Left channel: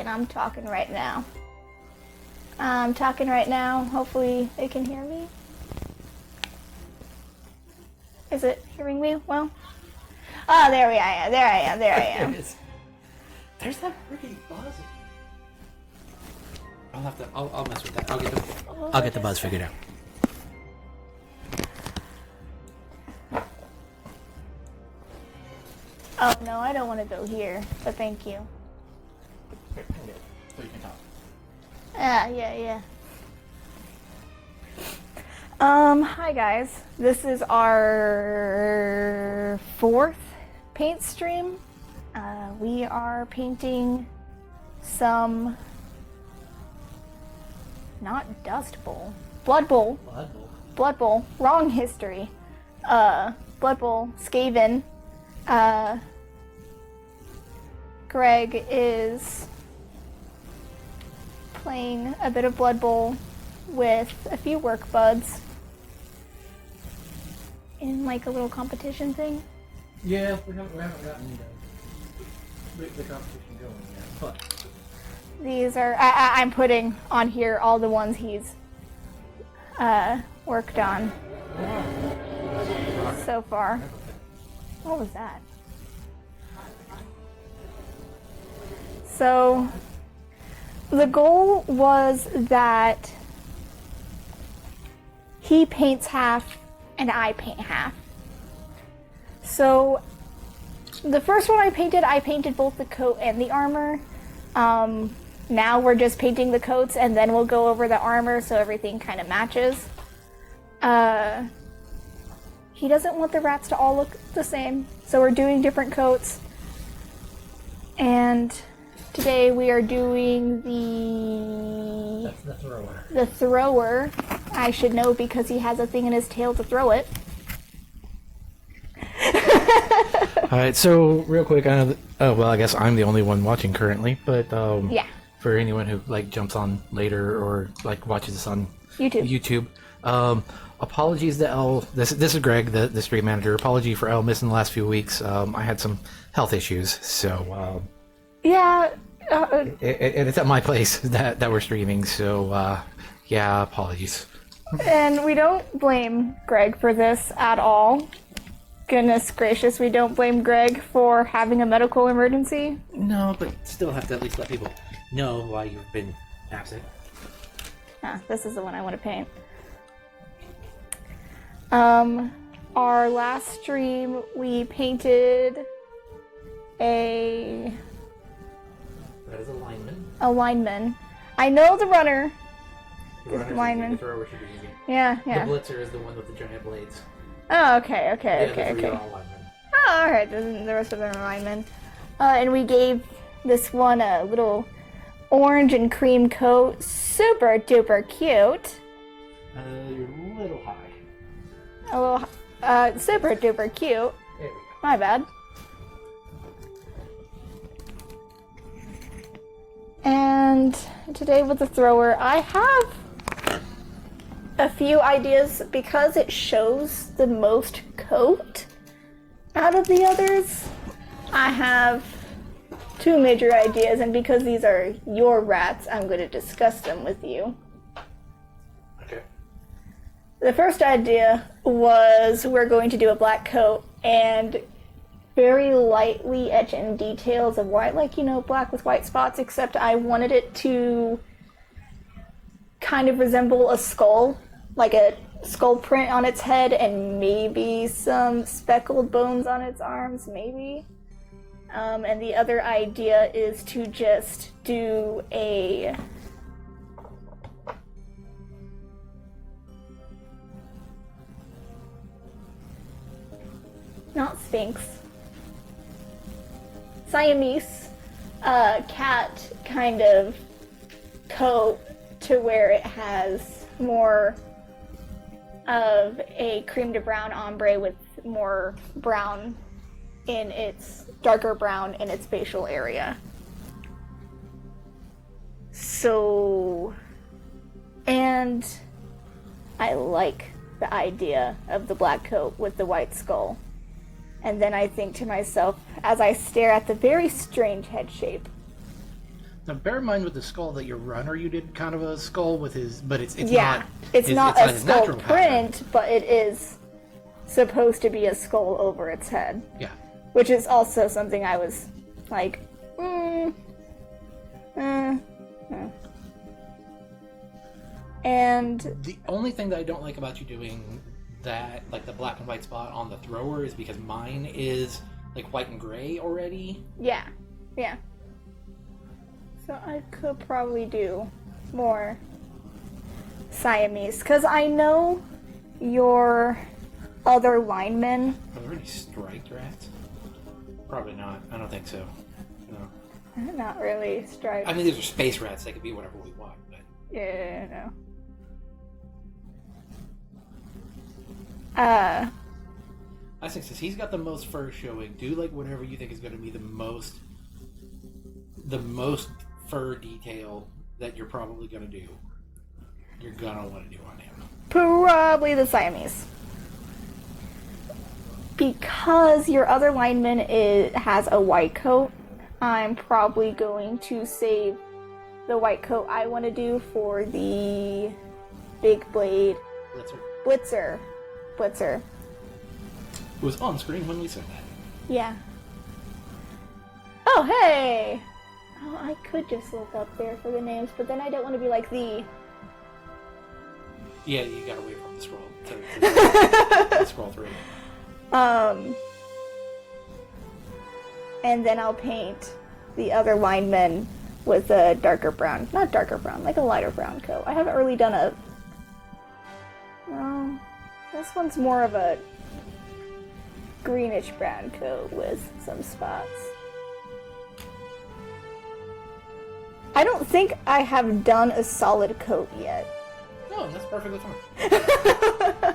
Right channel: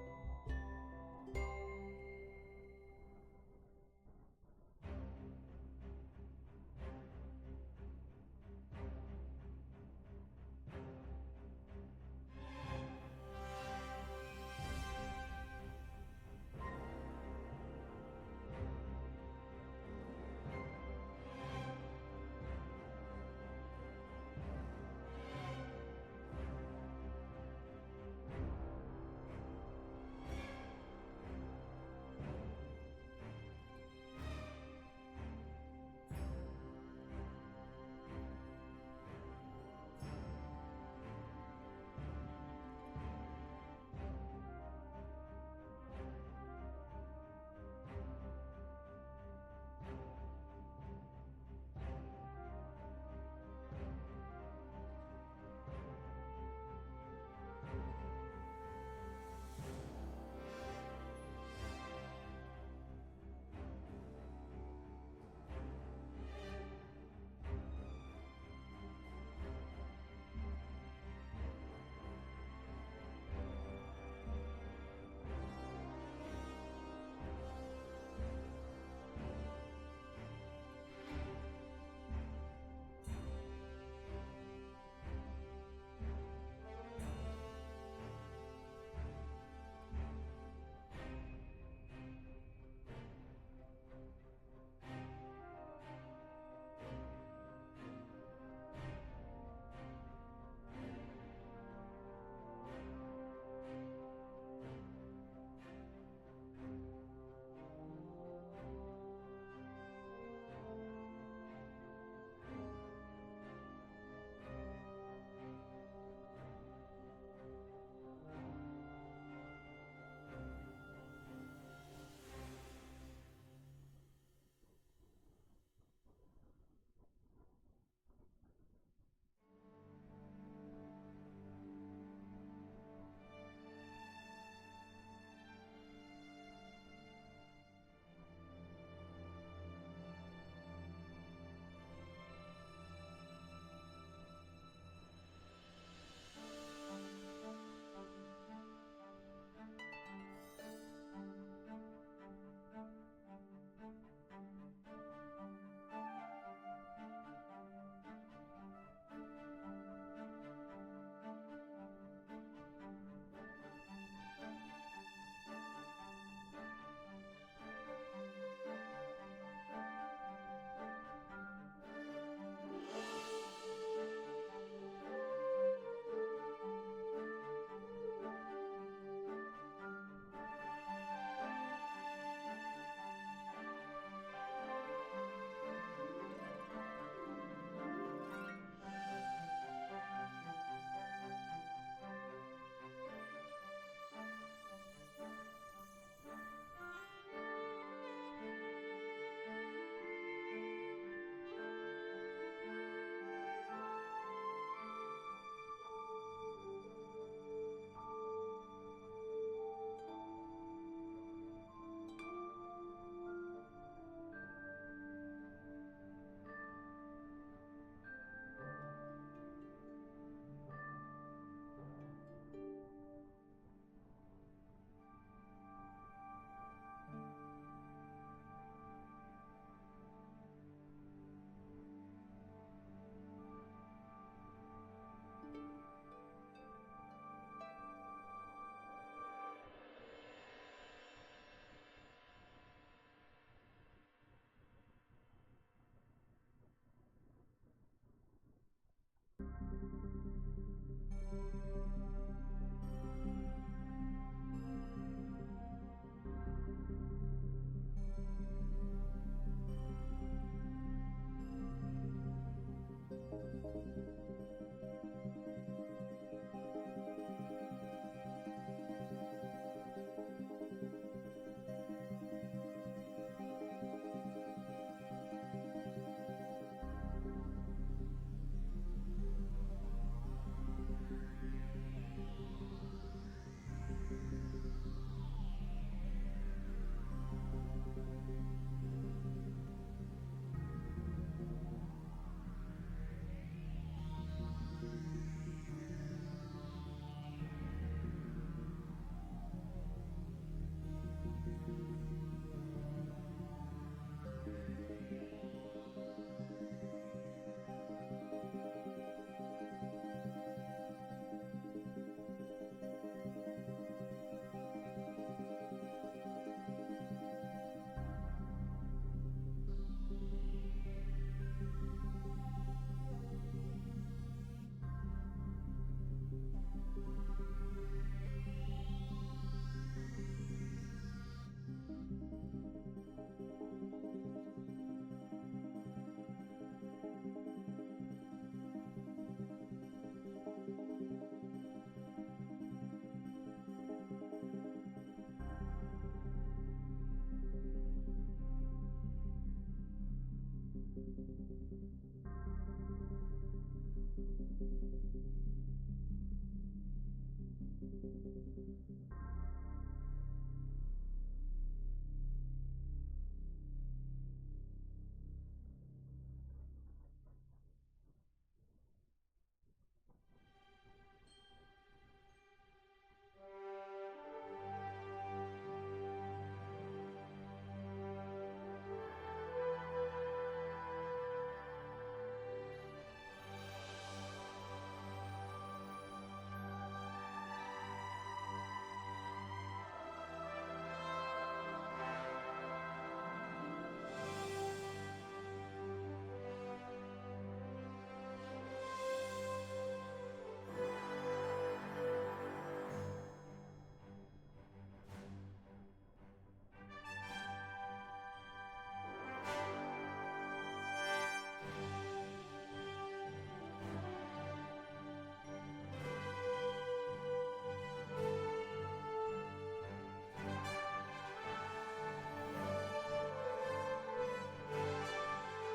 I'm talking right now. I'm talking right now. Hopefully they can hear me. Is it hearing me well? Oh, there I am. There I am. There's that freaking buzz. I'll mess with that. I'll get the buzz figured out. Oh no, I don't want to go here, but thank you. Yeah. Hi guys. This is our 4th paint stream. We are painting some, not Dust Bowl, Blood Bowl, wrong history. Blood Bowl, Skaven. Greg is playing a bit of Blood Bowl with a few work buds in like a little competition thing. Yeah, we haven't gotten the competition going yet, but these are I'm putting on here all the ones he's worked on so far. What was that? So the goal was that he paints half and I paint half. So the first one I painted both the coat and the armor. Now we're just painting the coats and then we'll go over the armor so everything kind of matches. He doesn't want the rats to all look the same, so we're doing different coats. And today we are doing the thrower. I should know because he has a thing in his tail to throw it. Alright, so real quick, I know I guess I'm the only one watching currently, but yeah. For anyone who like jumps on later or like watches this on YouTube, apologies to Elle. This is Greg, the stream manager. Apology for Elle missing the last few weeks. I had some health issues, so yeah. It's at my place that we're streaming, so yeah, apologies. And we don't blame Greg for this at all. Goodness gracious, we don't blame Greg for having a medical emergency. No, but still have to at least let people know why you've been absent. This is the one I want to paint. Our last stream we painted a That is a lineman. A lineman. I know the runner. The lineman. The thrower should be easy. Yeah. The blitzer is the one with the giant blades. Oh, okay. Oh, alright, the rest of them are linemen. And we gave this one a little orange and cream coat. Super duper cute. A little high. A little, super duper cute. There we go. My bad. And today with the thrower, I have a few ideas because it shows the most coat out of the others. I have 2 major ideas, and because these are your rats, I'm going to discuss them with you. Okay. The first idea was we're going to do a black coat and very lightly etch in details of white, like, you know, black with white spots, except I wanted it to kind of resemble a skull, like a skull print on its head and maybe some speckled bones on its arms, maybe. And the other idea is to just do a not Sphinx, Siamese cat kind of coat to where it has more of a cream to brown ombre with more brown in its darker brown in its facial area. So, and I like the idea of the black coat with the white skull. And then I think to myself, as I stare at the very strange head shape. Now, bear in mind with the skull that your runner, you did kind of a skull with his, but it's yeah, not. It's not a his skull natural print, pattern. but it is supposed to be a skull over its head. Yeah. Which is also something I was like, And the only thing that I don't like about you doing that, like the black and white spot on the thrower, is because mine is like white and gray already. Yeah. So I could probably do more Siamese, because I know your other linemen. Are there any striped rats? Probably not. I don't think so. No. Not really striped. I mean, these are space rats. They could be whatever we want. But... Yeah, no. I think since he's got the most fur showing, do like whatever you think is going to be the most fur detail that you're probably going to do. You're going to want to do on him. Probably the Siamese. Because your other lineman has a white coat, I'm probably going to save the white coat I want to do for the big blade Blitzer. It was on screen when we said that. Yeah. Oh, hey! Oh, I could just look up there for the names, but then I don't want to be like the... Yeah, you gotta wait for the scroll to scroll through. And then I'll paint the other linemen with a darker brown. Not darker brown, like a lighter brown coat. I haven't really done a... this one's more of a greenish brown coat with some spots. I don't think I have done a solid coat yet. Oh, that's perfectly fine.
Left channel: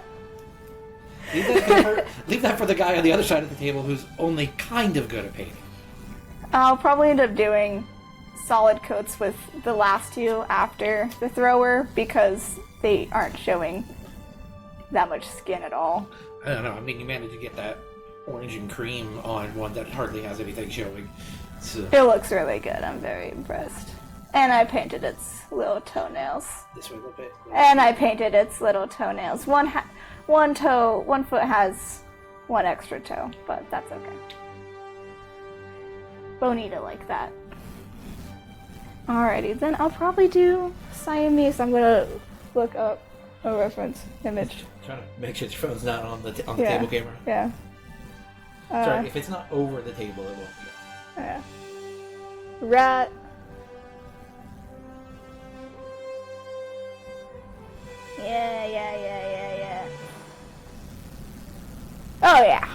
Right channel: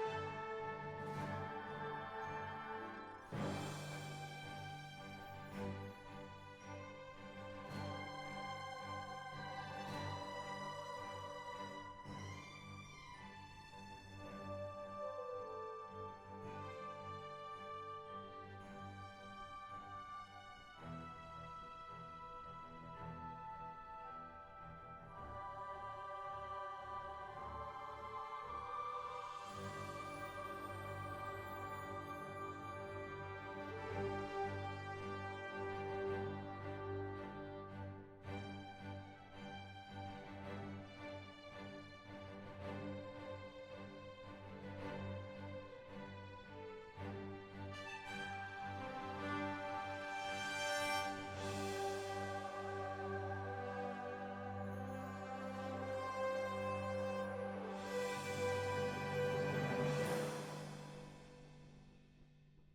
Leave that for the guy on the other side of the table who's only kind of good at painting. I'll probably end up doing solid coats with the last two after the thrower because they aren't showing that much skin at all. I don't know. I mean, you managed to get that orange and cream on one that hardly has anything showing. So. It looks really good. I'm very impressed. And I painted its little toenails. This way a little bit. And I painted its little toenails. One foot has one extra toe, but that's okay. Bonita like that. Alrighty, then I'll probably do Siamese. I'm gonna look up a reference image. Trying to make sure your phone's not on the table camera. Yeah. Sorry, if it's not over the table, it won't be. Yeah. Rat. Yeah.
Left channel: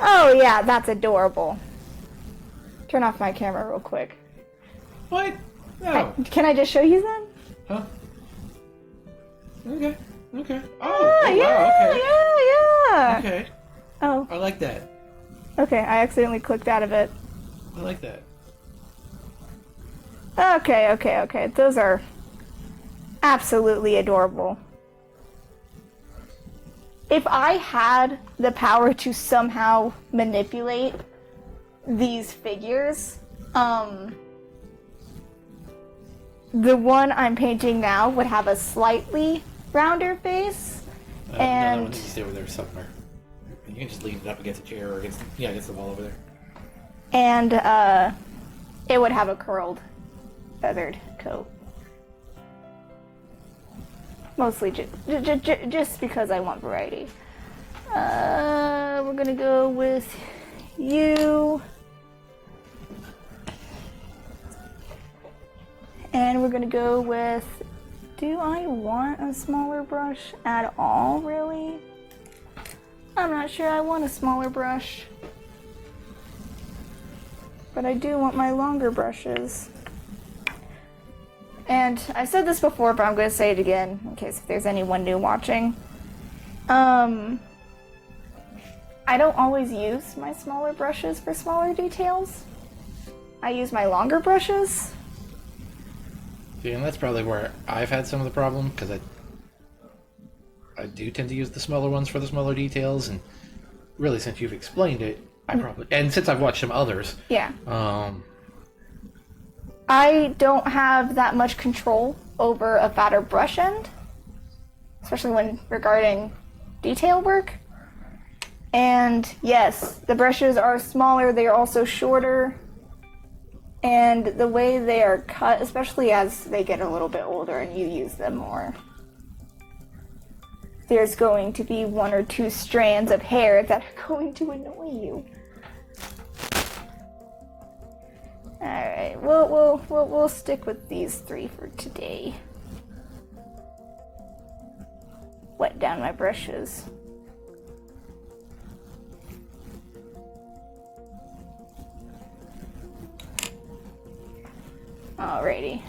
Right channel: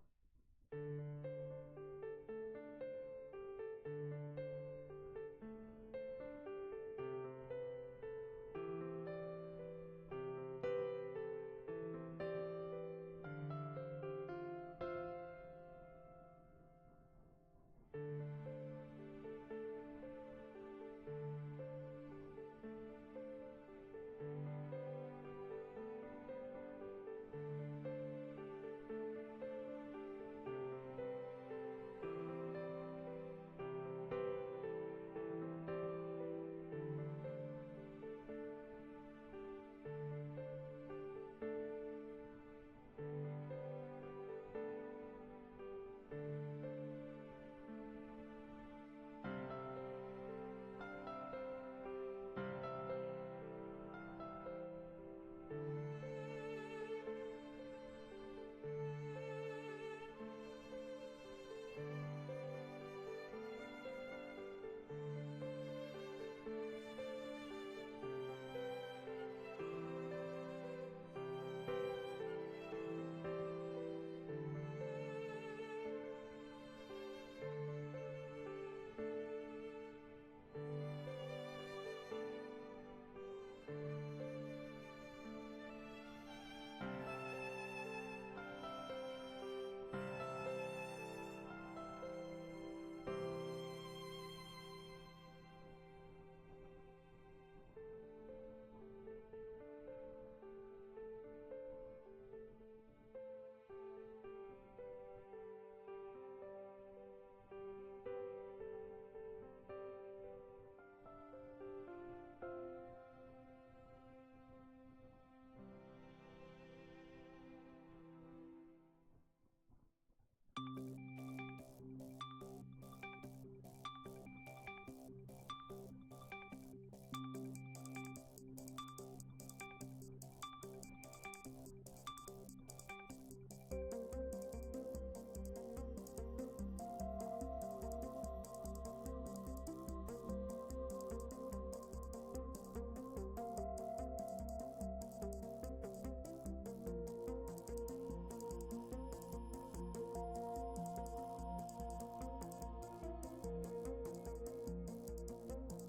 Oh yeah, that's adorable. Turn off my camera real quick. What? No. Can I just show you then? Huh? Okay. Oh, yeah, wow, okay. Yeah. Okay. Oh. I like that. Okay, I accidentally clicked out of it. I like that. Okay. Those are absolutely adorable. If I had the power to somehow manipulate these figures, the one I'm painting now would have a slightly rounder face, No, that one and needs to stay over there somewhere. You can just lean it up against a chair or against the wall over there. And it would have a curled, feathered coat. Mostly just because I want variety. We're gonna go with you. And we're gonna go with, do I want a smaller brush at all, really? I'm not sure I want a smaller brush. But I do want my longer brushes. And I said this before, but I'm gonna say it again, in case if there's anyone new watching. I don't always use my smaller brushes for smaller details. I use my longer brushes. See, and that's probably where I've had some of the problem, because I do tend to use the smaller ones for the smaller details, and really since you've explained it, and since I've watched some others. Yeah. I don't have that much control over a fatter brush end, especially when regarding detail work. And yes, the brushes are smaller, they are also shorter, and the way they are cut, especially as they get a little bit older and you use them more, there's going to be 1 or 2 strands of hair that are going to annoy you. Alright, we'll stick with these 3 for today. Wet down my brushes. Alrighty.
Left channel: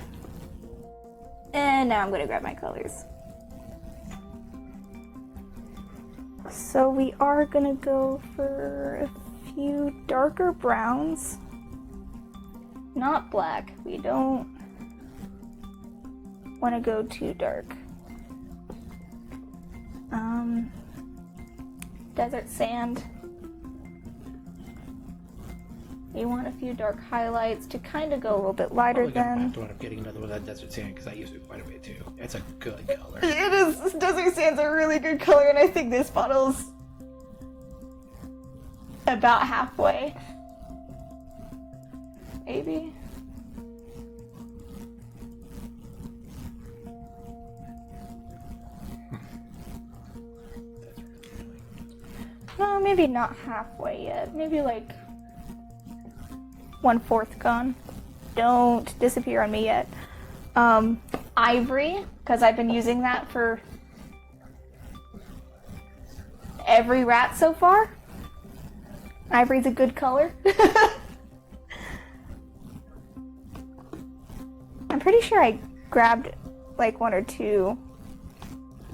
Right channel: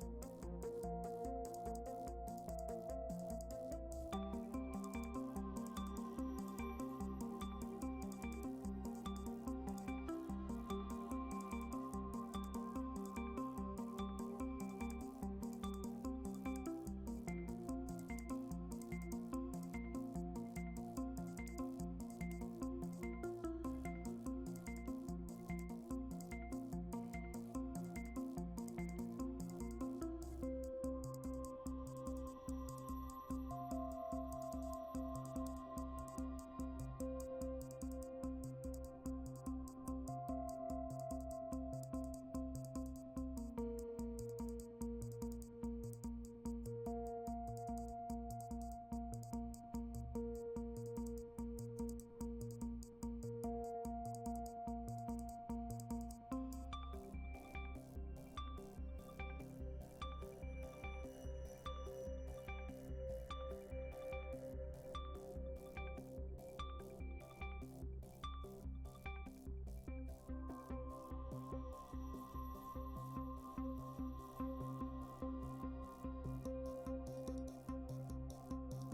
And now I'm gonna grab my colors. So we are gonna go for a few darker browns. Not black. We don't want to go too dark. Desert sand. You want a few dark highlights to kind of go a little bit lighter than. I have to end up getting another one of that desert sand because I use it quite a bit too. It's a good color. It is. Desert sand's a really good color, and I think this bottle's about halfway. Maybe. No, maybe not halfway yet. Maybe like 1/4 gone. Don't disappear on me yet. Ivory, because I've been using that for every rat so far. Ivory's a good color. I'm pretty sure I grabbed like 1 or 2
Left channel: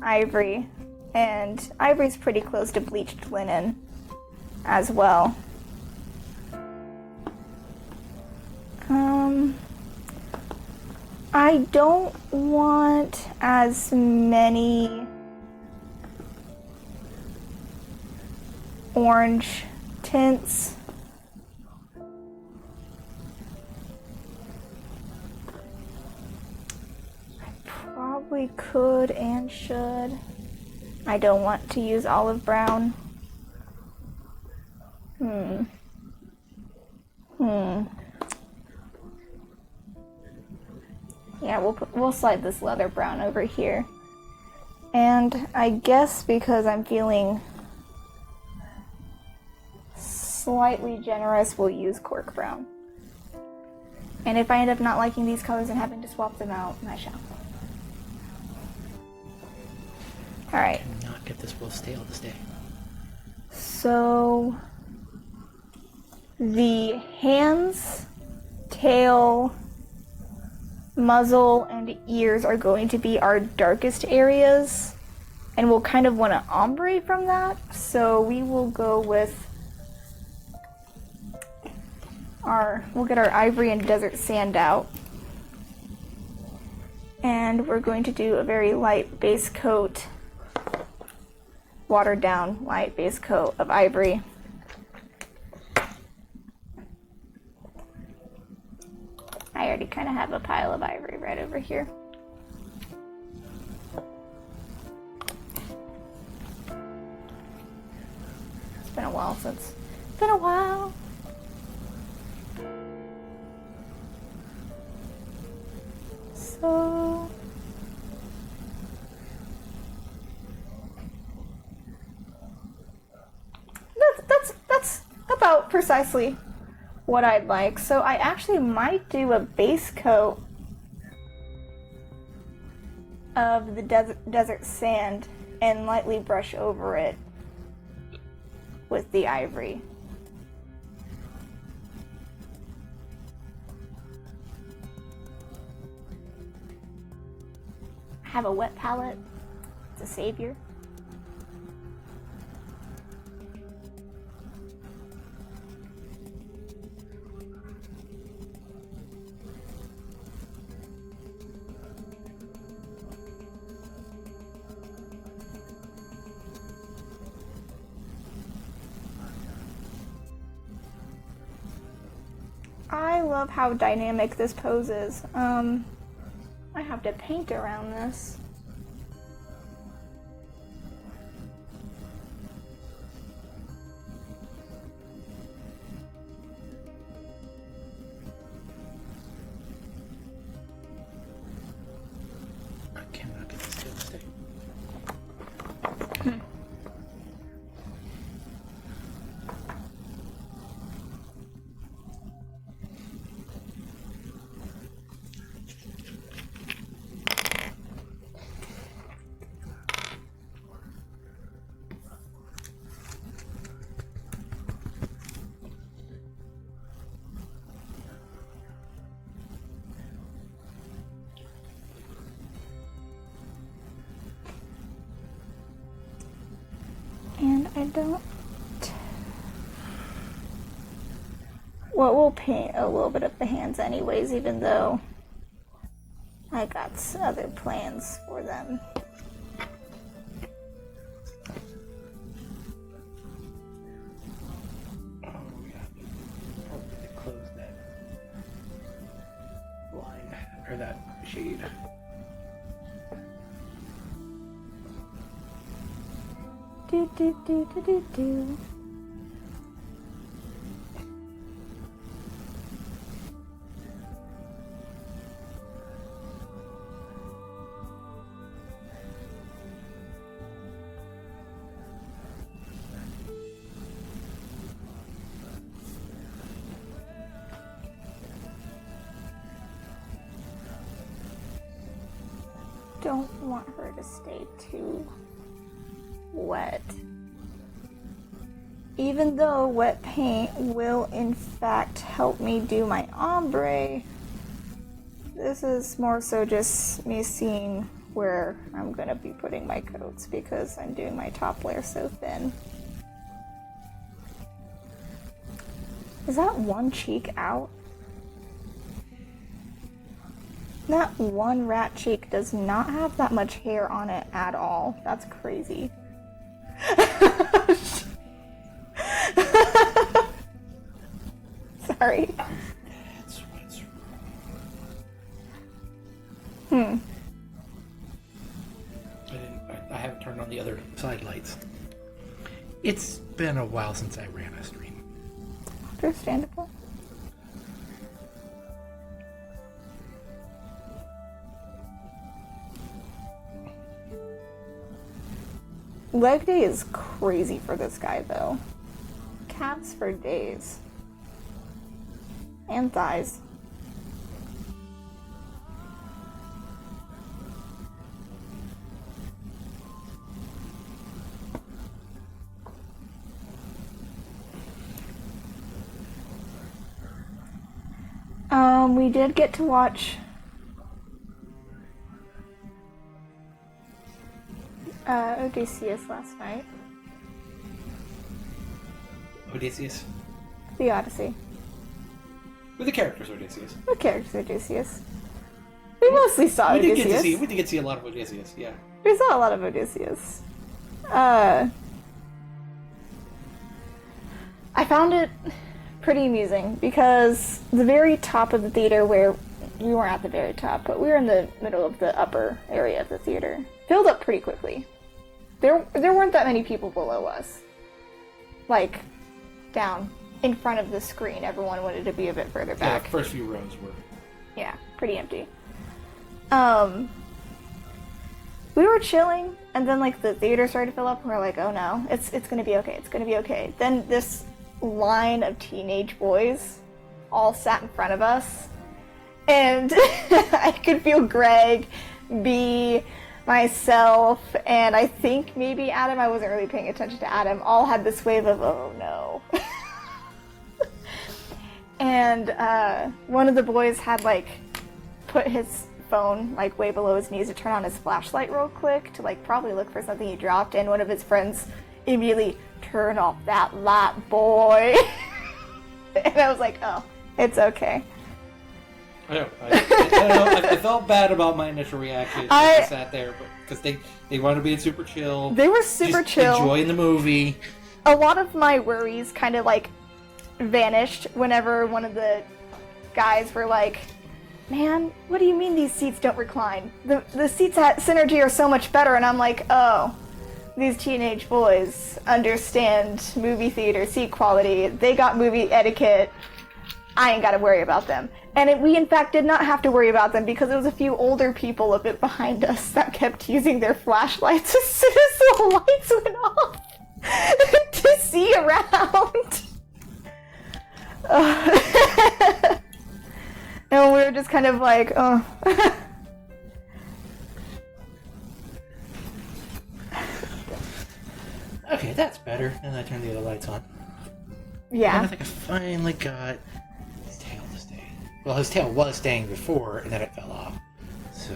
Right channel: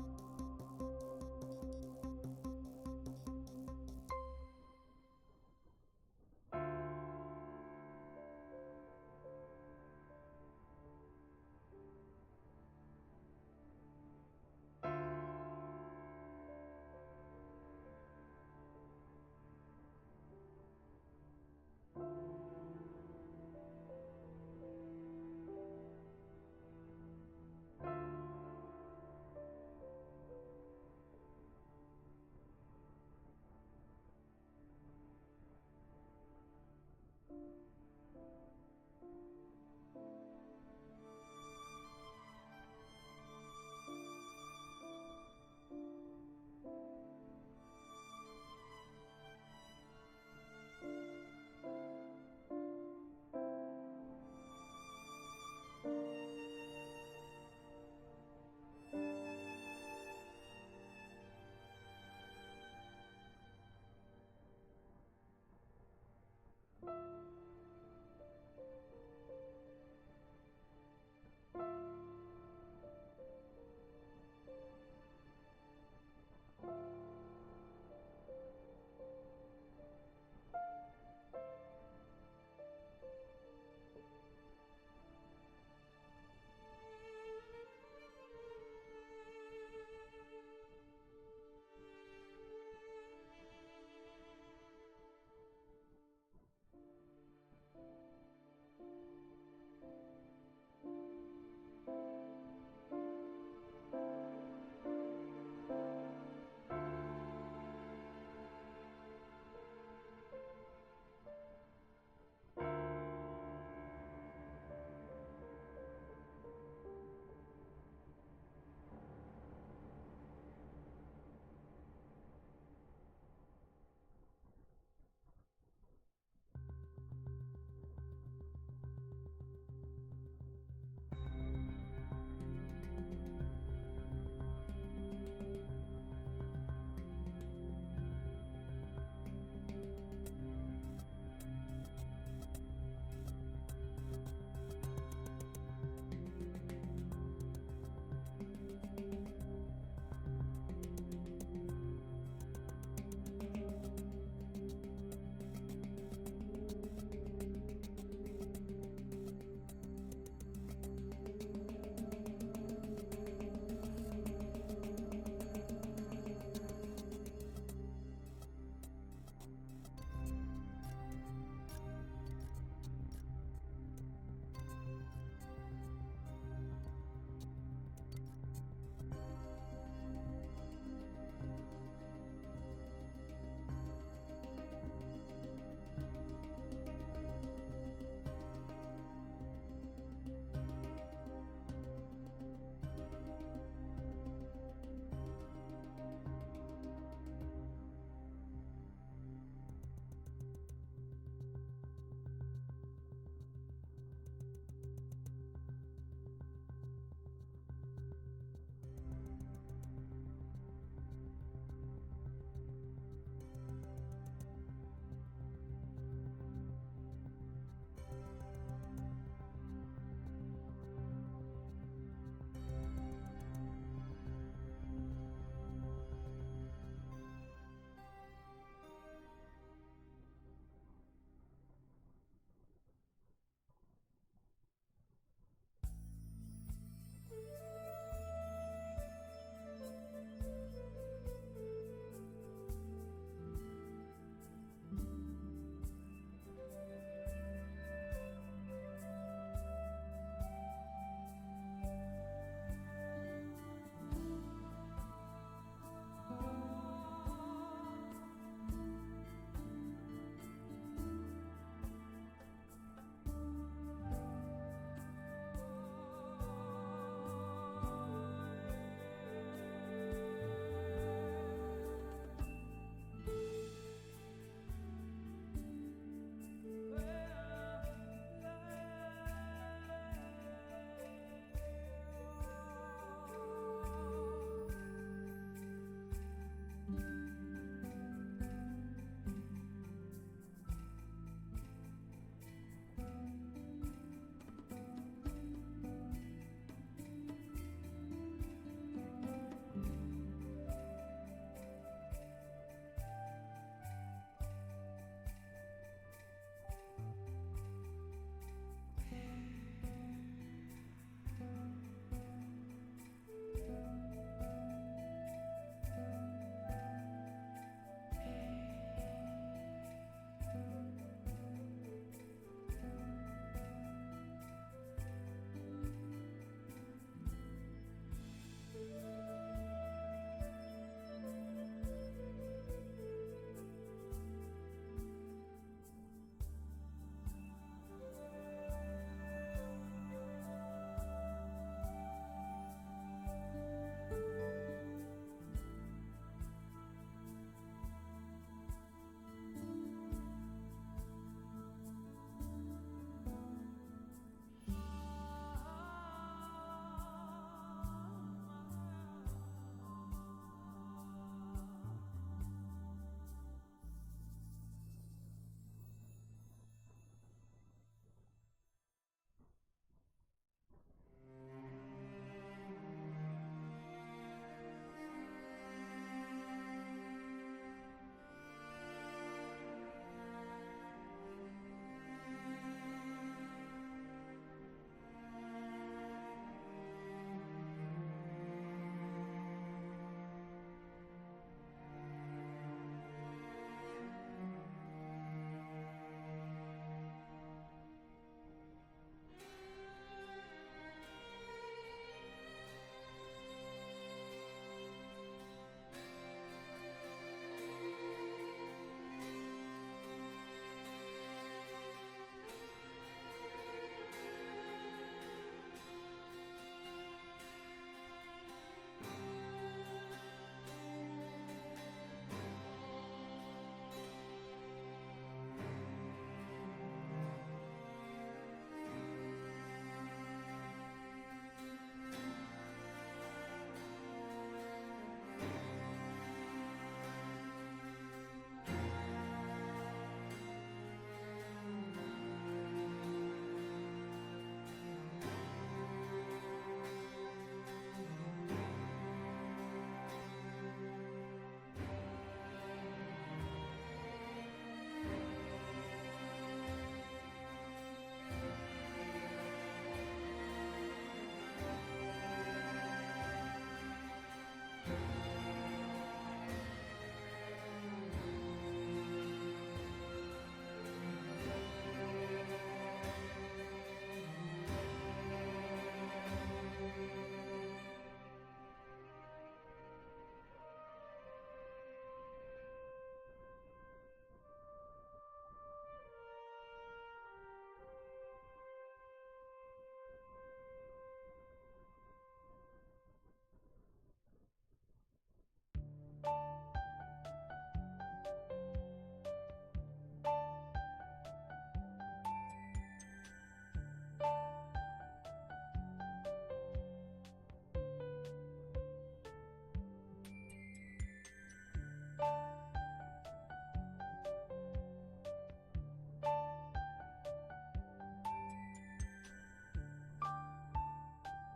ivory, and ivory's pretty close to bleached linen as well. I don't want as many orange tints. Probably could and should. I don't want to use olive brown. Yeah, we'll slide this leather brown over here. And I guess because I'm feeling slightly generous, we'll use cork brown. And if I end up not liking these colors and having to swap them out, I shall. Alright. I cannot get this bowl stale this day. So the hands, tail, muzzle, and ears are going to be our darkest areas, and we'll kind of want to ombre from that, so we will go with we'll get our ivory and desert sand out, and we're going to do a very light base coat, watered down light base coat of ivory. I already kind of have a pile of ivory right over here. been a while since. Been a while. So that's about precisely what I'd like. So I actually might do a base coat of the desert sand and lightly brush over it with the ivory. I have a wet palette. It's a savior. I love how dynamic this pose is. I have to paint around this. I cannot get this to stay. And I don't... Well, we'll paint a little bit of the hands anyways, even though I got other plans for them. Close that line, or that shade. Do do do do do do. Don't want her to stay too wet. Even though wet paint will in fact help me do my ombre, this is more so just me seeing where I'm gonna be putting my coats because I'm doing my top layer so thin. Is that one cheek out? That one rat cheek does not have that much hair on it at all. That's crazy. Sorry. I haven't turned on the other side lights. It's been a while since I ran a stream. Understandable. Leg day is crazy for this guy, though. Calves for days. And thighs. We did get to watch Odysseus last night. Odysseus? The Odyssey. With the characters Odysseus. The characters Odysseus. We mostly saw Odysseus. We did get to see a lot of Odysseus, yeah. We saw a lot of Odysseus. I found it pretty amusing because the very top of the theater, where we weren't at the very top, but we were in the middle of the upper area of the theater, filled up pretty quickly. There weren't that many people below us. like, down in front of the screen. Everyone wanted to be a bit further back. Yeah, the first few rows were. Yeah, pretty empty. We were chilling, and then, like, the theater started to fill up, and we were like, oh no, it's gonna be okay, it's gonna be okay. Then this line of teenage boys all sat in front of us, and I could feel Greg, B, myself, and I think maybe Adam, I wasn't really paying attention to Adam, all had this wave of, oh no. And one of the boys had, like, put his phone, like, way below his knees to turn on his flashlight real quick to, like, probably look for something he dropped, and one of his friends immediately, turn off that light, boy. And I was like, oh, it's okay. I know. I felt bad about my initial reaction. I sat there, because they wanted to be super chill. They were super chill. Enjoying the movie. A lot of my worries kind of, like, vanished whenever one of the guys were like, man, what do you mean these seats don't recline? The seats at Synergy are so much better. And I'm like, oh, these teenage boys understand movie theater seat quality. They got movie etiquette. I ain't got to worry about them. And we, in fact, did not have to worry about them because it was a few older people a bit behind us that kept using their flashlights as soon as the lights went off to see around. And we were just kind of like, oh. Okay, that's better. And I turned the other lights on. Yeah. And I think I finally got his tail to stay. Well, his tail was staying before, and then it fell off. So.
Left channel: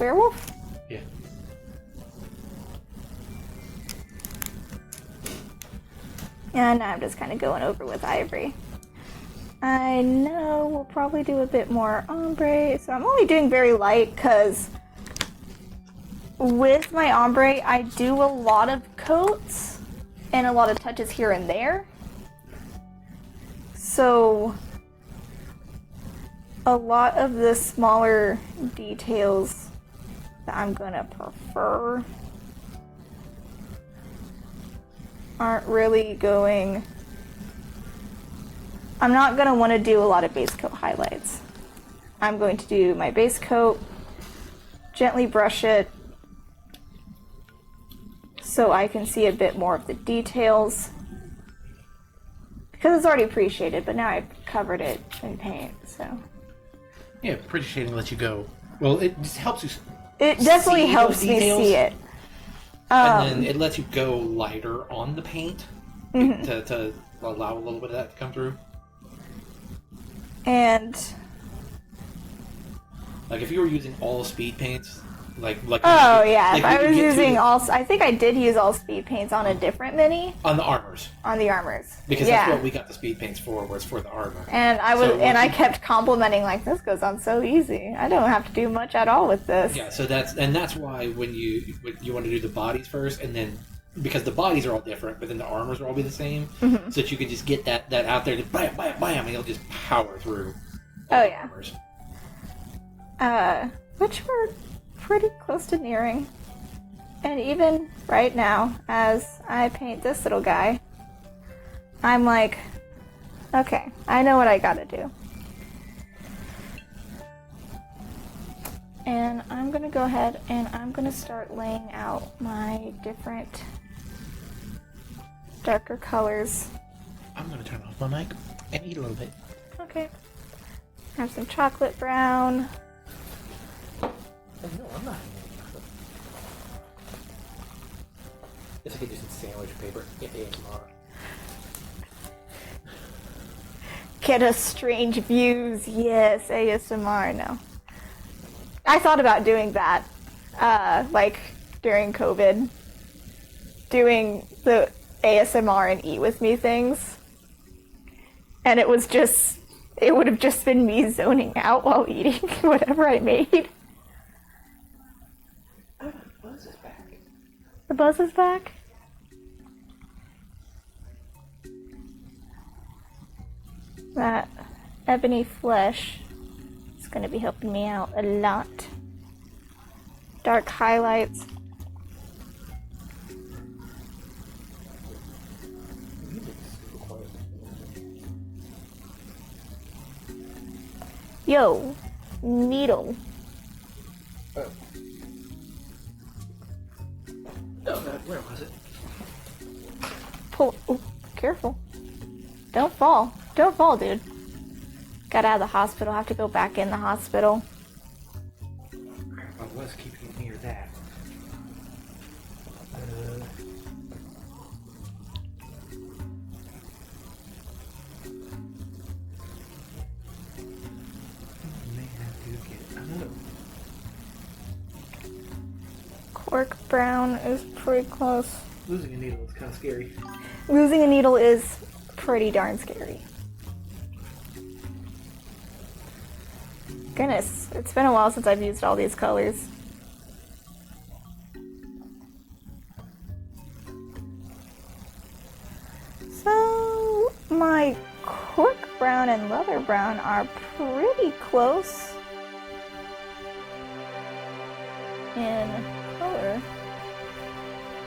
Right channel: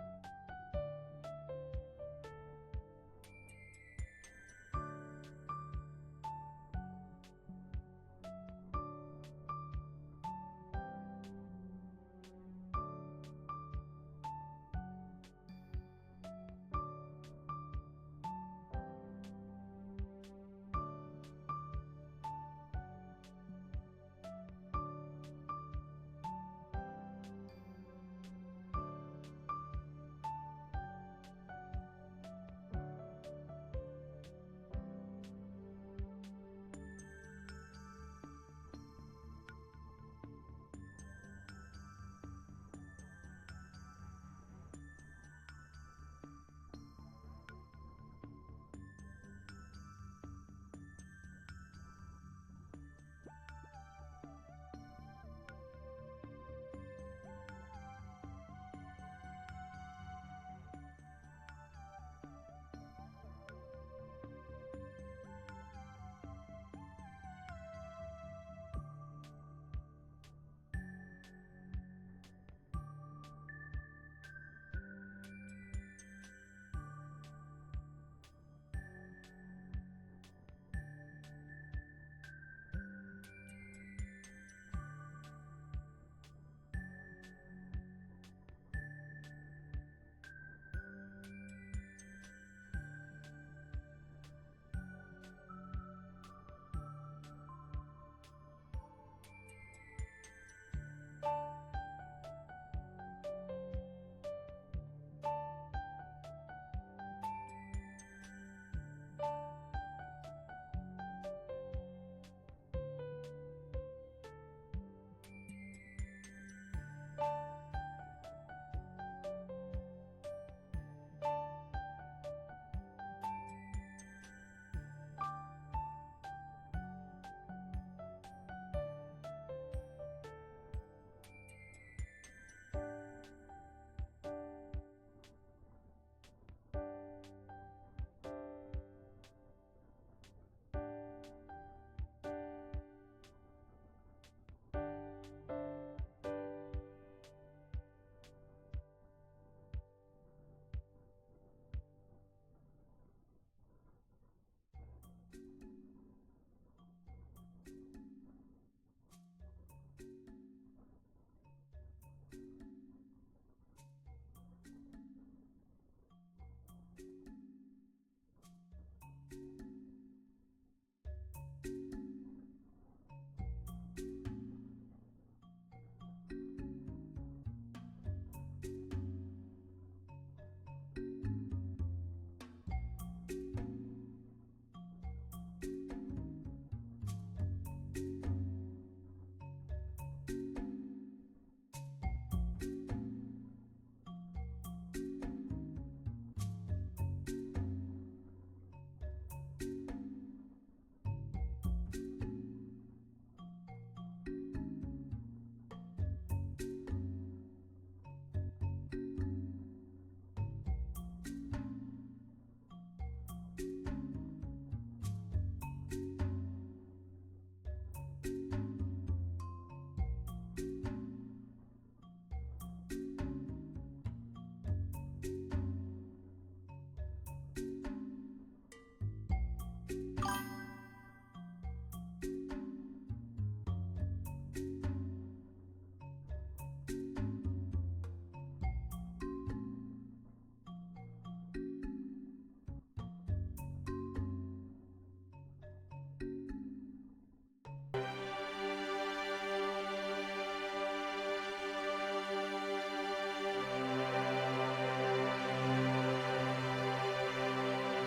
Werewolf? Yeah. And I'm just kind of going over with Ivory. I know we'll probably do a bit more ombre, so I'm only doing very light because with my ombre I do a lot of coats and a lot of touches here and there. So a lot of the smaller details that I'm gonna prefer aren't really going... I'm not going to want to do a lot of base coat highlights. I'm going to do my base coat, gently brush it, so I can see a bit more of the details. Because it's already pre-shaded, but now I've covered it in paint, so... Yeah, pre-shading lets you go. Well, it just helps you. It definitely helps me see it. And then it lets you go lighter on the paint to allow a little bit of that to come through. And like if you were using all speed paints, like oh yeah, if I was using all, I think I did use all speed paints on a different mini. On the armors. On the armors. Because that's what we got the speed paints for, was for the armor. And I kept complimenting, like, this goes on so easy. I don't have to do much at all with this. Yeah, so that's why when you want to do the bodies first, and then because the bodies are all different, but then the armors will all be the same, so that you can just get that out there, just bam, bam, bam, and you'll just power through. Oh yeah. Armors. Which we're pretty close to nearing. And even right now, as I paint this little guy, I'm like, okay, I know what I gotta do. And I'm gonna go ahead and I'm gonna start laying out my different darker colors. I'm gonna turn off my mic and eat a little bit. Okay. Have some chocolate brown. Oh, no, I'm not. Guess I could do some sandwich paper. Get ASMR. Get us strange views. Yes, ASMR. No. I thought about doing that, like during COVID, doing the ASMR and eat with me things, and it would have just been me zoning out while eating whatever I made. Oh, the buzz is back. The buzz is back? That ebony flesh is going to be helping me out a lot. Dark highlights. Yo, needle. Oh. Oh god, where was it? Pull. Oh, careful. Don't fall. Don't fall, dude. Got out of the hospital. Have to go back in the hospital. I was keeping it near that. May have to get Cork brown is pretty close. losing a needle is kind of scary. Losing a needle is pretty darn scary. Goodness, it's been a while since I've used all these colors. So, my cork brown and leather brown are pretty close in color.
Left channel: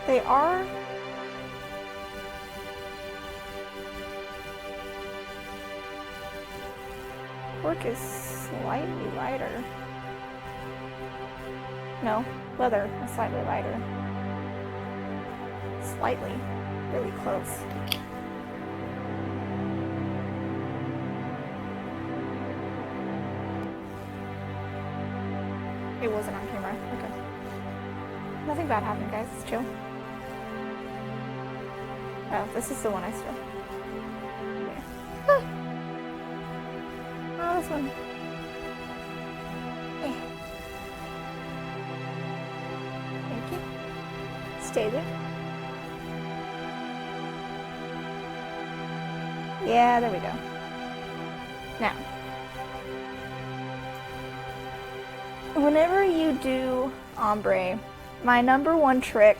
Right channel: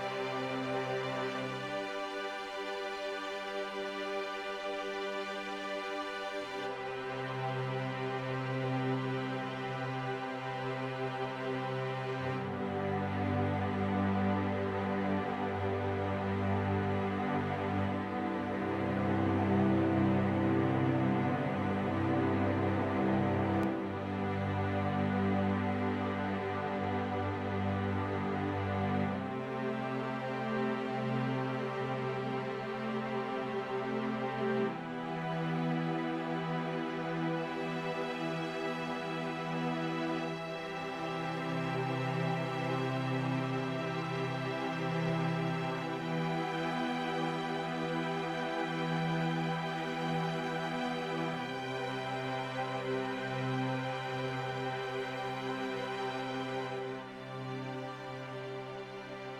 They are. Cork is slightly lighter. No, leather is slightly lighter. Slightly. Really close. It wasn't on camera. Okay. Nothing bad happened, guys. It's chill. Oh, this is the one I saw. Ah. Awesome. Stay there. Yeah, there we go. Now, whenever you do ombre, my number one trick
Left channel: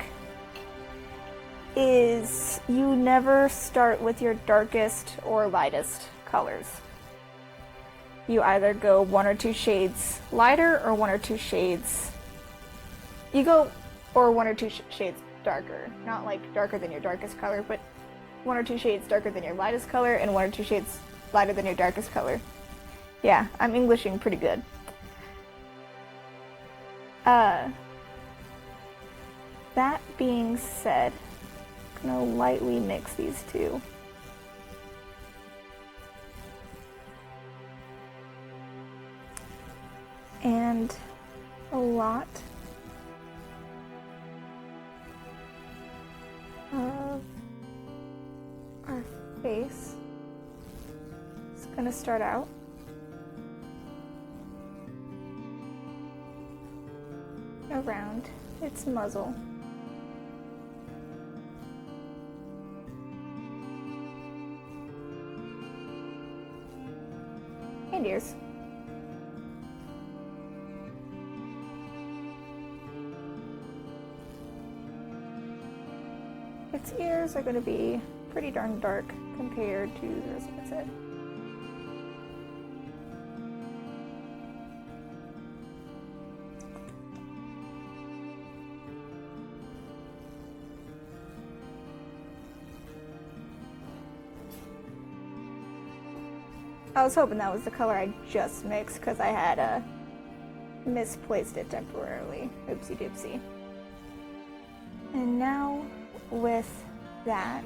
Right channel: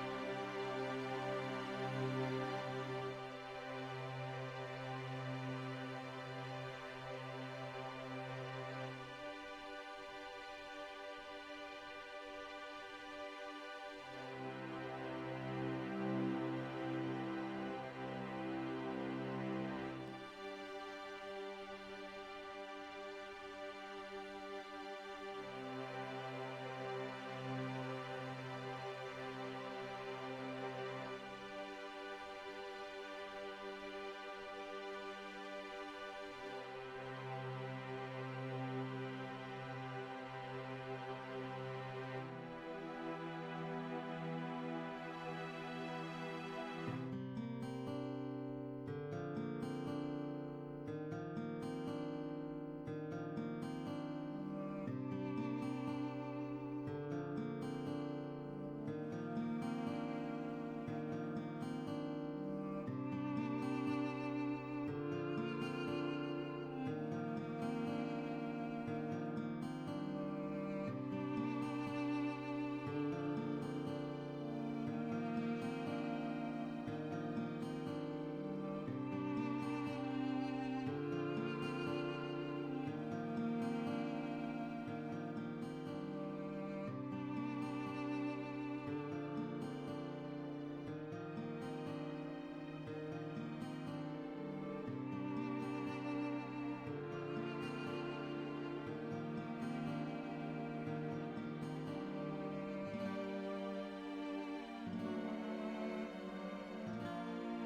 is you never start with your darkest or lightest colors. You either go 1 or 2 shades lighter or 1 or 2 shades. You go, or 1 or 2 shades darker. Not like darker than your darkest color, but 1 or 2 shades darker than your lightest color and 1 or 2 shades lighter than your darkest color. Yeah, I'm Englishing pretty good. That being said, I'm gonna lightly mix these two. And a lot of our face is going to start out around its muzzle. And ears. Its ears are going to be pretty darn dark compared to the rest of its head. I was hoping that was the color I just mixed because I had misplaced it temporarily. Oopsie doopsie. And now with that,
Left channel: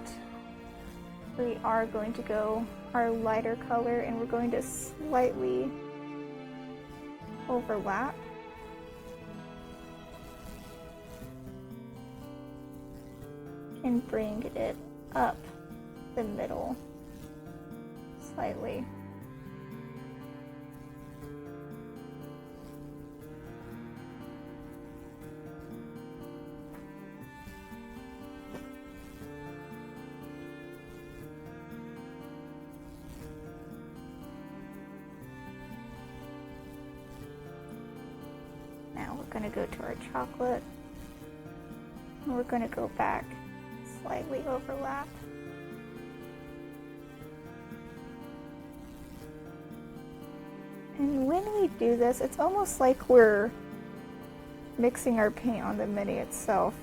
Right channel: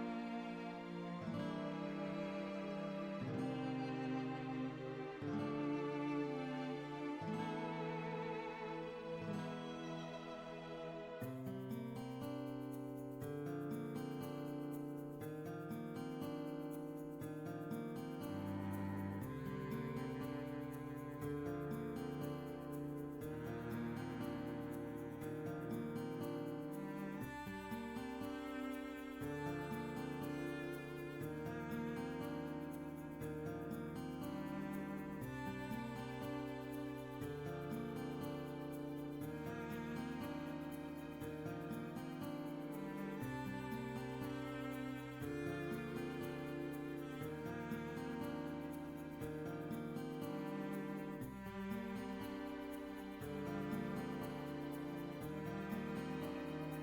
we are going to go our lighter color and we're going to slightly overlap. And bring it up the middle slightly. We're going to go to our chocolate, and we're going to go back, slightly overlap. And when we do this, it's almost like we're mixing our paint on the mini itself.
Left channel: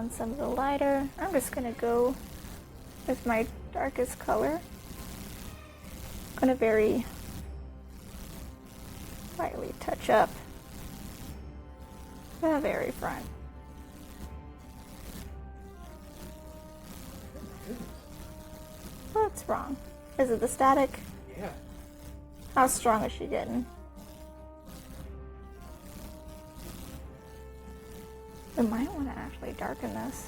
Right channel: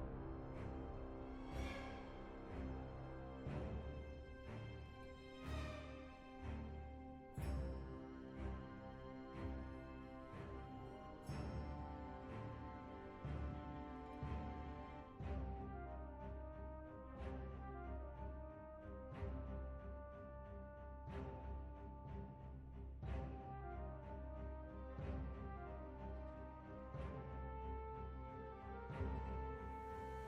on some of the lighter. I'm just gonna go with my darkest color. I'm gonna very lightly touch up the very front. What's wrong? Is it the static? Yeah. How strong is she getting? We might want to actually darken this.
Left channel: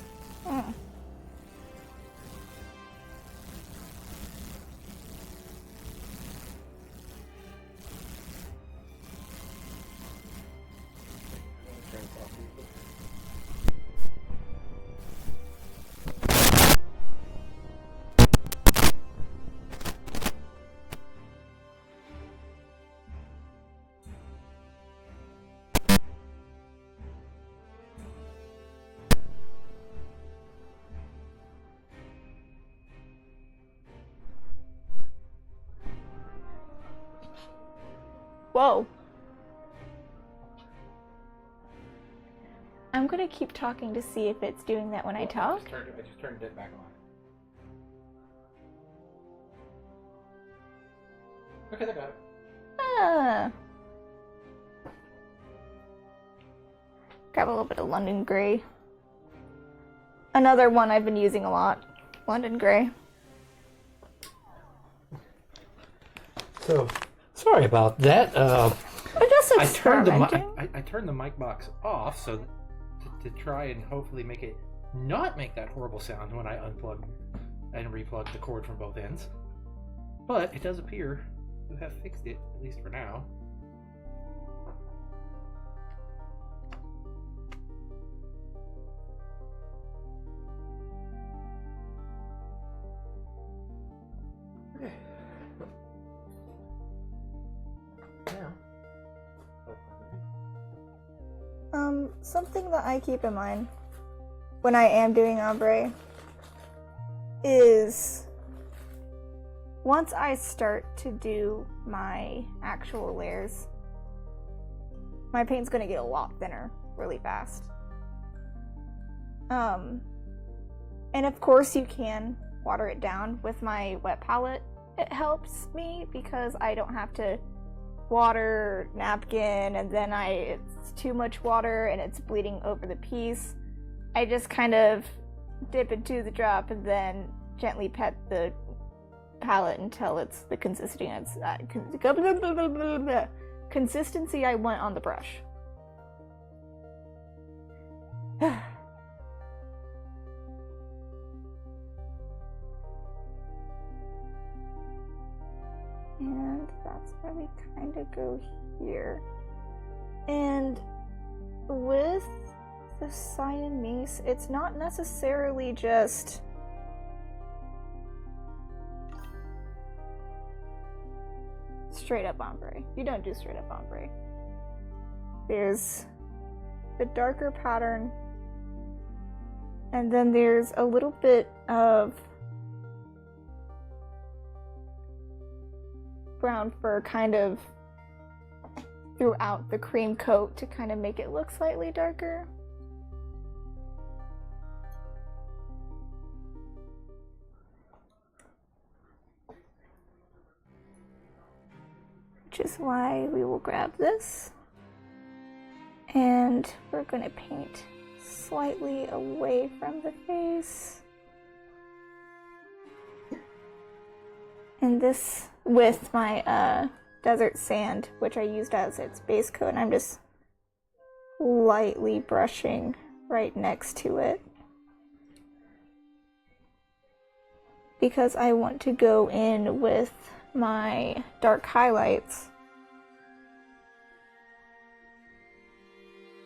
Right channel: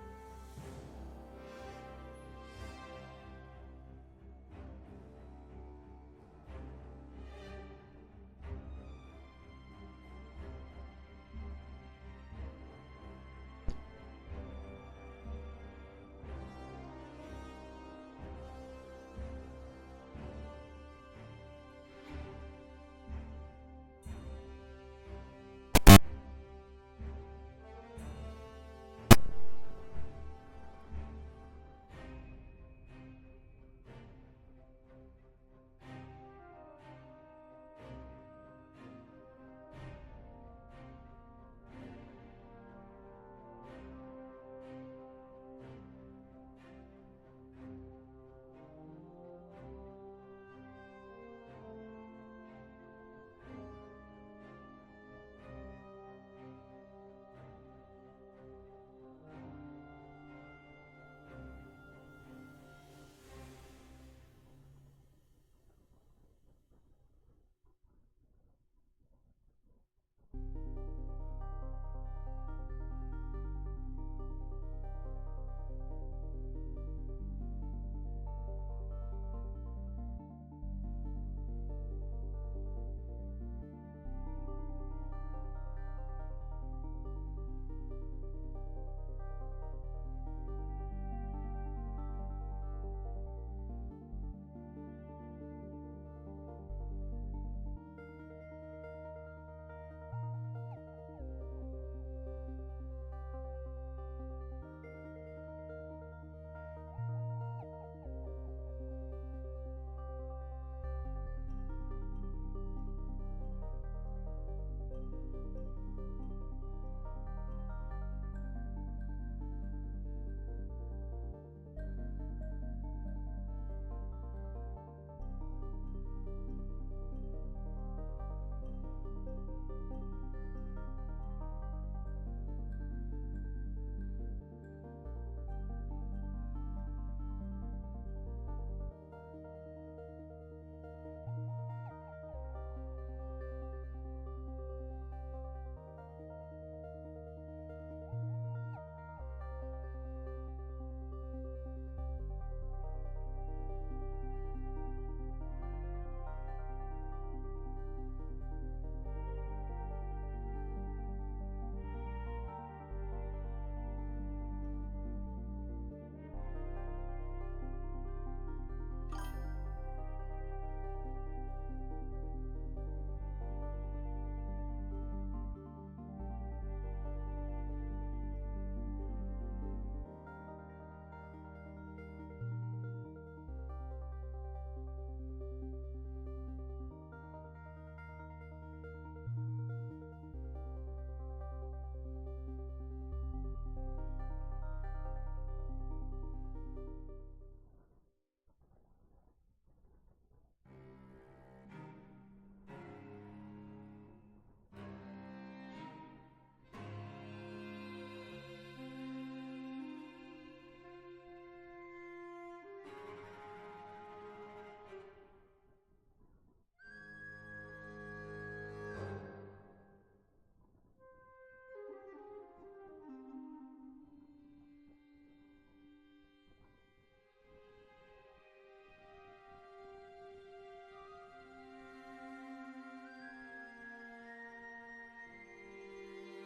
Whoa. I'm gonna keep talking to see if it's doing that when I talk. I just turned it back on. Okay, I got it. Ah. Grab a little bit of London Grey. Another one I've been using a lot. London Grey. So, sorry about that. We're just experimenting. I turned the mic box off so to try and hopefully make it not make that horrible sound when I unplug and replug the cord from both ends. But it does appear to have fixed it, at least for now. Something that I keep in mind when I am doing ombre is once I start to do my actual layers, my paint's gonna get a lot thinner really fast. And of course you can water it down with my wet palette. It helps me because I don't have to water napkin and then it's too much water and it's bleeding over the piece. I just kind of dip into the drop and then gently pet the palette until it's the consistency I want on the brush. And that's where we kind of go here. And with the Siamese, it's not necessarily just straight up ombre. You don't do straight up ombre. There's the darker pattern, and then there's a little bit of brown fur kind of throughout the cream coat to kind of make it look slightly darker. Which is why we will grab this and we're going to paint slightly away from the face. And this with my desert sand, which I used as its base coat, and I'm just lightly brushing right next to it because I want to go in with my dark highlights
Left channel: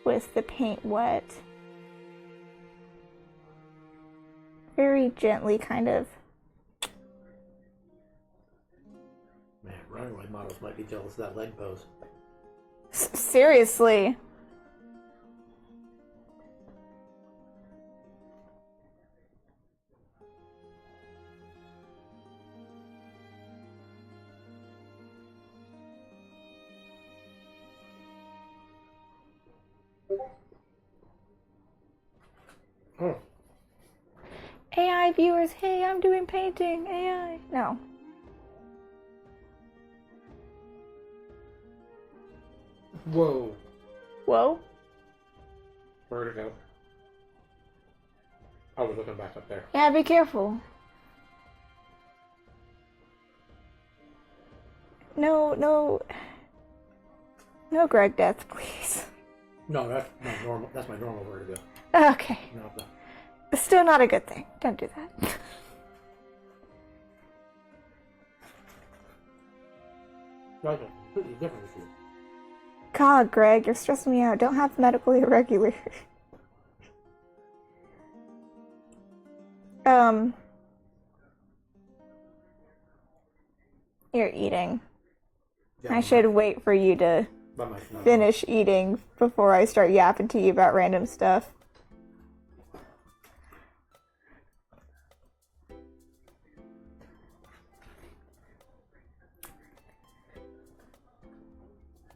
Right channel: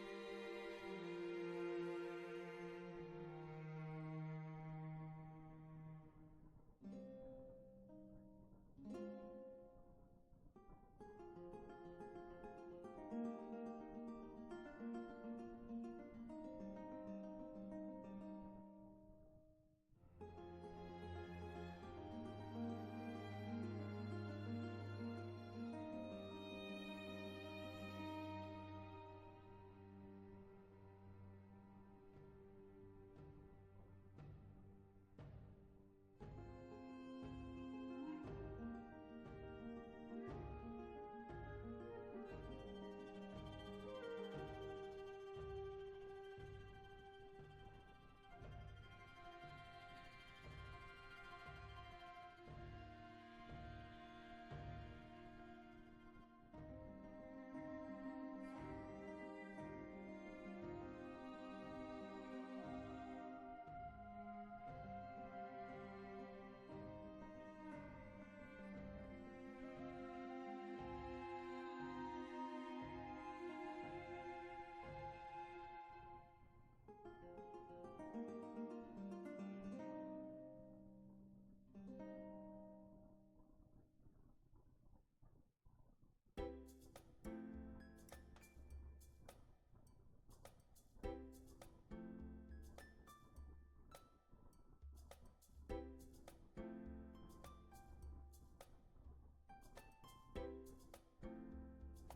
with the paint wet, very gently kind of. Runaway models might be jealous of that leg pose. Seriously. Oh. AI viewers, hey, I'm doing painting, AI. No. Whoa. Whoa? Where'd it go? Oh, we're looking back up there. Yeah, be careful. No, no. No Greg death, please. No, that's my normal. That's my normal where to go. Okay. No, no. It's still not a good thing. Don't do that. That's completely different issue. God, Greg, you're stressing me out. Don't have medical irregular. You're eating. Yeah, I should wait for you to finish eating before I start yapping to you about random stuff.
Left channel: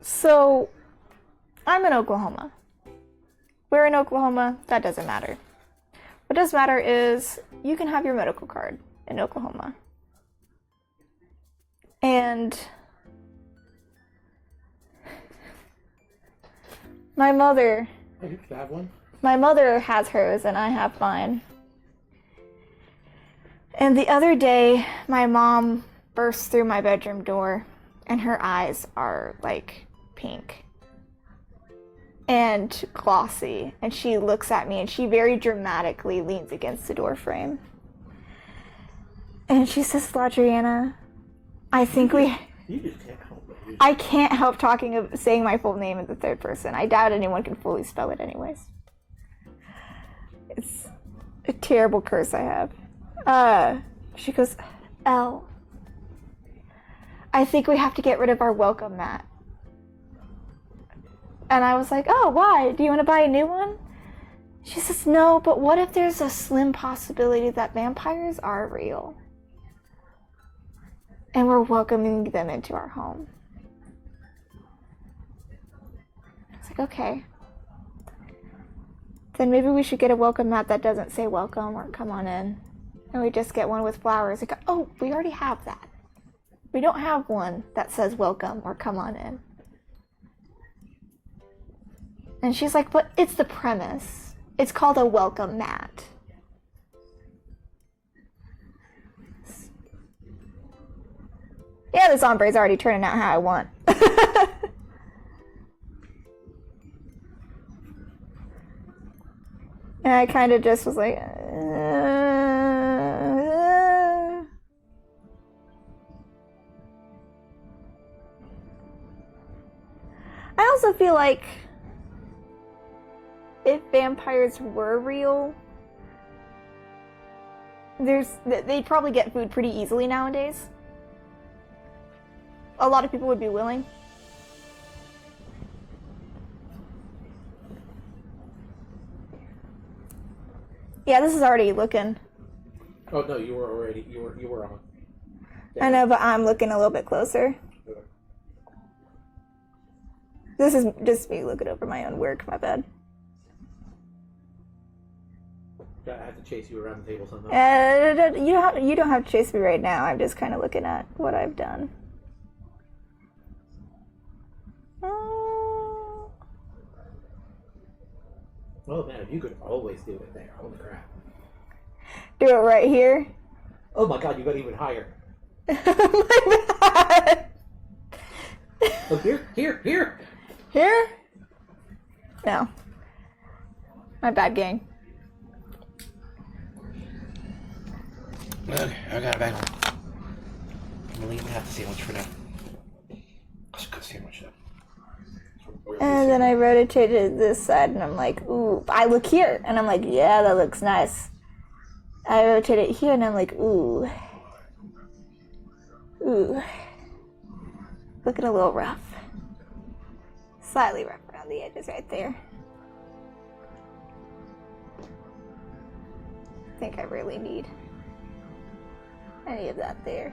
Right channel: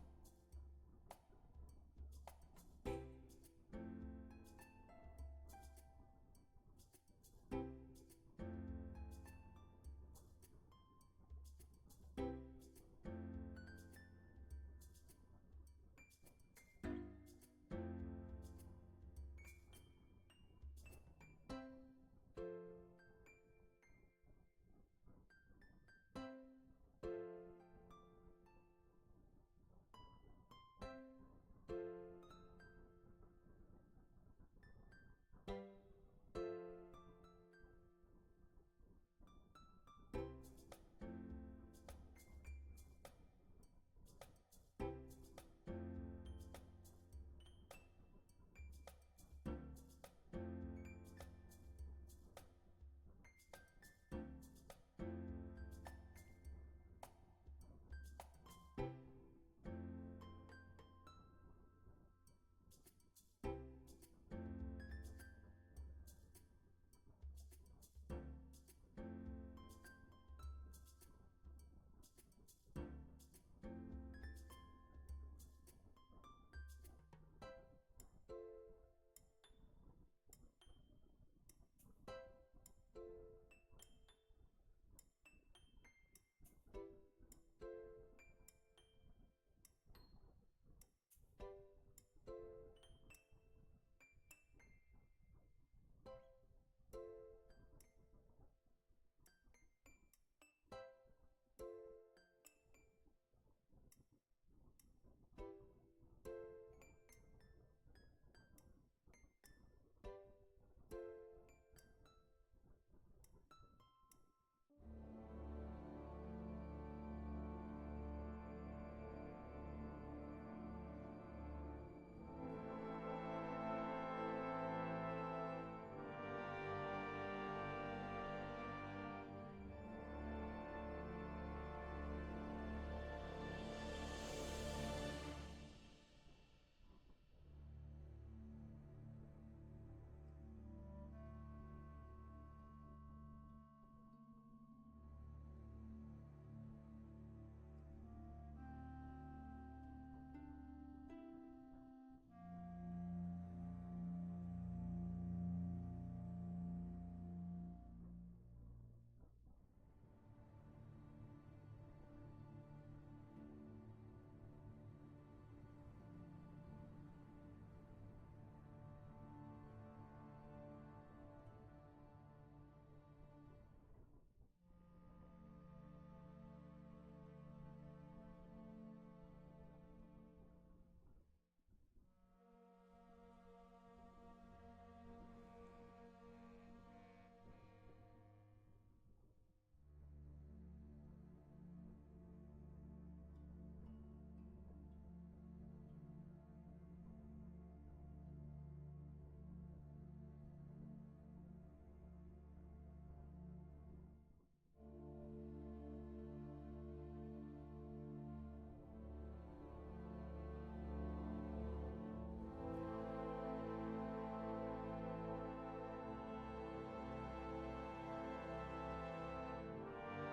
So, I'm in Oklahoma. We're in Oklahoma. That doesn't matter. What does matter is you can have your medical card in Oklahoma. And my mother... I used to have one. My mother has hers and I have mine. And the other day, my mom burst through my bedroom door and her eyes are like pink and glossy. And she looks at me and she very dramatically leans against the door frame. And she says, Ladriana, I think we... You just can't help it. I can't help saying my full name in the third person. I doubt anyone can fully spell it anyways. It's a terrible curse I have. She goes, Elle, I think we have to get rid of our welcome mat. And I was like, oh, why? Do you want to buy a new one? She says, no, but what if there's a slim possibility that vampires are real? And we're welcoming them into our home. It's like, okay. Then maybe we should get a welcome mat that doesn't say welcome or come on in. And we just get one with flowers. Like, oh, we already have that. We don't have one that says welcome or come on in. And she's like, but it's the premise. It's called a welcome mat. Yeah, this ombre's already turning out how I want. And I kind of just was like, I also feel like if vampires were real, they'd probably get food pretty easily nowadays. A lot of people would be willing. Yeah, this is already looking. Oh no, you were on. Yeah. I know, but I'm looking a little bit closer. Okay. This is just me looking over my own work, my bad. I have to chase you around the table somehow. You don't have to chase me right now. I'm just kind of looking at what I've done. Oh man, you could always do it there. Holy crap. Do it right here? Oh my god, you got even higher. My bad. Oh, here? Here? No. My bad, gang. Okay, I got it back. I'm gonna leave half the sandwich for now. Let's cook sandwich up. And then I rotated this side and I'm like, ooh, I look here. And I'm like, yeah, that looks nice. I rotate it here and I'm like, ooh. Ooh. Looking a little rough. Slightly rough around the edges right there. I think I really need any of that there.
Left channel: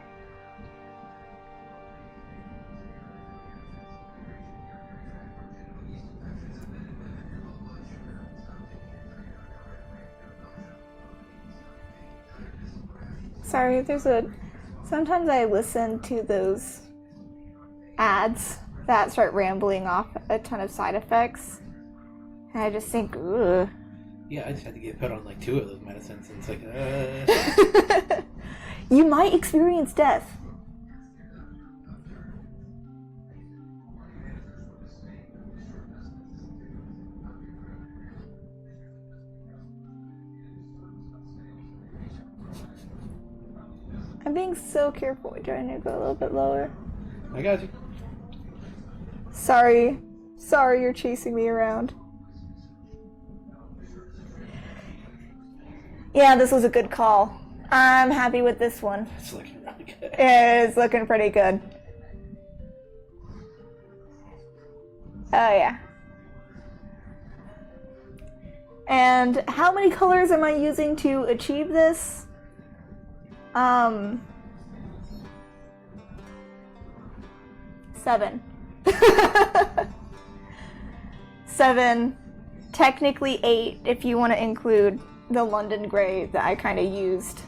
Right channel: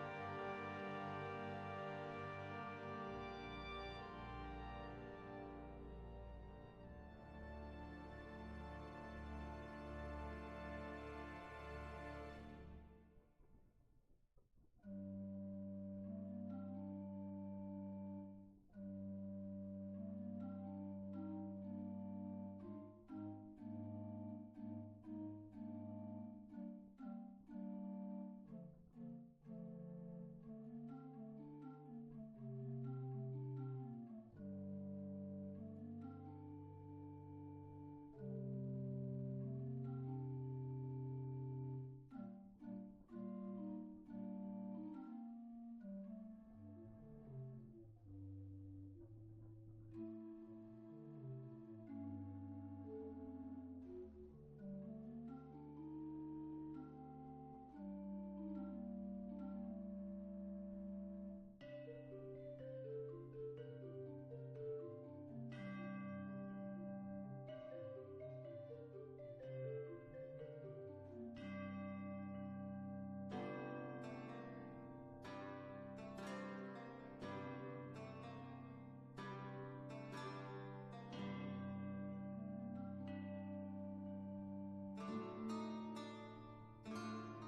Sorry, sometimes I listen to those ads that start rambling off a ton of side effects, and I just think, ugh. Yeah, I just had to get put on like 2 of those medicines, and it's like, You might experience death. I'm being so careful trying to go a little bit lower. I got you. Sorry you're chasing me around. Yeah, this was a good call. I'm happy with this one. It's looking really good. It's looking pretty good. Oh yeah. And how many colors am I using to achieve this? 7. 7. Technically 8 if you want to include the London gray that I kind of used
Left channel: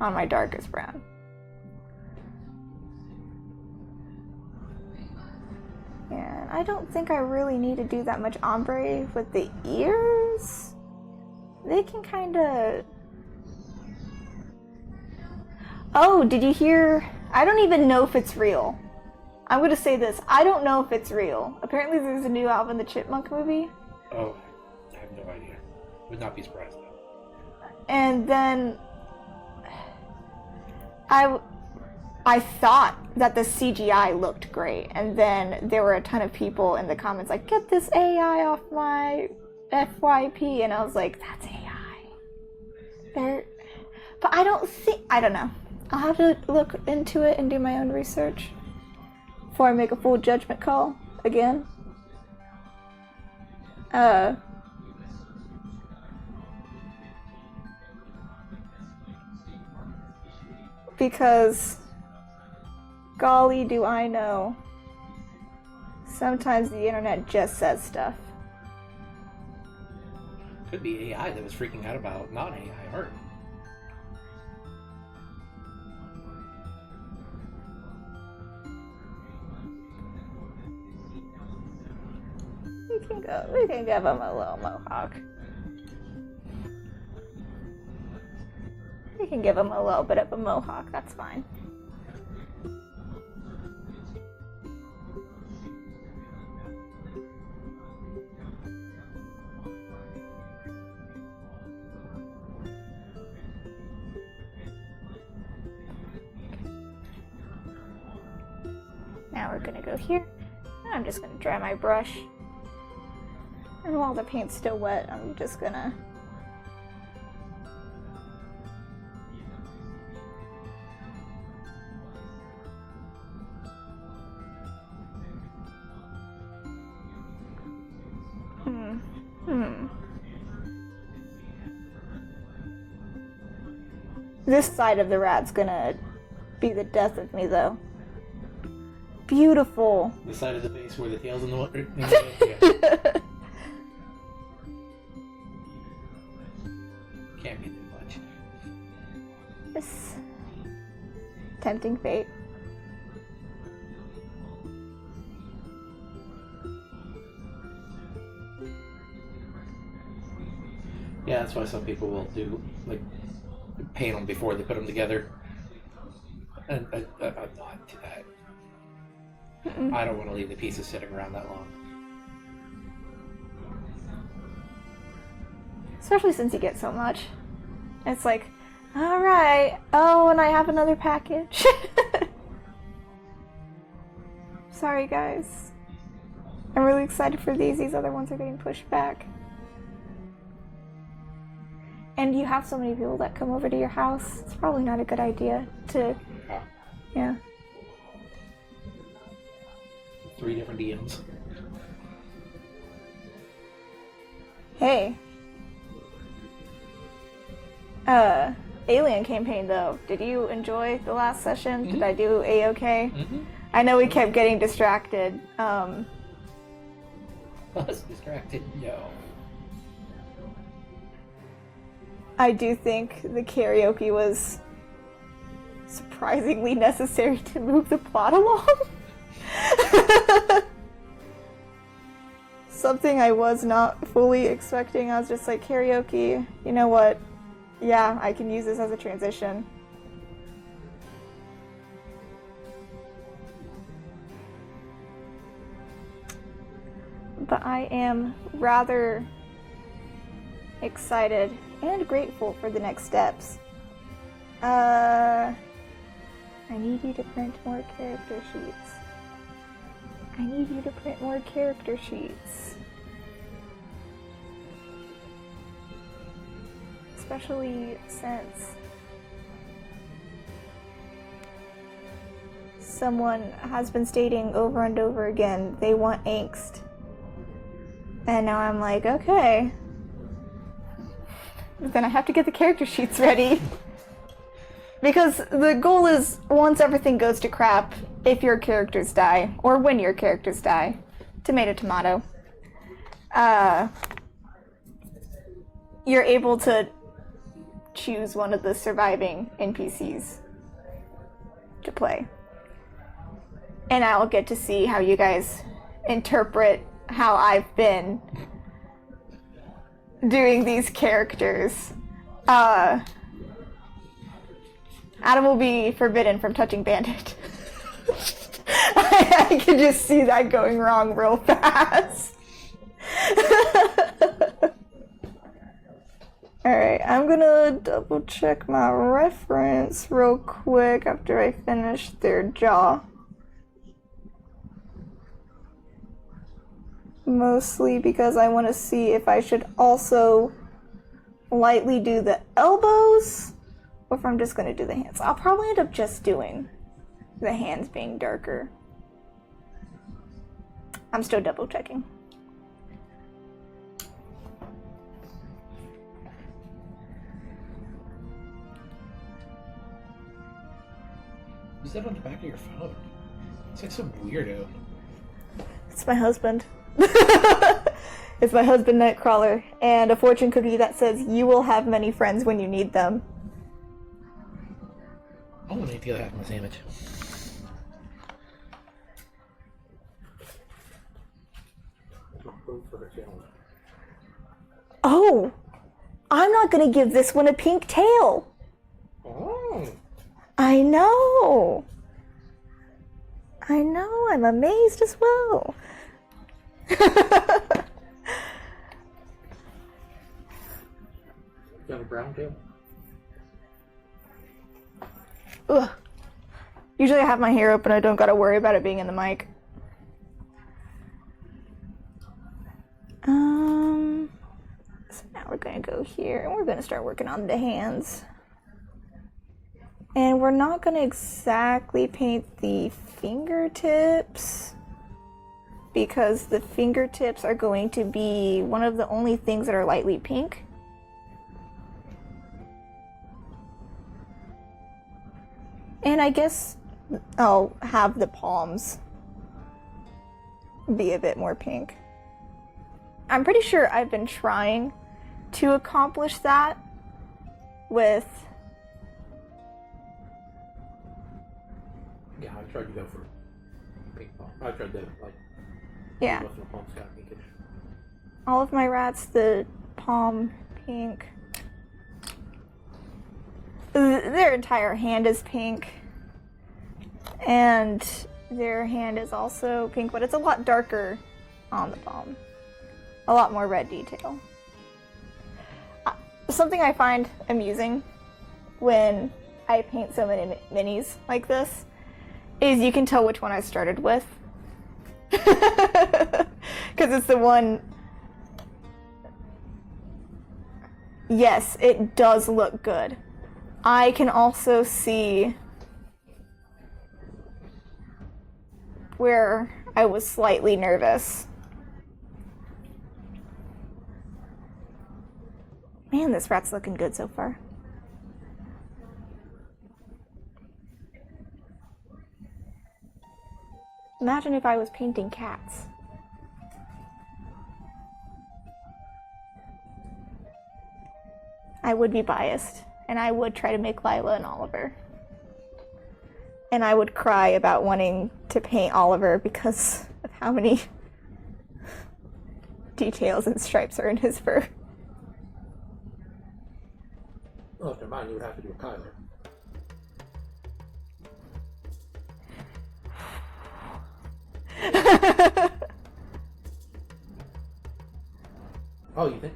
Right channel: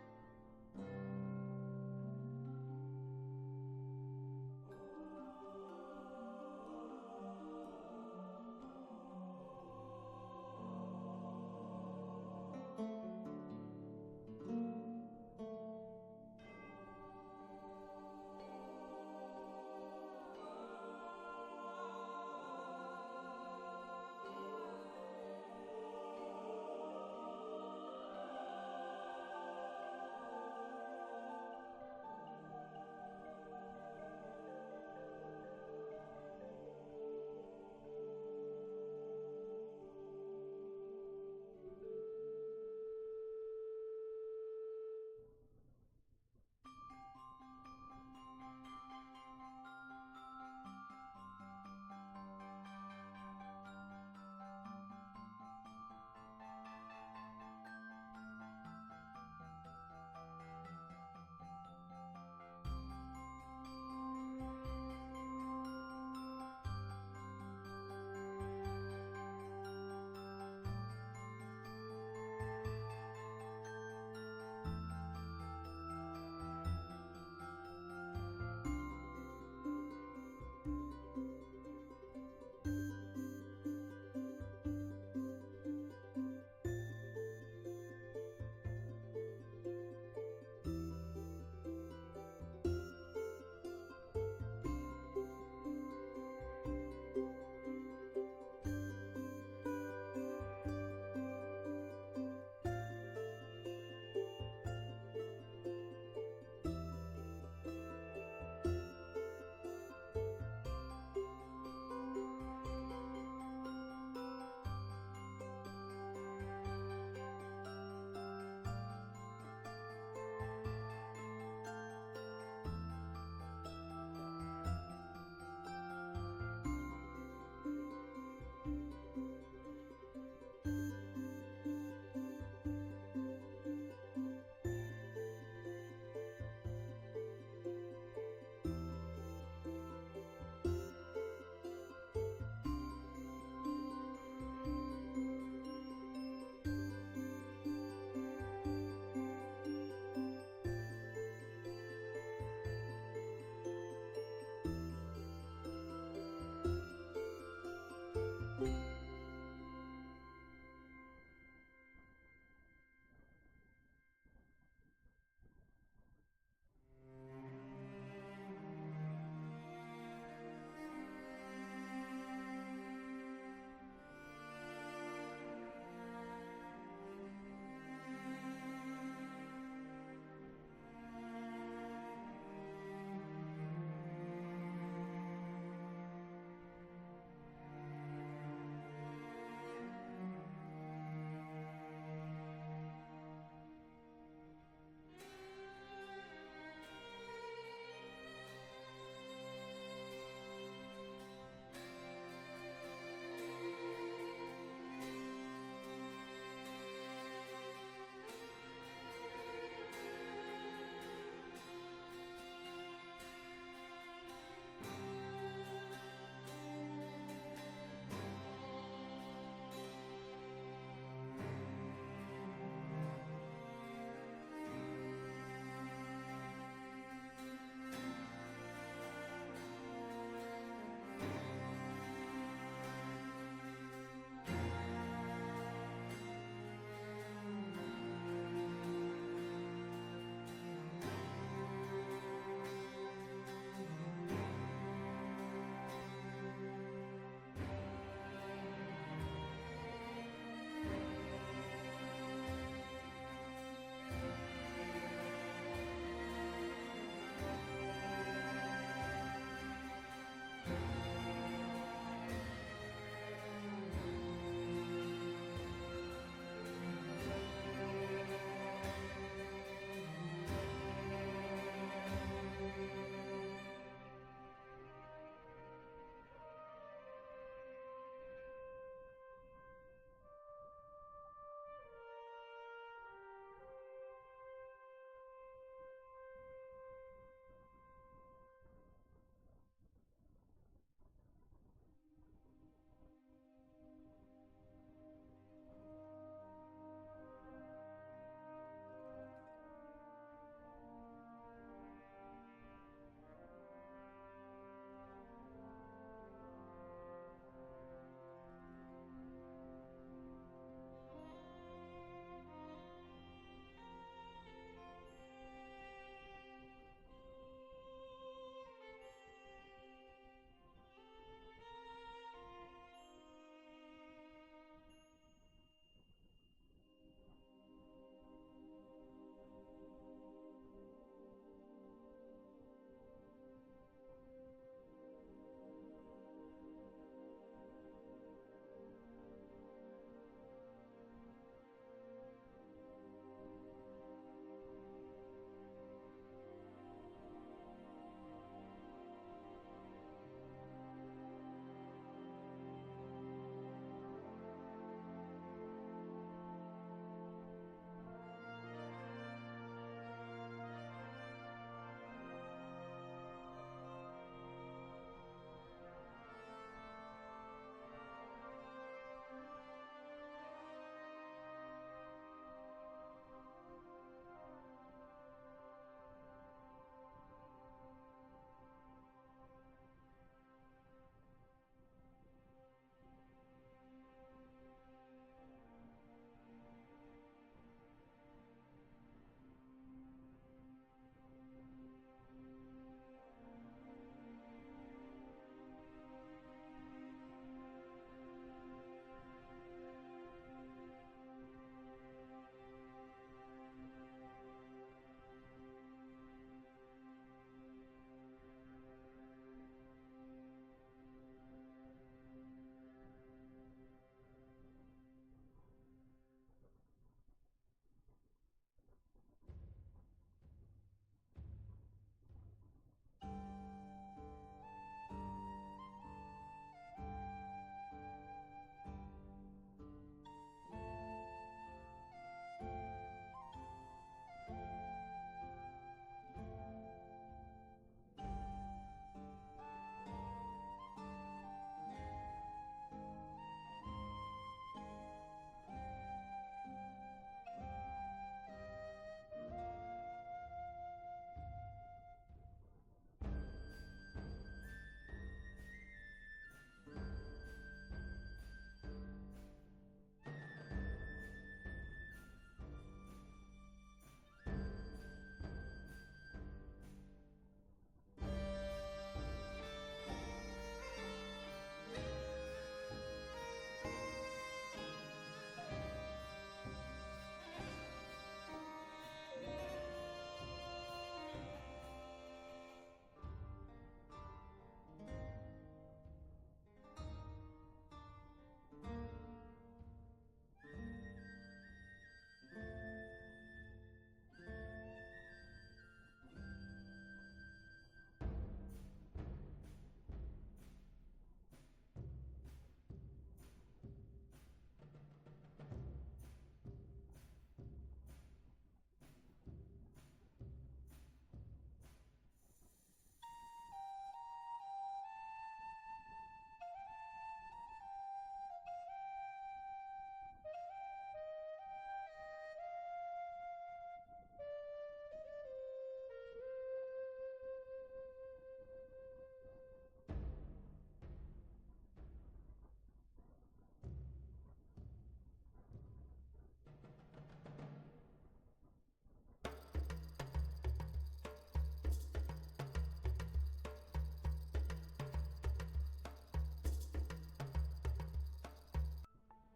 on my darkest brown. And I don't think I really need to do that much ombre with the ears. They can kind of... Oh, did you hear? I don't even know if it's real. I'm gonna say this. I don't know if it's real. Apparently there's a new Alvin the Chipmunk movie. Oh, I have no idea. Would not be surprised. And then I thought that the CGI looked great, and then there were a ton of people in the comments like, get this AI off my FYP, and I was like, that's AI. But I don't know. I'll have to look into it and do my own research before I make a full judgment call again. Because, golly do I know, sometimes the internet just says stuff. Could be AI that was freaking out about not AI art. We can give him a little mohawk. We can give him a little bit of a mohawk, that's fine. Now we're gonna go here. I'm just gonna dry my brush. And while the paint's still wet, I'm just gonna... This side of the rat's gonna be the death of me, though. Beautiful. The side of the base where the tail's in the water. Can't be too much. This tempting fate. Yeah, that's why some people will do like paint them before they put them together. And I'm not to that. I don't want to leave the pieces sitting around that long. Especially since you get so much. It's like, alright, oh, and I have another package. Sorry, guys. I'm really excited for these. These other ones are getting pushed back. And you have so many people that come over to your house. It's probably not a good idea to... Yeah. 3 different DMs. Hey. Alien campaign though. Did you enjoy the last session? Mm-hmm. Did I do A-okay? Mm-hmm. I know we kept getting distracted. I was distracted, no. I do think the karaoke was surprisingly necessary to move the plot along. Something I was not fully expecting. I was just like, karaoke, you know what? Yeah, I can use this as a transition. But I am rather excited and grateful for the next steps. I need you to print more character sheets. I need you to print more character sheets. Especially since someone has been stating over and over again they want angst. And now I'm like, okay. But then I have to get the character sheets ready. Because the goal is, once everything goes to crap, if your characters die, or when your characters die, tomato tomato, you're able to choose one of the surviving NPCs to play. And I'll get to see how you guys interpret how I've been doing these characters. Adam will be forbidden from touching Bandit. I can just see that going wrong real fast. Alright, I'm gonna double check my reference real quick after I finish their jaw. Mostly because I want to see if I should also lightly do the elbows, or if I'm just going to do the hands. I'll probably end up just doing the hands being darker. I'm still double checking. Who's that on the back of your phone? It's like some weirdo. It's my husband. It's my husband, Nightcrawler, and a fortune cookie that says, "You will have many friends when you need them." I want to eat the other half of my sandwich. Oh! I'm not gonna give this one a pink tail! Oh! I know! I know, I'm amazed as well. Got a brown tail? Ugh. Usually I have my hair open, I don't gotta worry about it being in the mic. So now we're gonna go here and we're gonna start working on the hands. And we're not gonna exactly paint the fingertips, because the fingertips are going to be one of the only things that are lightly pink. And I guess I'll have the palms be a bit more pink. I'm pretty sure I've been trying to accomplish that with... Yeah, I tried to go for pink palm. I tried to, yeah. most of the palms got pinkish. All of my rats, the palm pink. Their entire hand is pink. And their hand is also pink, but it's a lot darker on the palm. A lot more red detail. Something I find amusing when I paint so many minis like this is you can tell which one I started with. Because it's the one... Yes, it does look good. I can also see where I was slightly nervous. Man, this rat's looking good so far. Imagine if I was painting cats. I would be biased, and I would try to make Lila and Oliver. and I would cry about wanting to paint Oliver because of how many details and stripes are in his fur. Well, if they're mine, you would have to do a Kyler. Oh, you think?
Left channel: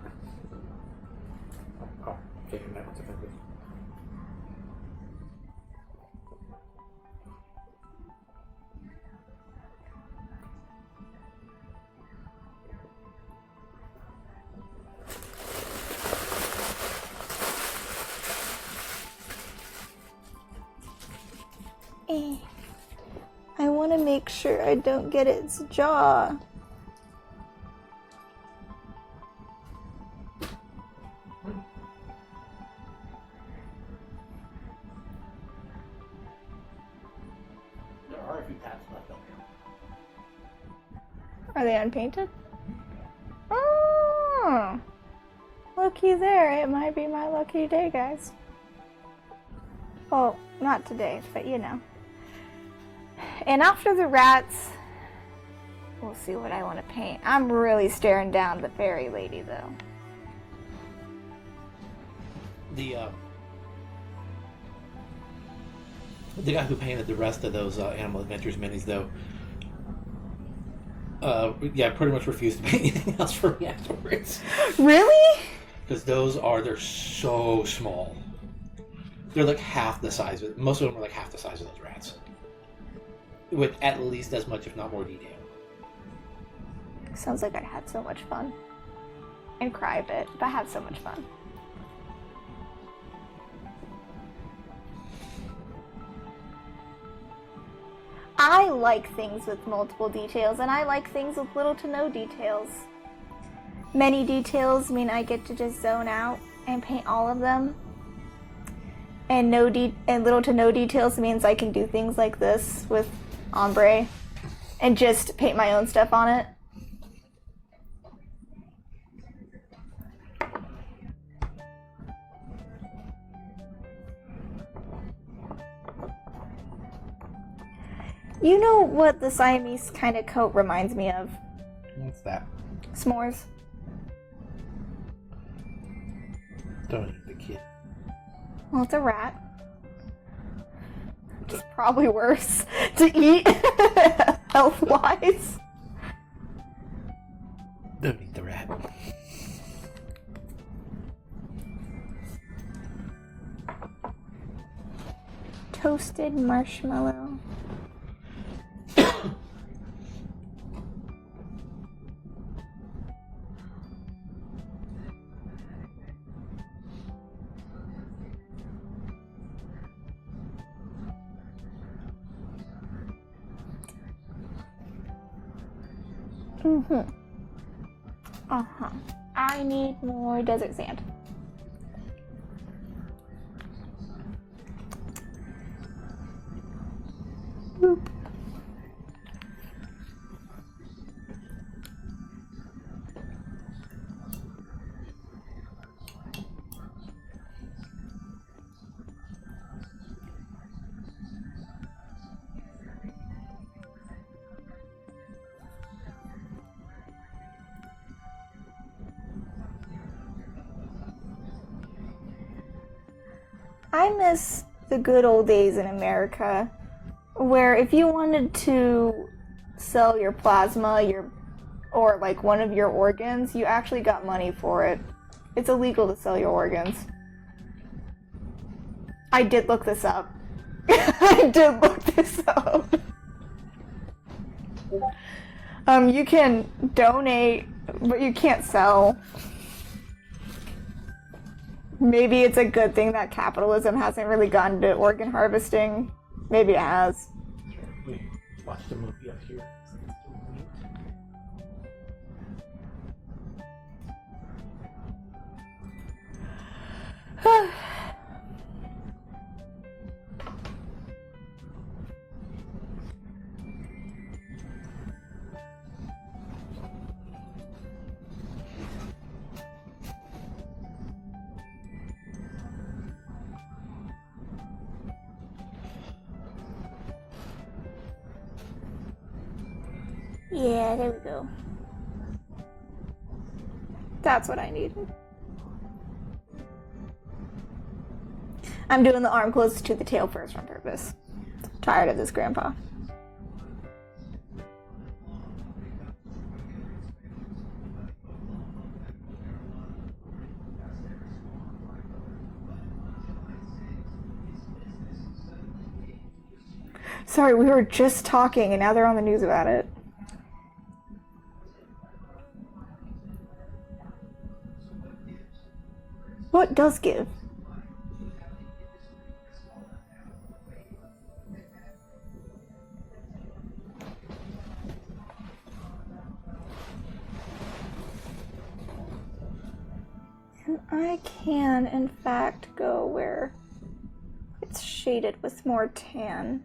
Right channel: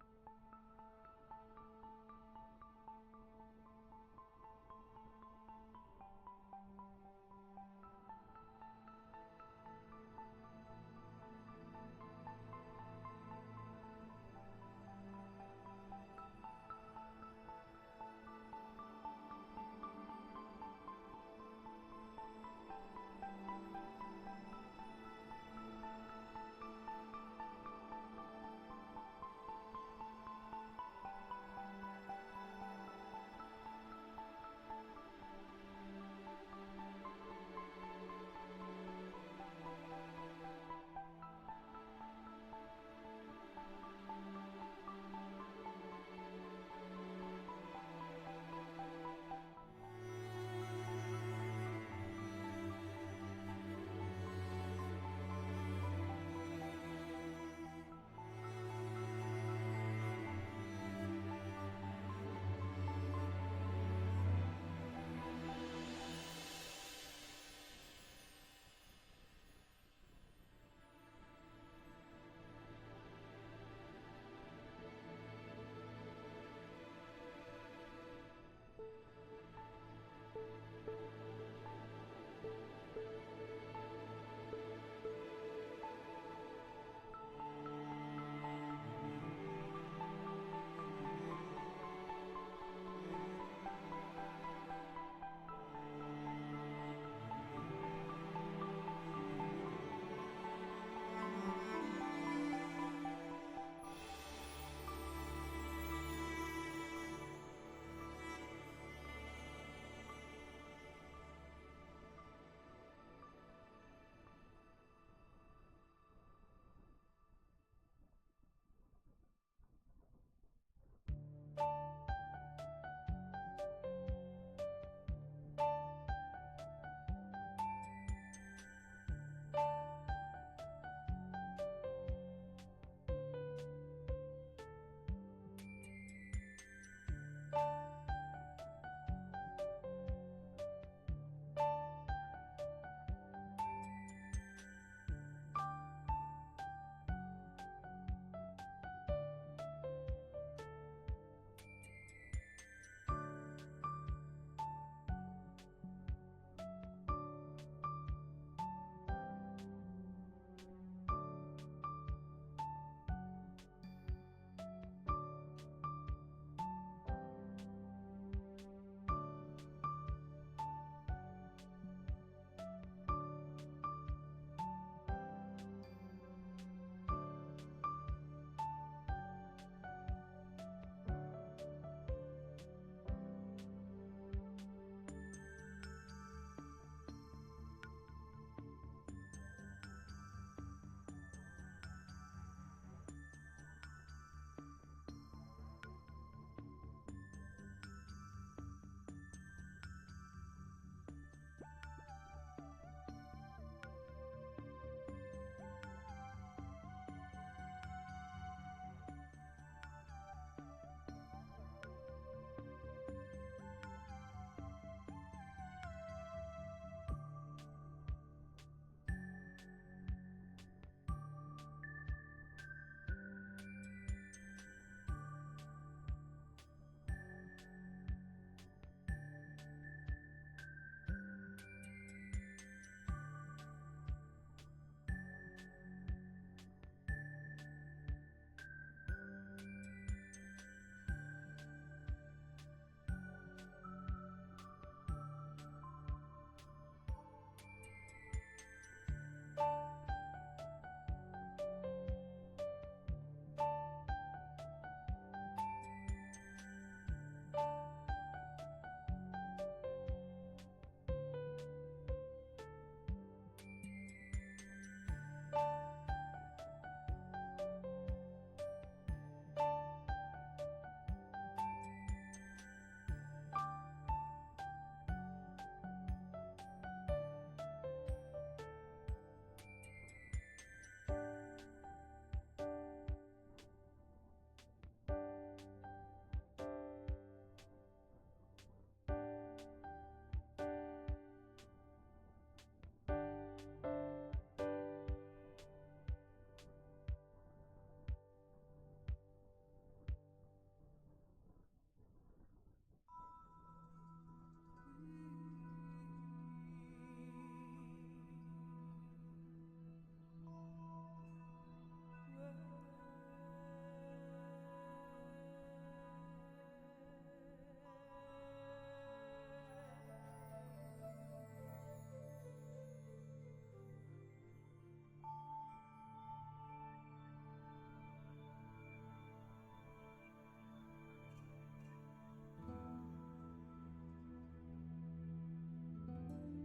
Oh, okay, that was offensive. I want to make sure I don't get its jaw. There are a few tabs left over. Are they unpainted? Oh, looky there. It might be my lucky day, guys. Well, not today, but you know. And after the rats, we'll see what I want to paint. I'm really staring down the fairy lady, though. The guy who painted the rest of those Animal Adventures minis, though, pretty much refused to paint anything else for me afterwards. Really? Because they're so small. They're like half the size of, most of them are like half the size of those rats. With at least as much, if not more, detail. Sounds like I had so much fun. And cry a bit, but I had so much fun. I like things with multiple details, and I like things with little to no details. Many details mean I get to just zone out and paint all of them. And little to no details means I can do things like this with ombre and just paint my own stuff on it. You know what the Siamese kind of coat reminds me of? What's that? S'mores. Don't eat the kid. Well, it's a rat. Which is probably worse to eat health-wise. Don't eat the rat. Toasted marshmallow. I need more desert sand. Boop. I miss the good old days in America where if you wanted to sell your plasma or like one of your organs, you actually got money for it. It's illegal to sell your organs. I did look this up. I did look this up. You can donate, but you can't sell. Maybe it's a good thing that capitalism hasn't really gotten to organ harvesting. Maybe it has. We watched a movie up here. Yeah, there we go. That's what I need. I'm doing the arm closest to the tail first on purpose. Tired of this, Grandpa. Sorry, we were just talking and now they're on the news about it. What does give? And I can, in fact, go where it's shaded with more tan.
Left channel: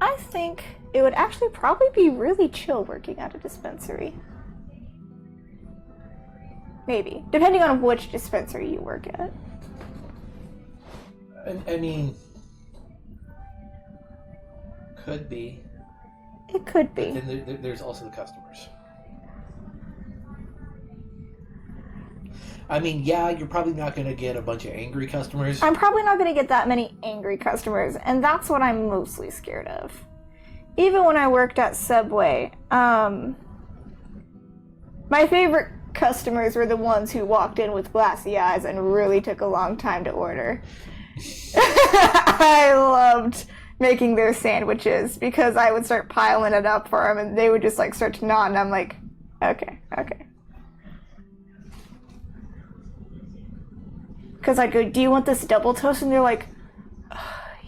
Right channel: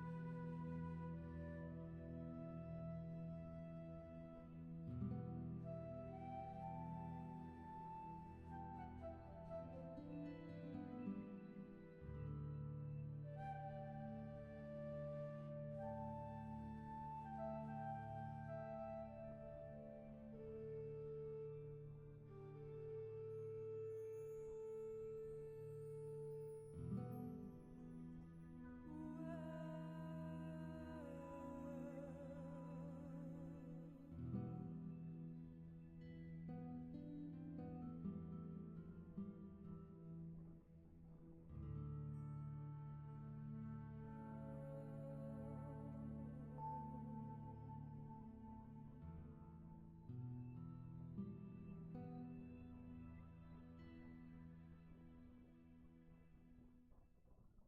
I think it would actually probably be really chill working at a dispensary. Maybe, depending on which dispensary you work at. I mean, could be. It could be. But then there's also the customers. I mean, yeah, you're probably not going to get a bunch of angry customers. I'm probably not going to get that many angry customers, and that's what I'm mostly scared of. Even when I worked at Subway, my favorite customers were the ones who walked in with glassy eyes and really took a long time to order. I loved making their sandwiches because I would start piling it up for them, and they would just like start to nod, and I'm like, okay. Because I'd go, do you want this double toast? And they're like,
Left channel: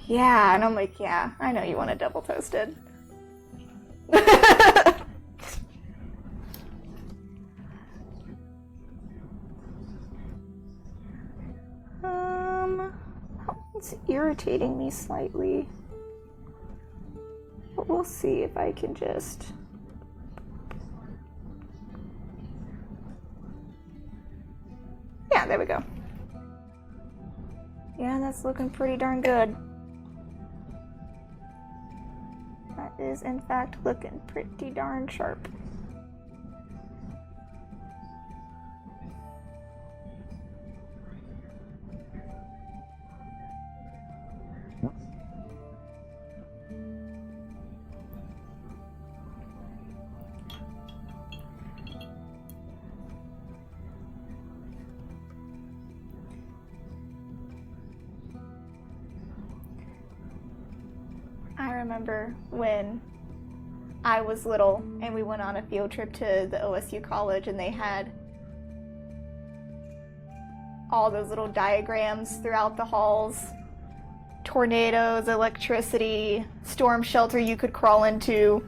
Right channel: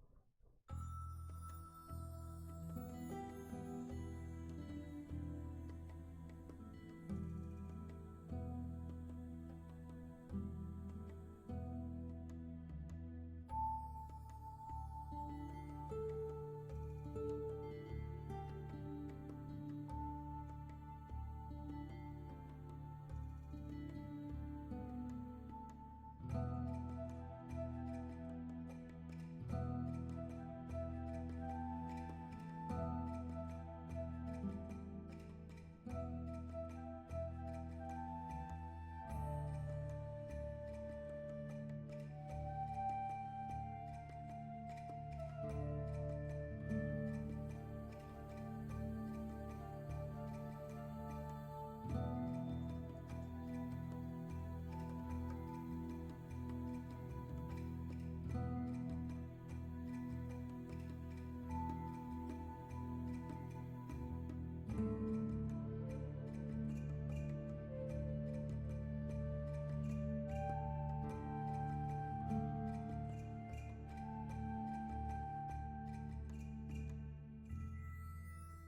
yeah. And I'm like, yeah, I know you want it double toasted. It's irritating me slightly. But we'll see if I can just... Yeah, there we go. Yeah, that's looking pretty darn good. That is, in fact, looking pretty darn sharp. I remember when I was little and we went on a field trip to the OSU college and they had all those little diagrams throughout the halls. Tornadoes, electricity, storm shelter you could crawl into.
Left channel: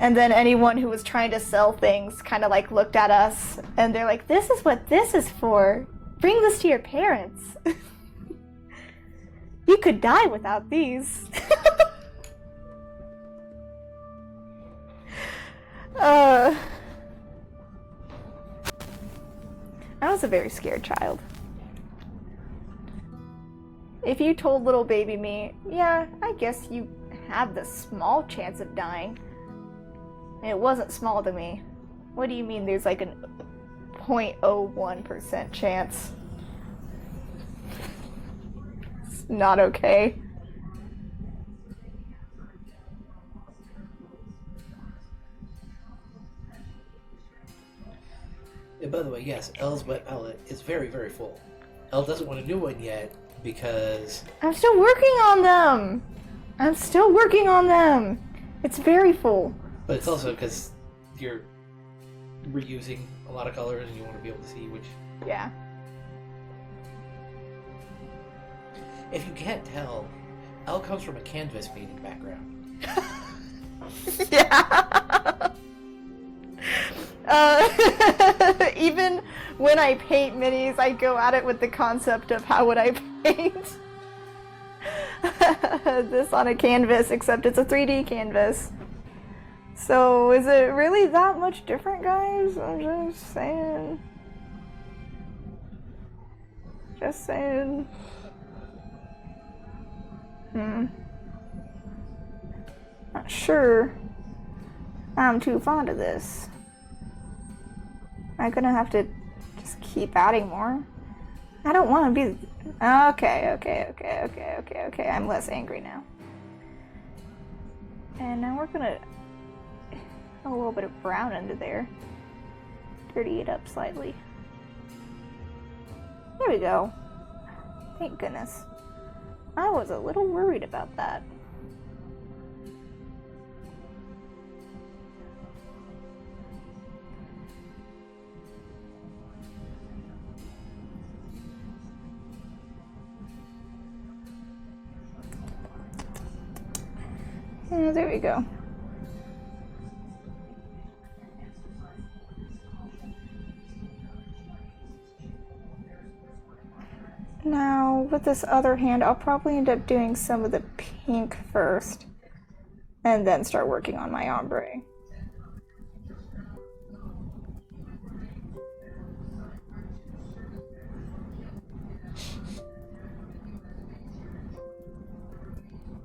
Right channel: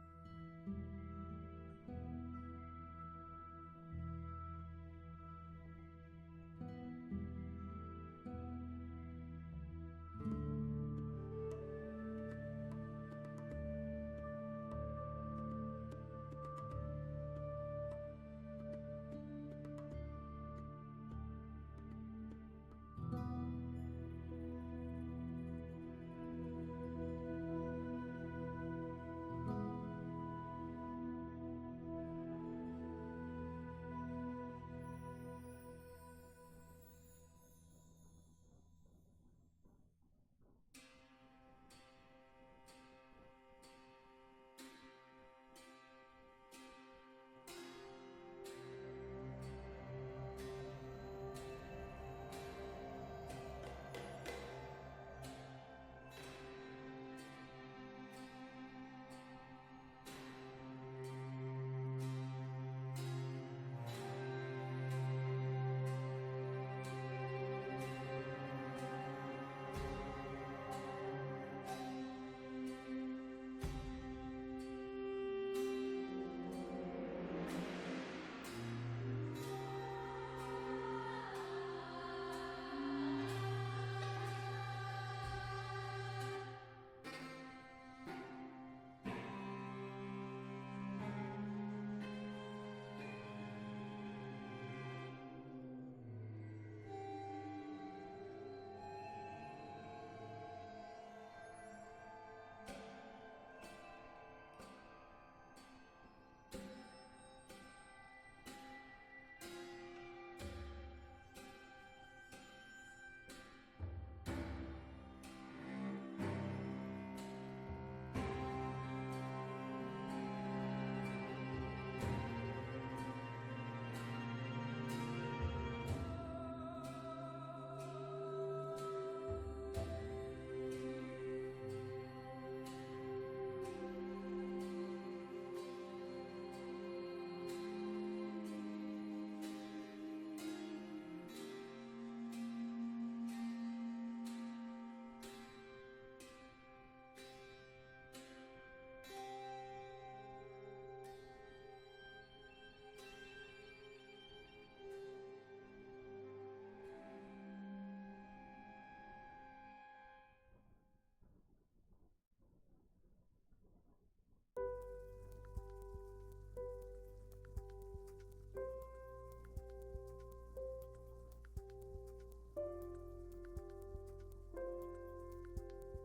And then anyone who was trying to sell things kind of like looked at us and they're like, this is what this is for. Bring this to your parents. You could die without these. I was a very scared child. If you told little baby me, yeah, I guess you have the small chance of dying. And it wasn't small to me. What do you mean there's like a 0.01% chance? It's not okay. And by the way, yes, Elle's wet palette is very, very full. Elle doesn't want a new one yet because... I'm still working on them! It's very full. But it's also because you're reusing a lot of colors and you want to be able to see which... Yeah. If you can't tell, Elle comes from a canvas painting background. Yeah. Even when I paint minis, I go at it with the concept of how would I paint this on a canvas, except it's a 3D canvas. So is it really that much different, guys? I'm just saying. Just saying. Not sure I'm too fond of this. I'm gonna have to just keep adding more. I don't want to be... Okay. I'm less angry now. And now we're gonna add a little bit of brown under there. Dirty it up slightly. There we go. Thank goodness. I was a little worried about that. There we go. Now, with this other hand, I'll probably end up doing some of the pink first, and then start working on my ombre.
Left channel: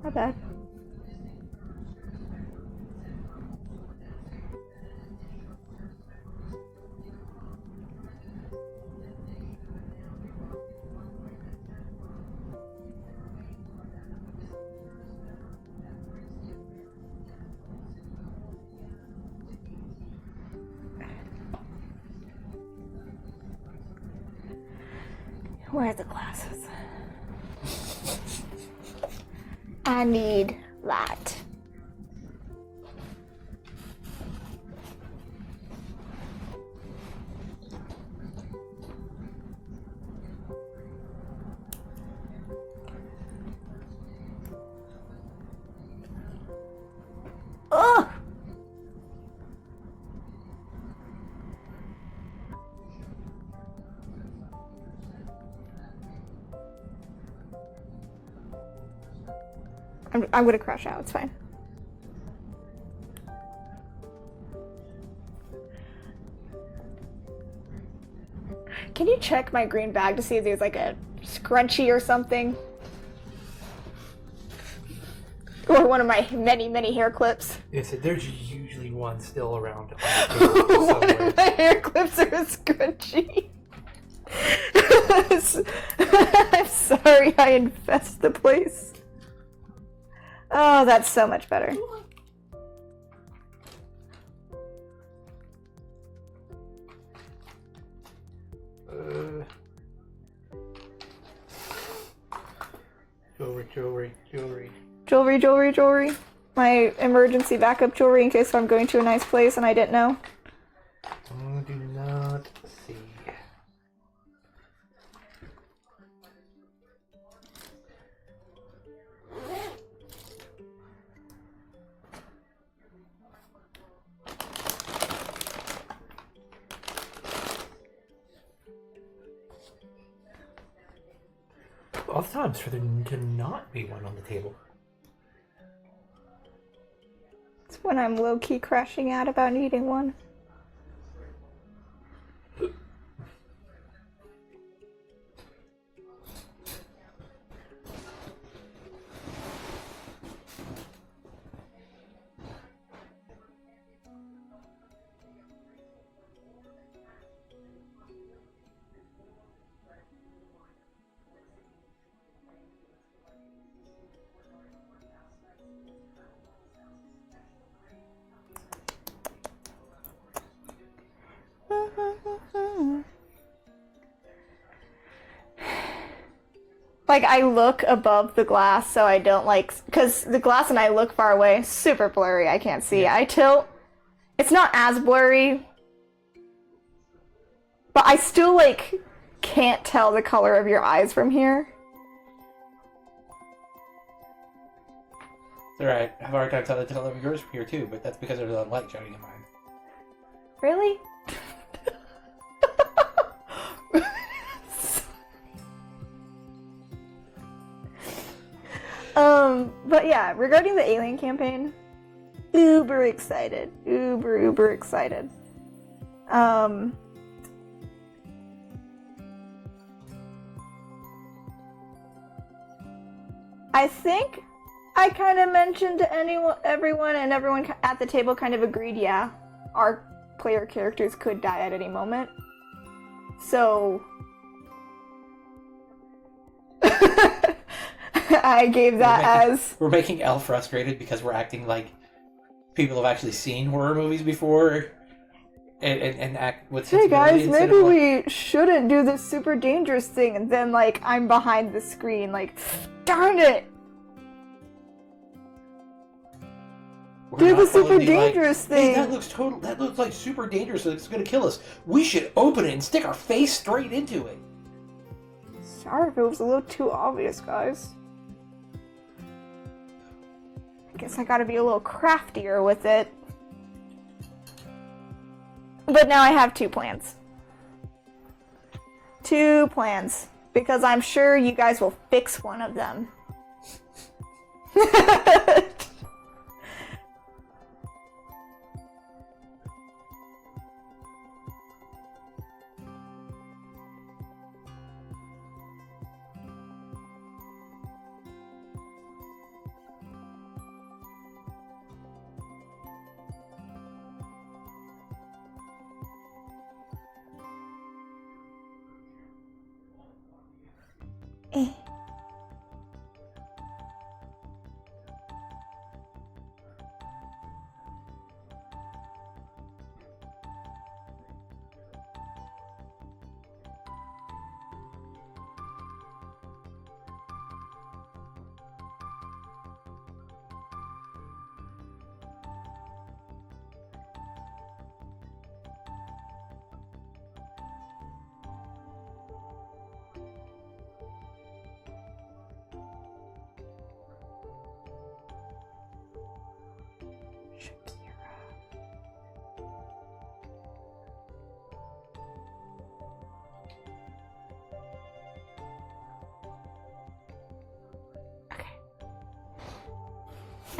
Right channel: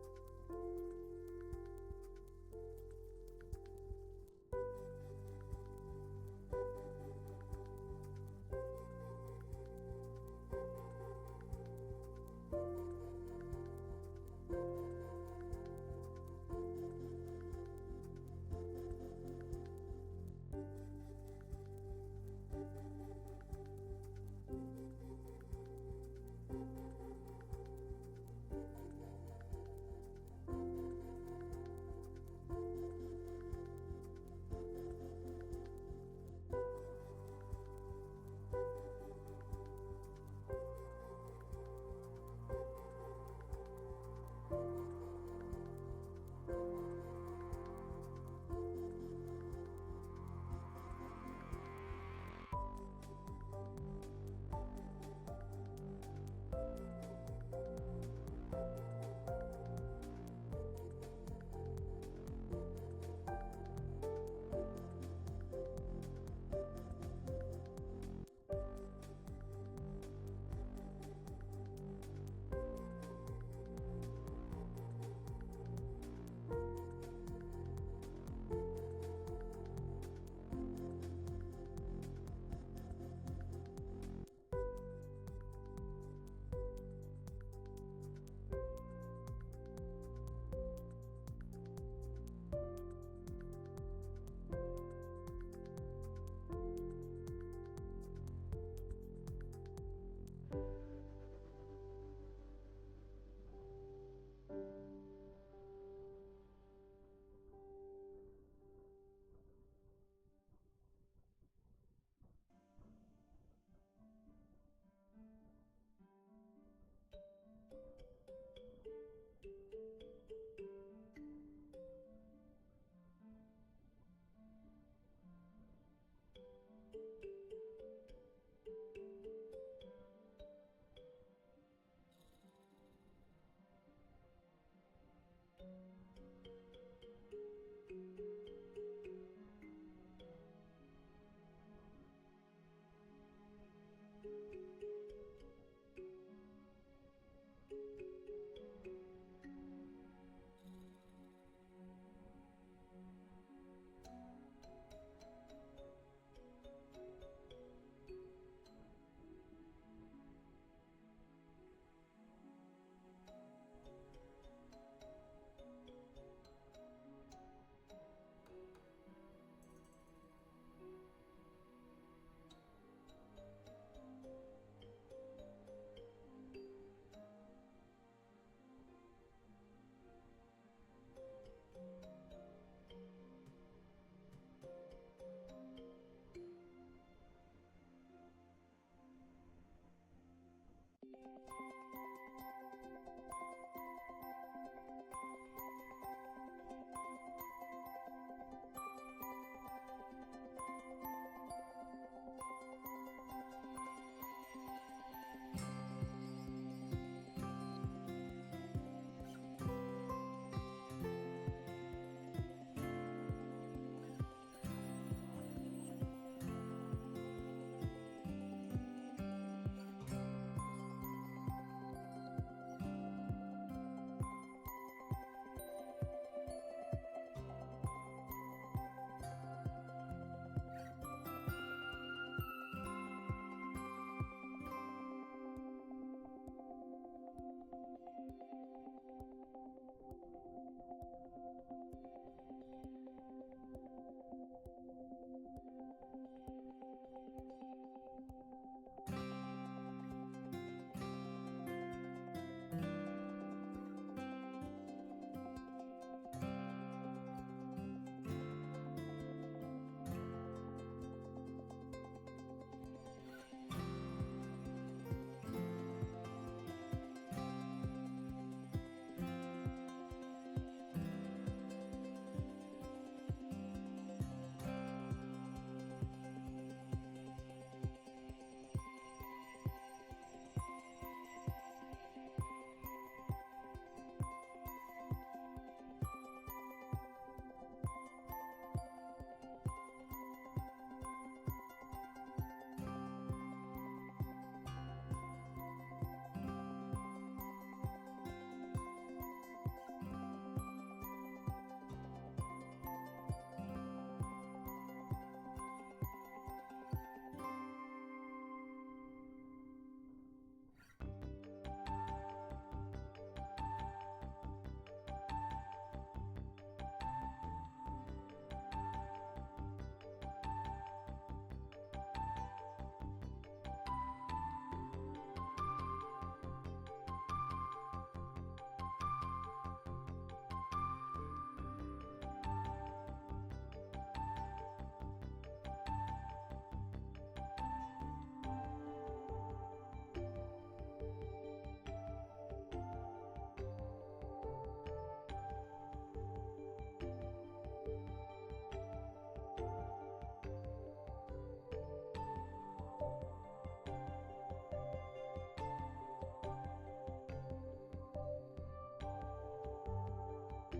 Not bad. Where are the glasses? I need that. Ugh! I'm gonna crash out, it's fine. Can you check my green bag to see if there's like a scrunchie or something? Or one of my many hair clips? Yes, there's usually one still around. One of my hair clips are a scrunchie. I'm sorry I infest the place. Oh, that's so much better. Jewelry. My emergency backup jewelry in case I'm going to a nice place and I didn't know. Do not see. Oftentimes for there to not be one on the table. It's when I'm low-key crashing out about needing one. Like, I look above the glass so I don't, like, because the glass and I look far away, super blurry, I can't see. Yeah. I tilt, it's not as blurry, but I still, like, can't tell the color of your eyes from here. It's alright, I have a hard time telling the color of yours from here too, but that's because there's a light shining in mine. Really? But yeah, regarding the Alien campaign, uber excited. Uber excited. I think I kind of mentioned to everyone, and everyone at the table kind of agreed, yeah, our player characters could die at any moment. So I gave that we're making Elle frustrated because we're acting like people have actually seen horror movies before and act with sensibility. Hey guys, maybe we shouldn't do this super dangerous thing, and then like I'm behind the screen like, darn it! Do the super dangerous thing. Hey, that looks like super dangerous. It's gonna kill us. We should open it and stick our face straight into it. Sorry if it was a little too obvious, guys. Guess I gotta be a little craftier with it. But now I have 2 plans. 2 plans. Because I'm sure you guys will fix one of them.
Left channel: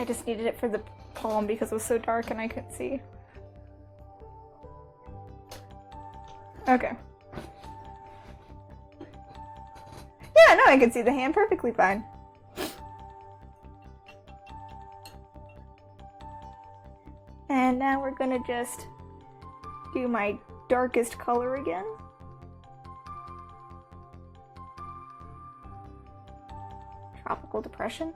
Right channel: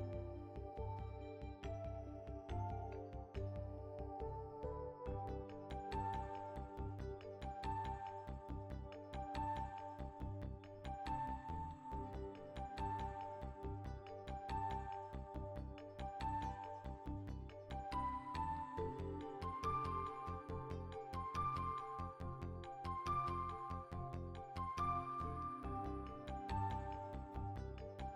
I just needed it for the palm because it was so dark and I couldn't see. Okay. Yeah, no, I can see the hand perfectly fine. And now we're gonna just do my darkest color again. Tropical depression.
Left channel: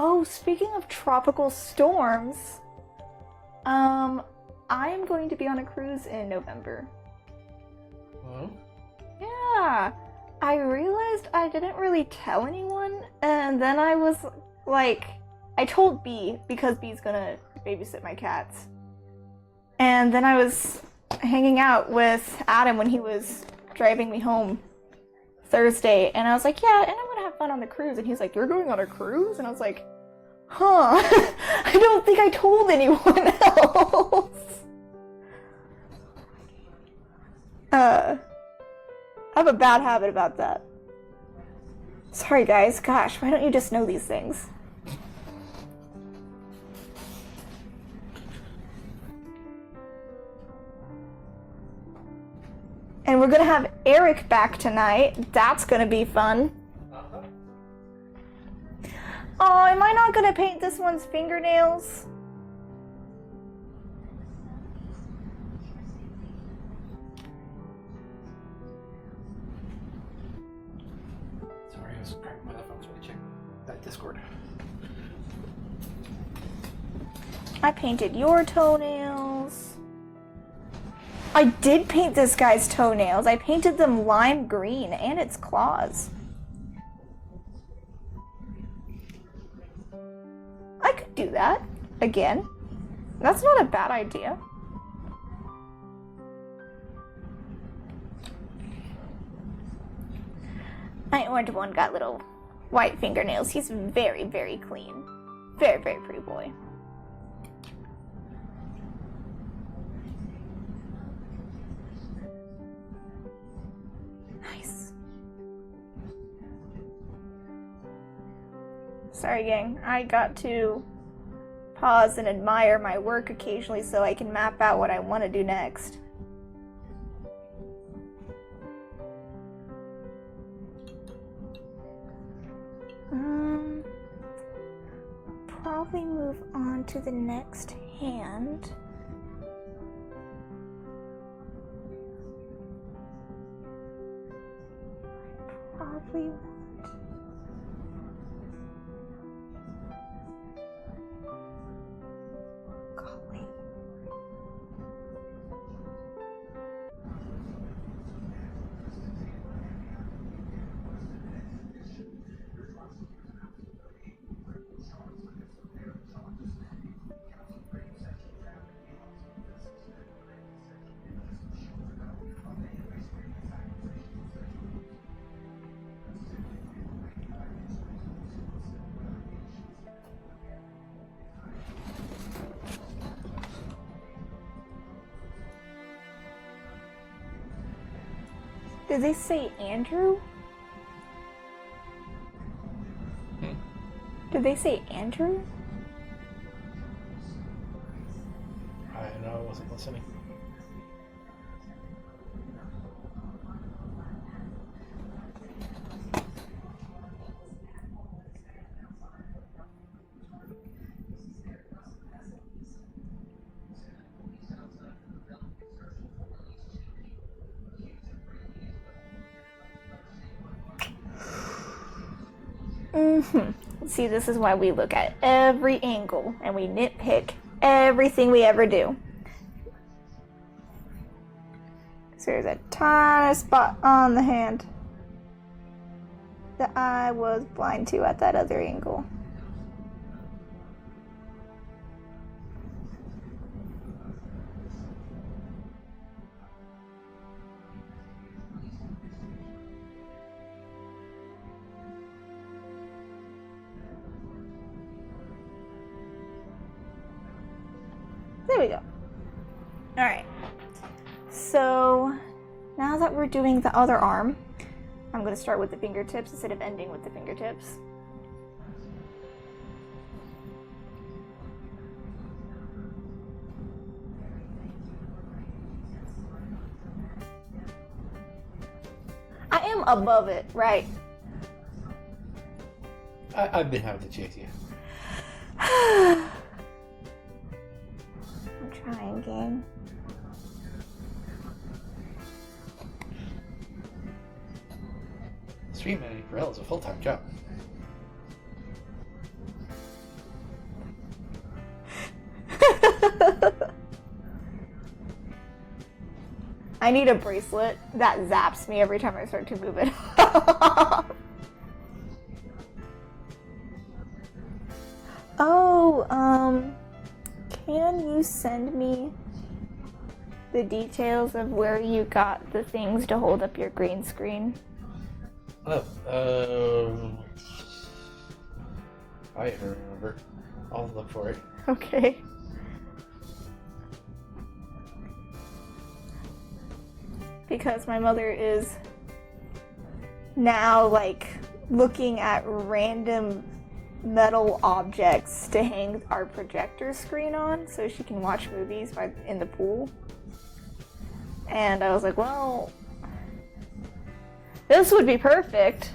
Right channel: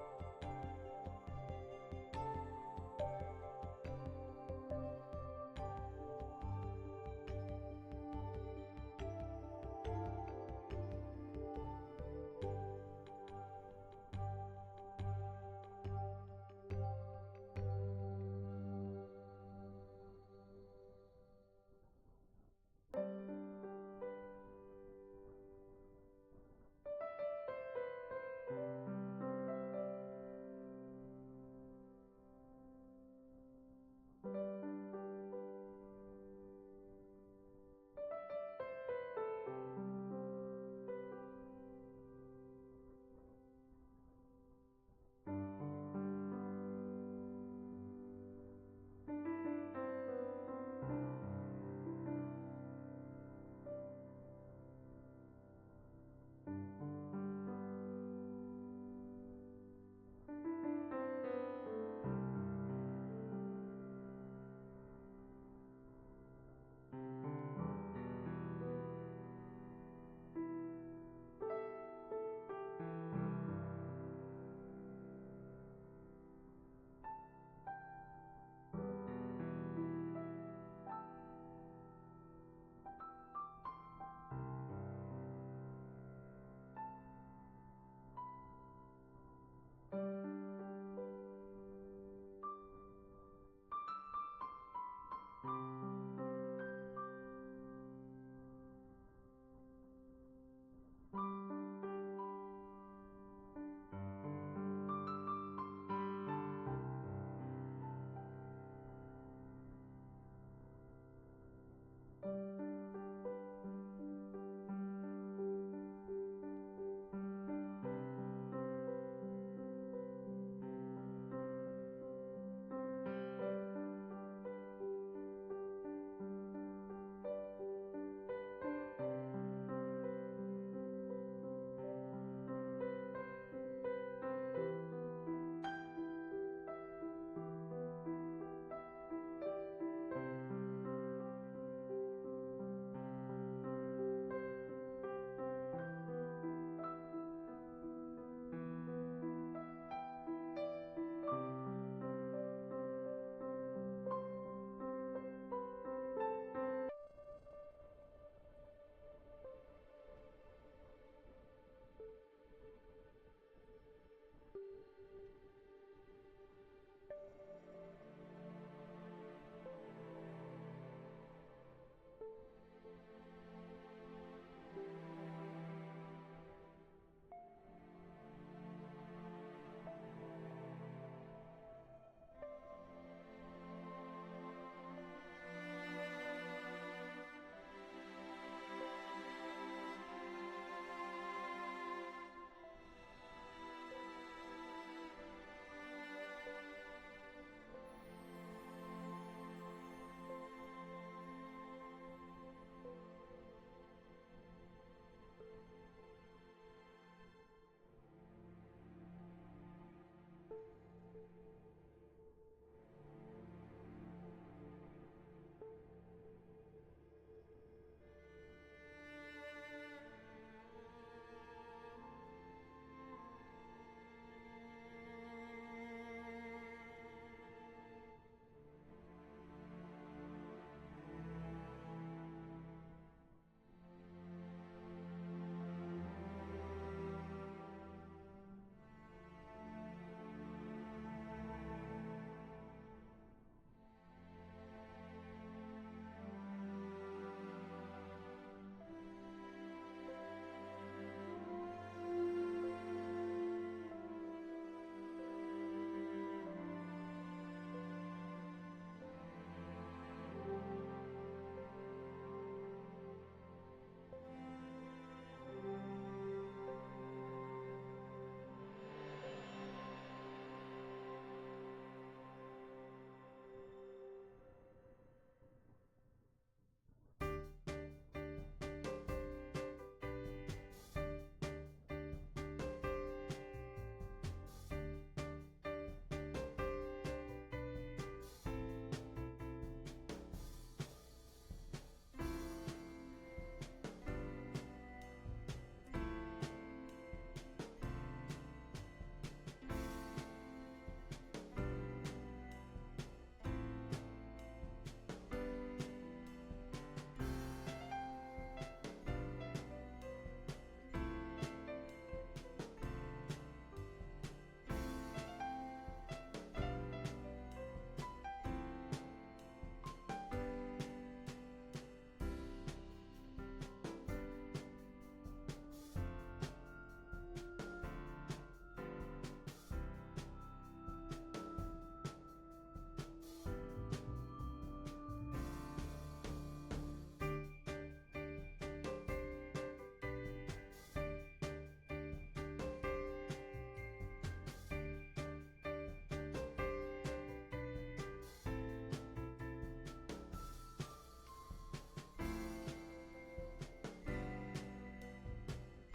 Oh, speaking of tropical storms, I am going to be on a cruise in November. Oh? Yeah, I realized I didn't really tell anyone, and then I was like, I told B because B's gonna babysit my cats. And then I was hanging out with Adam when he was driving me home Thursday, and I was like, yeah, and I'm gonna have fun on the cruise. And he's like, you're going on a cruise? And I was like, huh, I don't think I told anyone else. I have a bad habit about that. Sorry guys, gosh, why don't you just know these things? And we're gonna have Eric back tonight. That's gonna be fun. Oh, am I not gonna paint this one's fingernails? Sorry, I was grabbing my headphones for the check that Discord. I painted your toenails. I did paint this guy's toenails. I painted them lime green and its claws. I could do that again. That's not a bad idea. My orange one got little white fingernails. He's very, very clean. Very, very pretty boy. Nice. Sorry, gang. I got to pause and admire my work occasionally so I can map out what I want to do next. Probably move on to the next hand. Probably golly. Did they say Andrew? Did they say Andrew? I know I wasn't listening. See, this is why we look at every angle and we nitpick everything we ever do. So there's a tiny spot on the hand that I was blind to at that other angle. There we go. Alright. So, now that we're doing the other arm, I'm going to start with the fingertips instead of ending with the fingertips. I am above it, right? I've been having to chase you. I'm trying, gang. Stream managing for Elle is a full-time job. I need a bracelet that zaps me every time I start to move it. Oh, can you send me the details of where you got the things to hold up your green screen? Oh, I don't remember. I'll look for it. Okay. Because my mother is now like looking at random metal objects to hang our projector screen on so she can watch movies in the pool. And I was like, well, this would be perfect.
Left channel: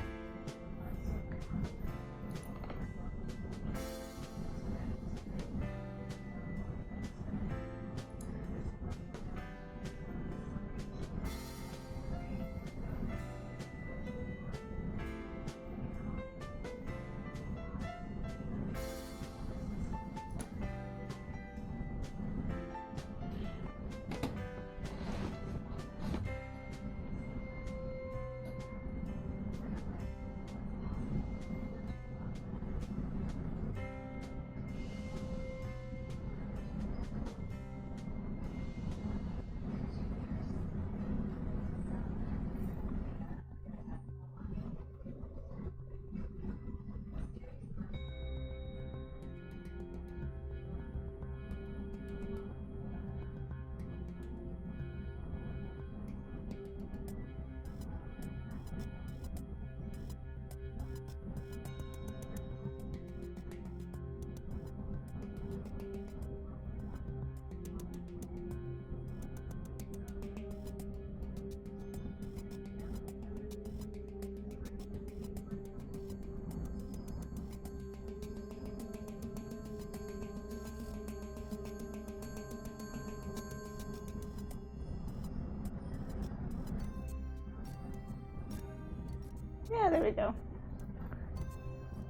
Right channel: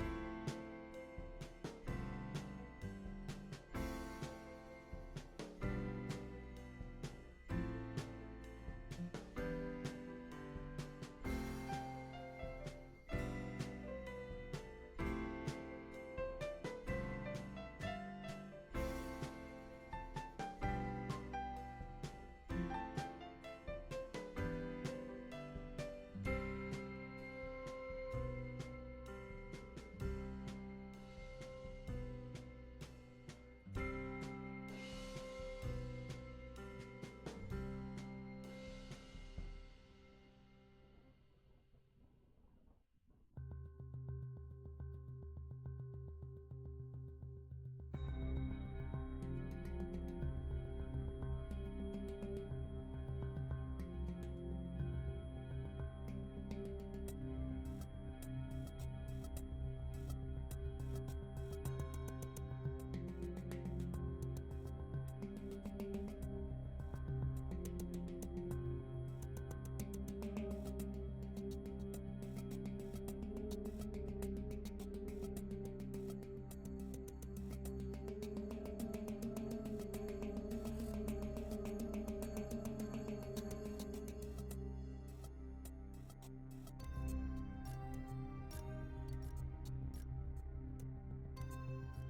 Yeah, there we go.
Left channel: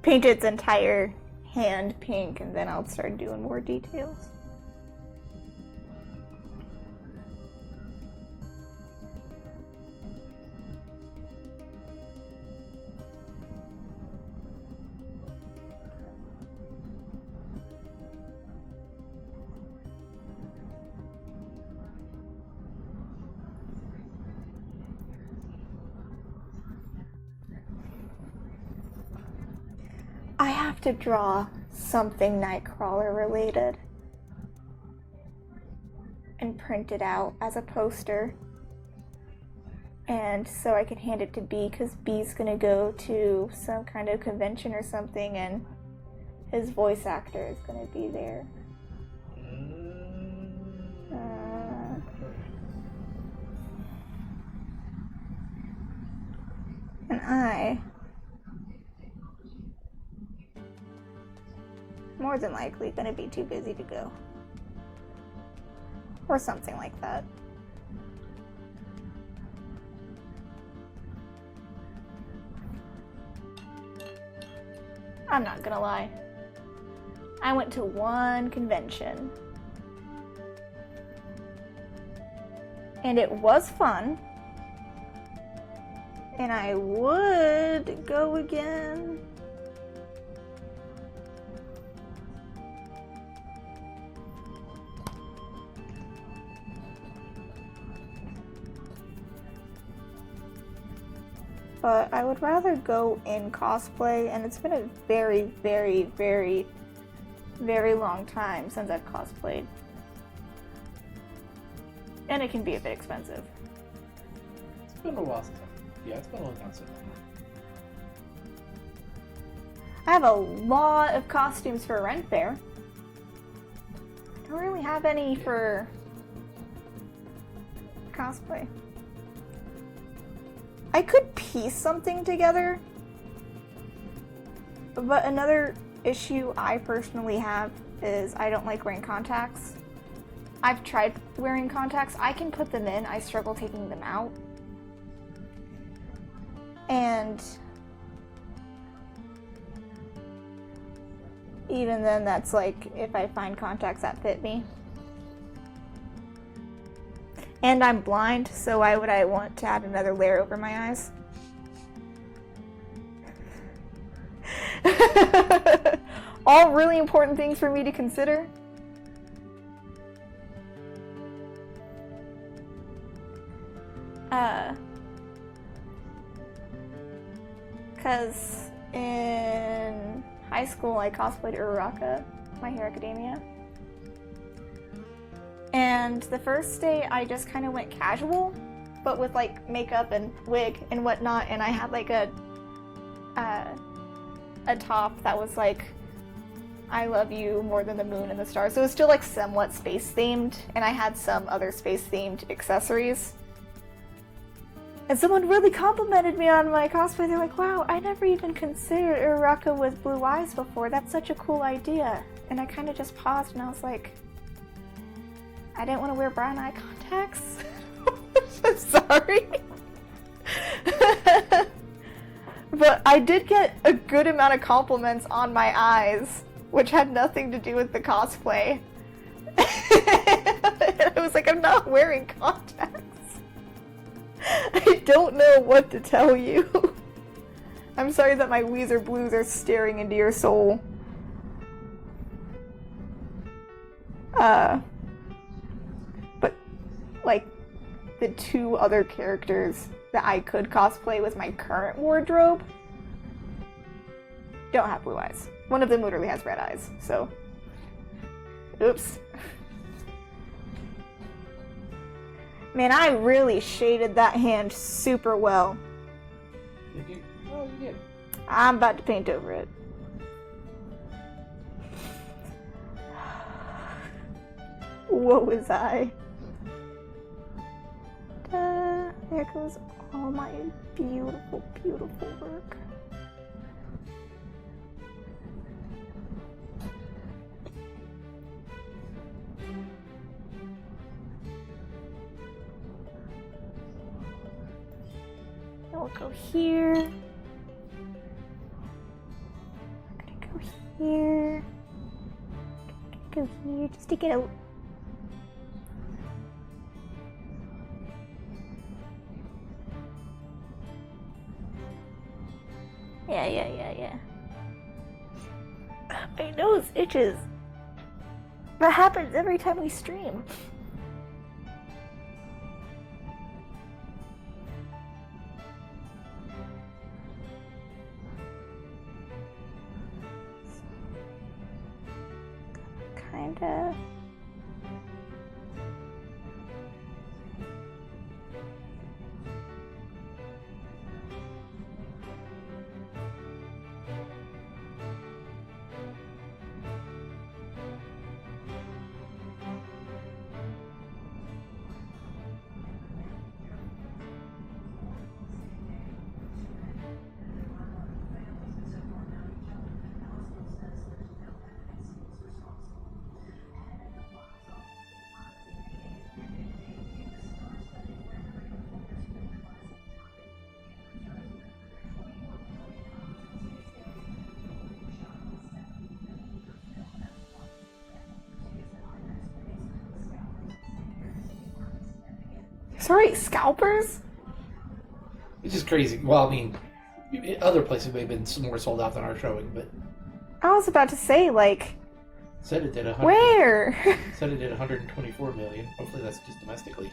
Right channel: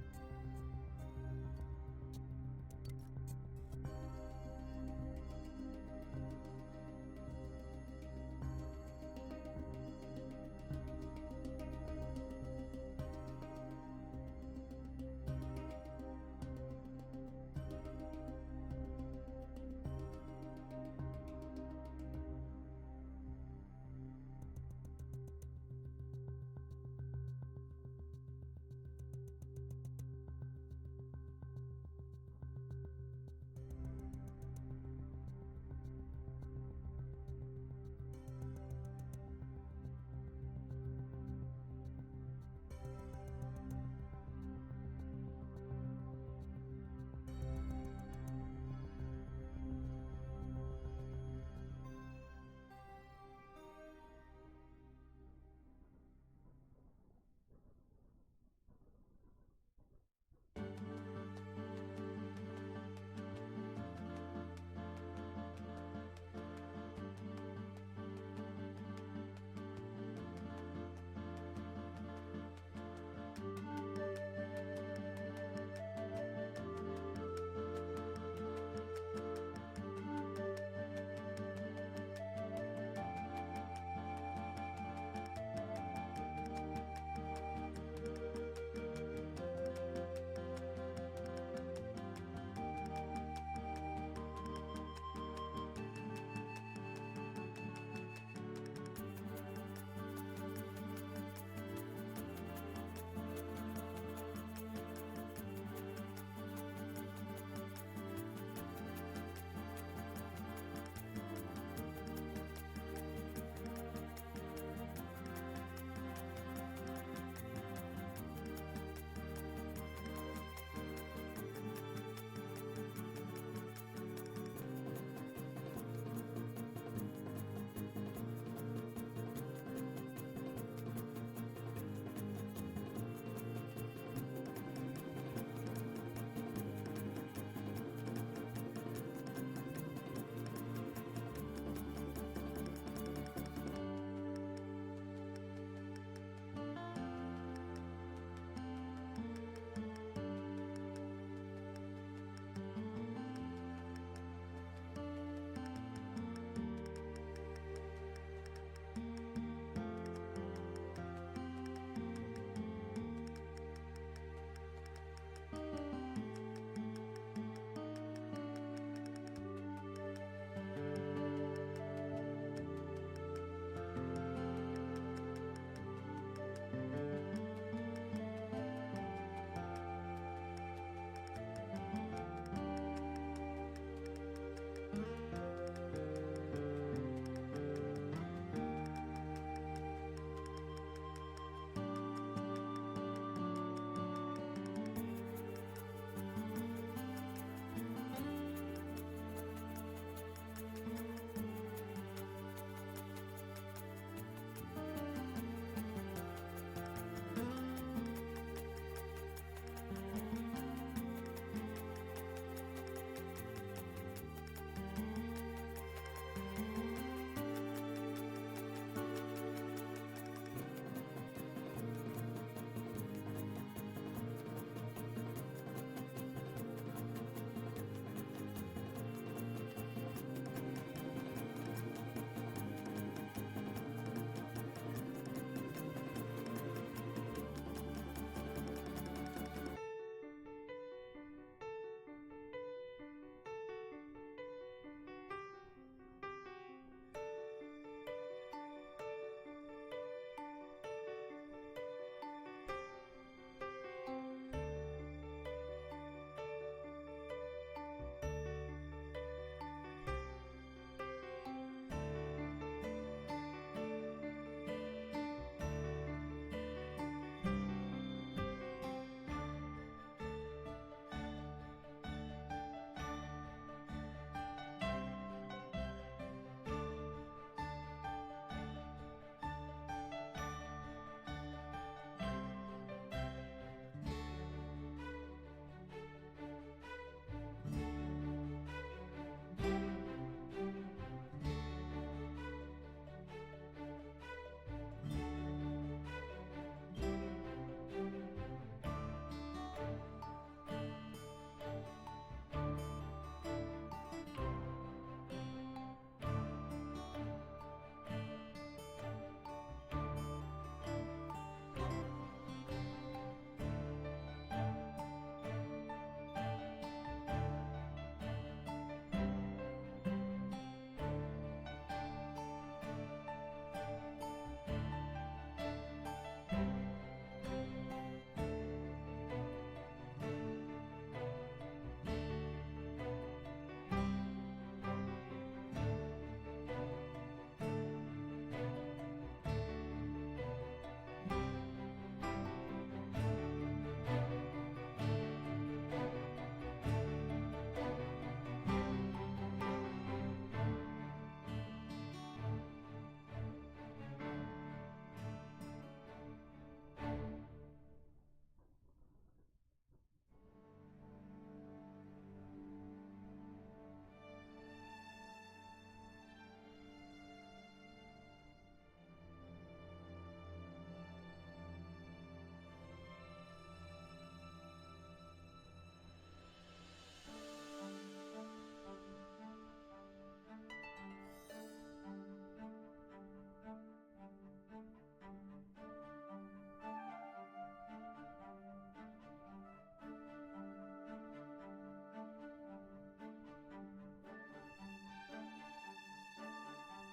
Paint its entire hand pink, and then I'll start doing more details. I have to draw something Nightcrawler related and print it out as a poster, and so I can hand it to B, because B's gonna go to some kind of convention or something, and his voice actor is gonna be there. And I more than likely gonna be too busy to go. Or something like that. I'm not gonna lie. I went to one convention. And it was fun. And I would go again. But I would rather go in cosplay, and it's been a very, very, very, very long time since I've cosplayed. And it can be a bit expensive. It's been a while since. Yeah, it's been a long time since. I have a lot of costumes for Ren Fair. Don't really have any for cosplay. I could piece something together, but another issue I personally have is I don't like wearing contacts. I've tried wearing contacts. I can put them in, I struggle taking them out. And even then, that's like if I find contacts that fit me. And I'm blind, so why would I want to add another layer over my eyes? All really important things for me to consider. Because in high school I cosplayed Uraraka, My Hero Academia. And the first day I just kind of went casual, but with like makeup and wig and whatnot, and I had like a top that was like, I love you more than the moon and the stars. So it was still like somewhat space themed, and I had some other space themed accessories. And someone really complimented me on my cosplay. They're like, wow, I never even considered Uraraka with blue eyes before. That's such a cool idea. And I kind of just paused and I was like, I didn't want to wear brown eye contacts. I'm sorry. But I did get a good amount of compliments on my eyes, which had nothing to do with the cosplay. And I was like, I'm not wearing contacts. I don't know what to tell you. I'm sorry that my Weezer blues are staring into your soul. But, like, the two other characters that I could cosplay with my current wardrobe don't have blue eyes. One of them literally has red eyes, so... Oops. Man, I really shaded that hand super well. Oh, you did. I'm about to paint over it. Woe is I. There goes all my beautiful, beautiful work. I'll go here. here. Go here, just stick it out. Yeah. My nose itches. That happens every time we stream. Kinda. Sorry, scalpers? Which is crazy. Well, I mean, other places may have been more sold out than our showing, but I was about to say, like, said it did where? Said it did 124 million. Hopefully that's just domestically,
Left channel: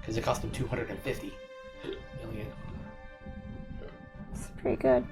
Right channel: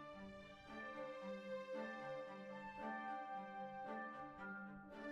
because it cost them 250 million. It's pretty good.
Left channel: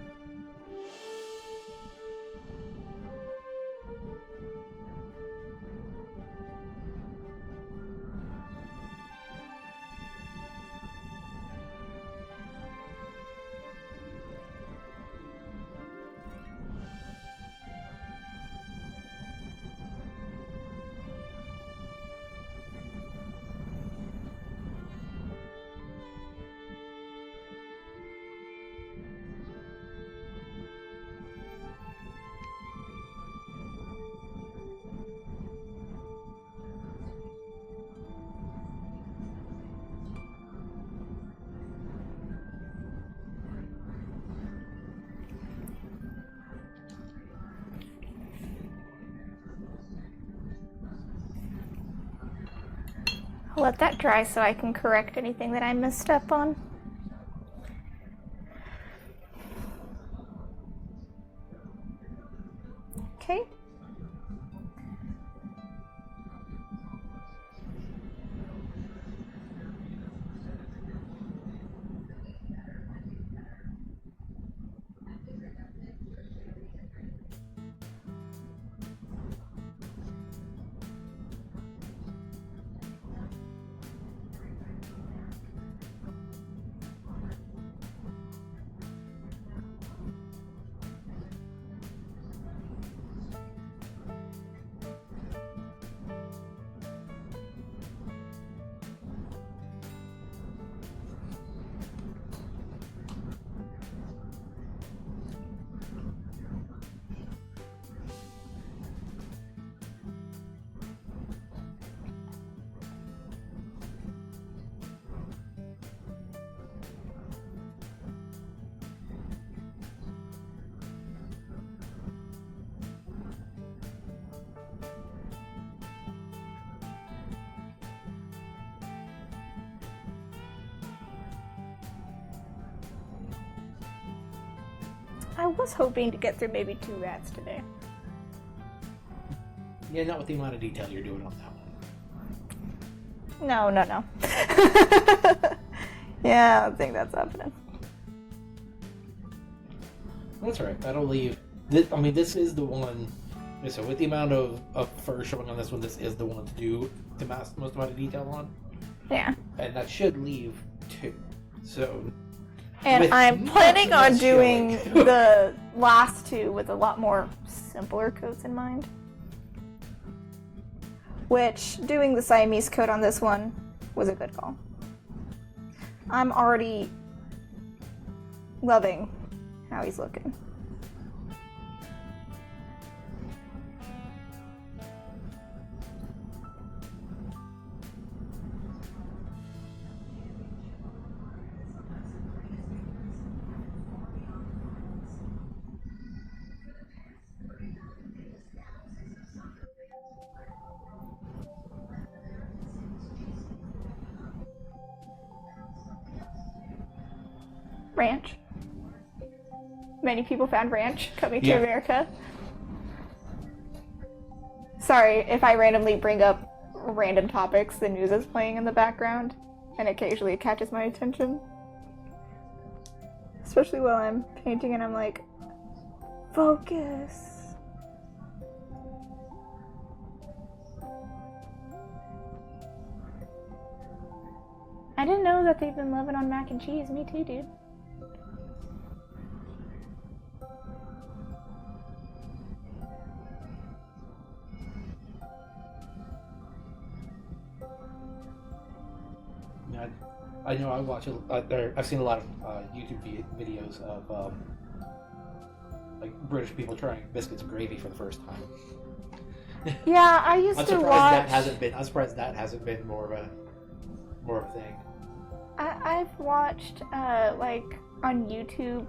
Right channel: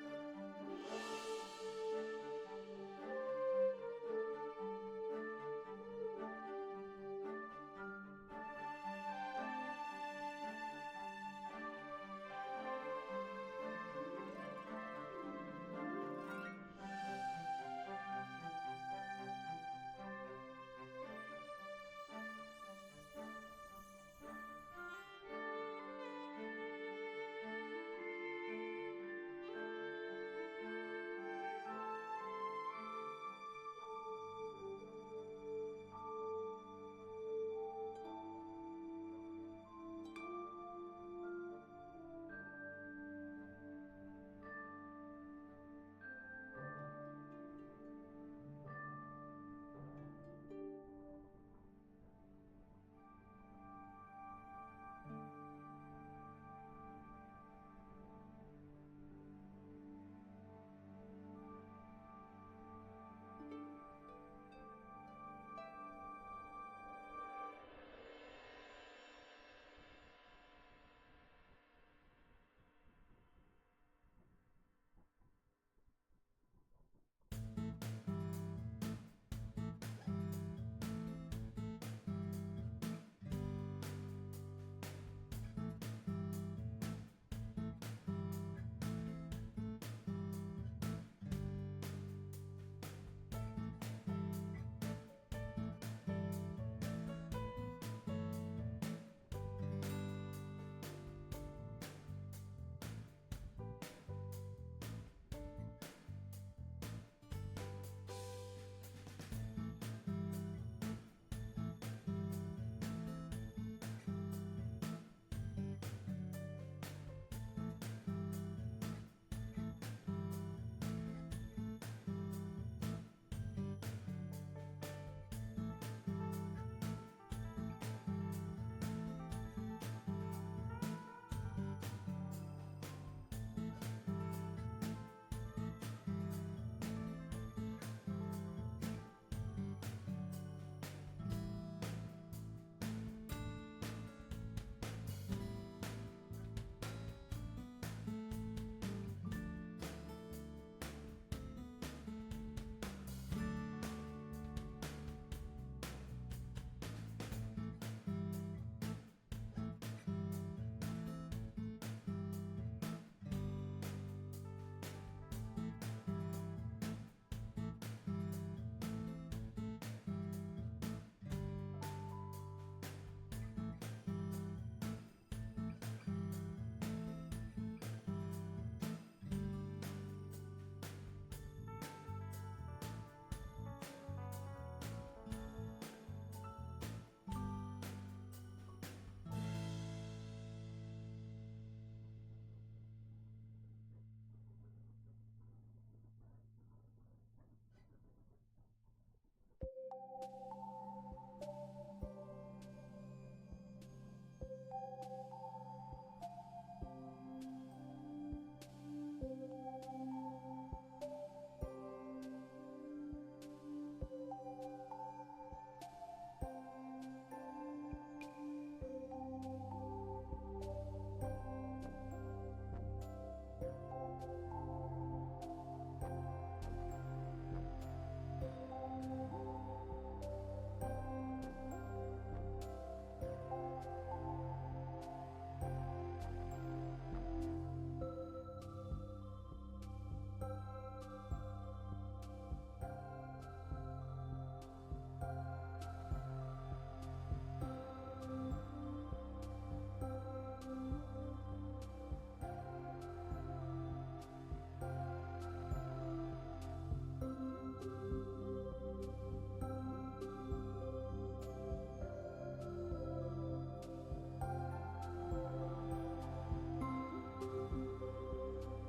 I'll let that dry so I can correct anything that I messed up on. Okay. I was hoping to get through maybe 2 rats today. Yeah, not with the amount of detail you're doing on that one. No. Yeah, I don't think that's happening. That's right. That'll leave. This is the one. So with the amount of fur showing on this one, this is the one to do the most amount of detail on. Yeah. And that should leave 2. So. And I'm planning on doing the last 2 with a lot more simpler coats in mind. Which, doing the Siamese coat on this one was a good call. I'm already loving how he's looking. Ranch. Many people found ranch coming to America. Sorry if I randomly bring up random topics. The news is playing in the background, and occasionally it catches my attention. Especially while I'm painting and I'm like, focus. I didn't know that they've been loving on mac and cheese. Me too, dude. I know I watch I've seen a lot of YouTube videos of like British people trying biscuits and gravy for the first time. Yeah, I used to watch. I'm surprised that hasn't been more of a thing. I've watched like on YouTube.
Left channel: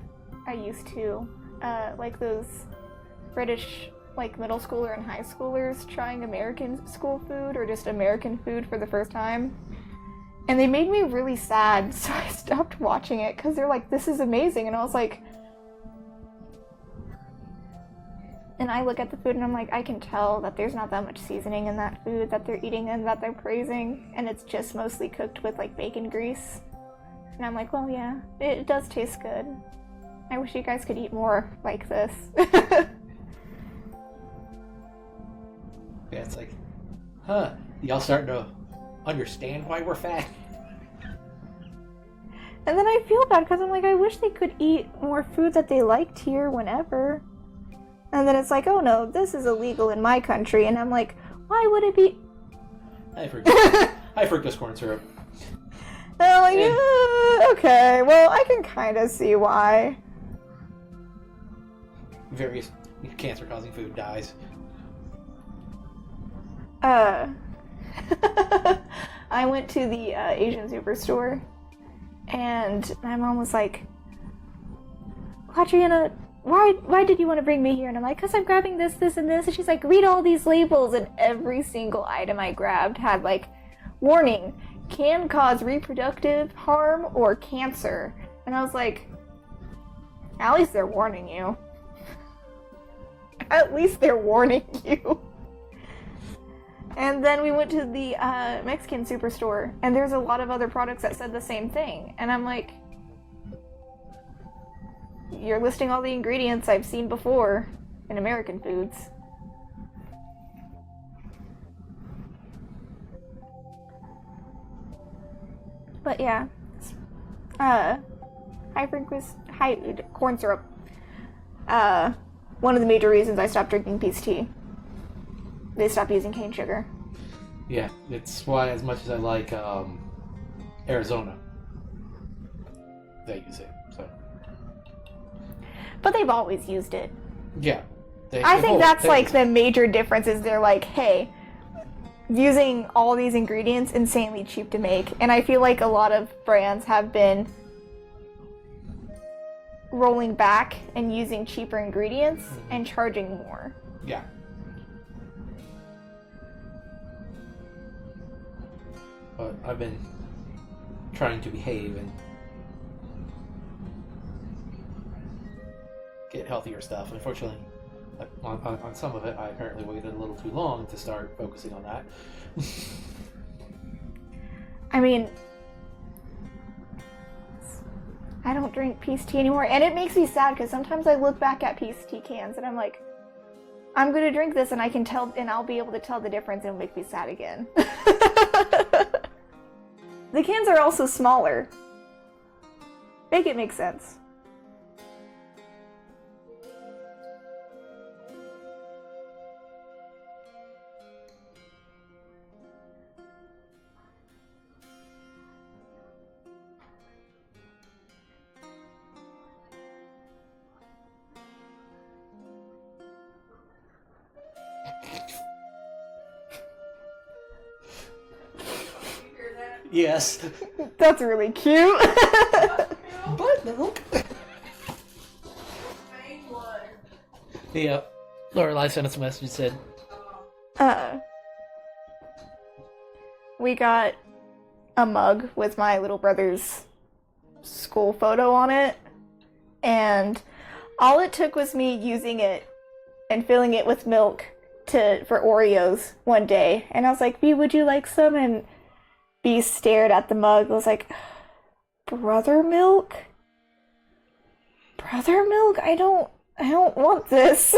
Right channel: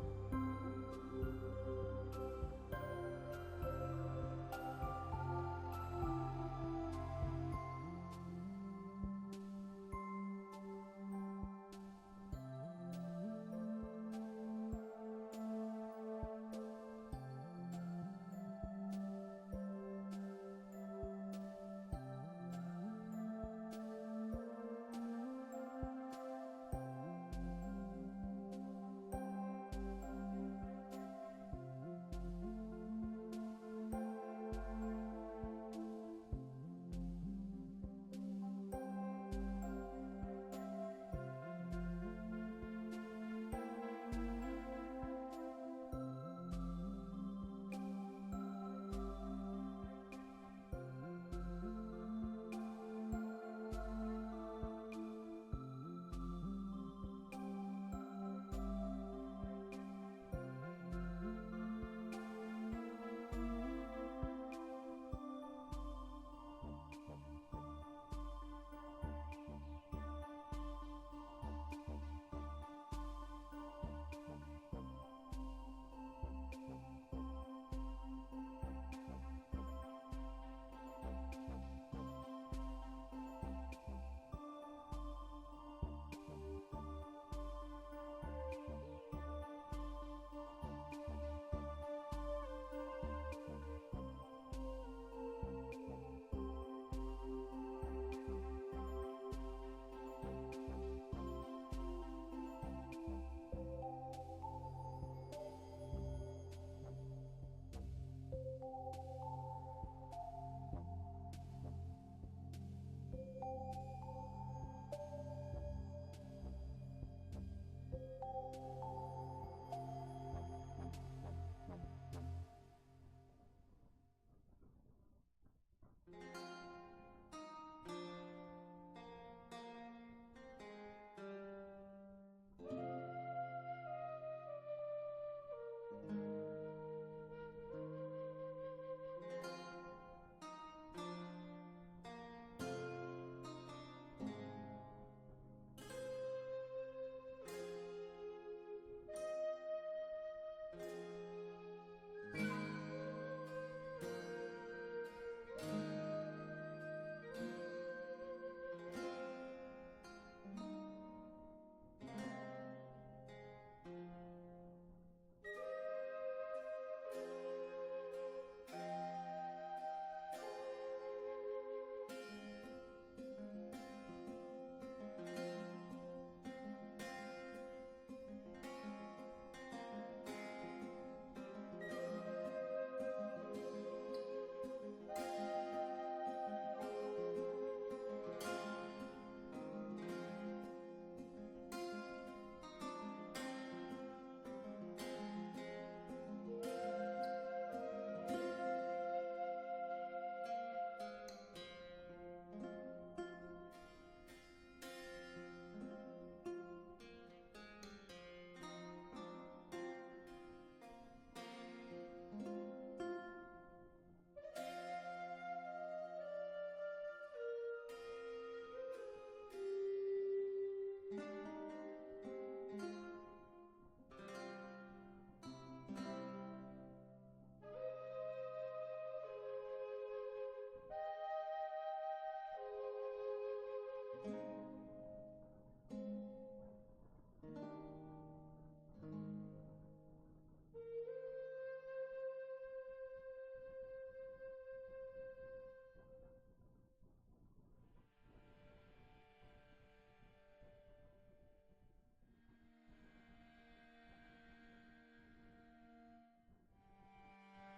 I used to like those British like middle schooler and high schoolers trying American school food or just American food for the first time. And they made me really sad, so I stopped watching it because they're like, this is amazing. And I was like, and I look at the food and I'm like, I can tell that there's not that much seasoning in that food that they're eating and that they're praising. And it's just mostly cooked with like bacon grease. And I'm like, well, yeah, it does taste good. I wish you guys could eat more like this. Yeah, it's like, y'all starting to understand why we're fat? And then I feel bad because I'm like, I wish they could eat more food that they liked here whenever. And then it's like, oh no, this is illegal in my country. And I'm like, why would it be? High fructose corn syrup. And I'm like, okay, well, I can kind of see why. Various cancer-causing food dies. I went to the Asian superstore, and my mom was like, Quadriana, why did you want to bring me here? And I'm like, because I'm grabbing this, this, and this. And she's like, read all these labels. And every single item I grabbed had like, warning, can cause reproductive harm or cancer. And I was like, at least they're warning you. At least they're warning you. And then we went to the Mexican superstore, and there's a lot of other products that said the same thing. And I'm like, you're listing all the ingredients I've seen before in American foods. But yeah, high corn syrup. One of the major reasons I stopped drinking peace tea. They stopped using cane sugar. Yeah, it's why, as much as I like Arizona, they use it. So. But they've always used it. Yeah. I think that's like the major difference is they're like, hey, using all these ingredients, insanely cheap to make. And I feel like a lot of brands have been rolling back and using cheaper ingredients and charging more. Yeah. But I've been trying to behave and get healthier stuff. Unfortunately, on some of it, I apparently waited a little too long to start focusing on that. I mean, I don't drink peace tea anymore, and it makes me sad because sometimes I look back at peace tea cans and I'm like, I'm gonna drink this and I can tell, and I'll be able to tell the difference and make me sad again. The cans are also smaller. Make it make sense. Yes. That's really cute. Butt milk. Yeah. Lorelai sent us a message and said, we got a mug with my little brother's school photo on it, and all it took was me using it and filling it with milk for Oreos one day, and I was like, "B, would you like some?" And B stared at the mug. I was like, "Brother milk? Brother milk? I don't want this."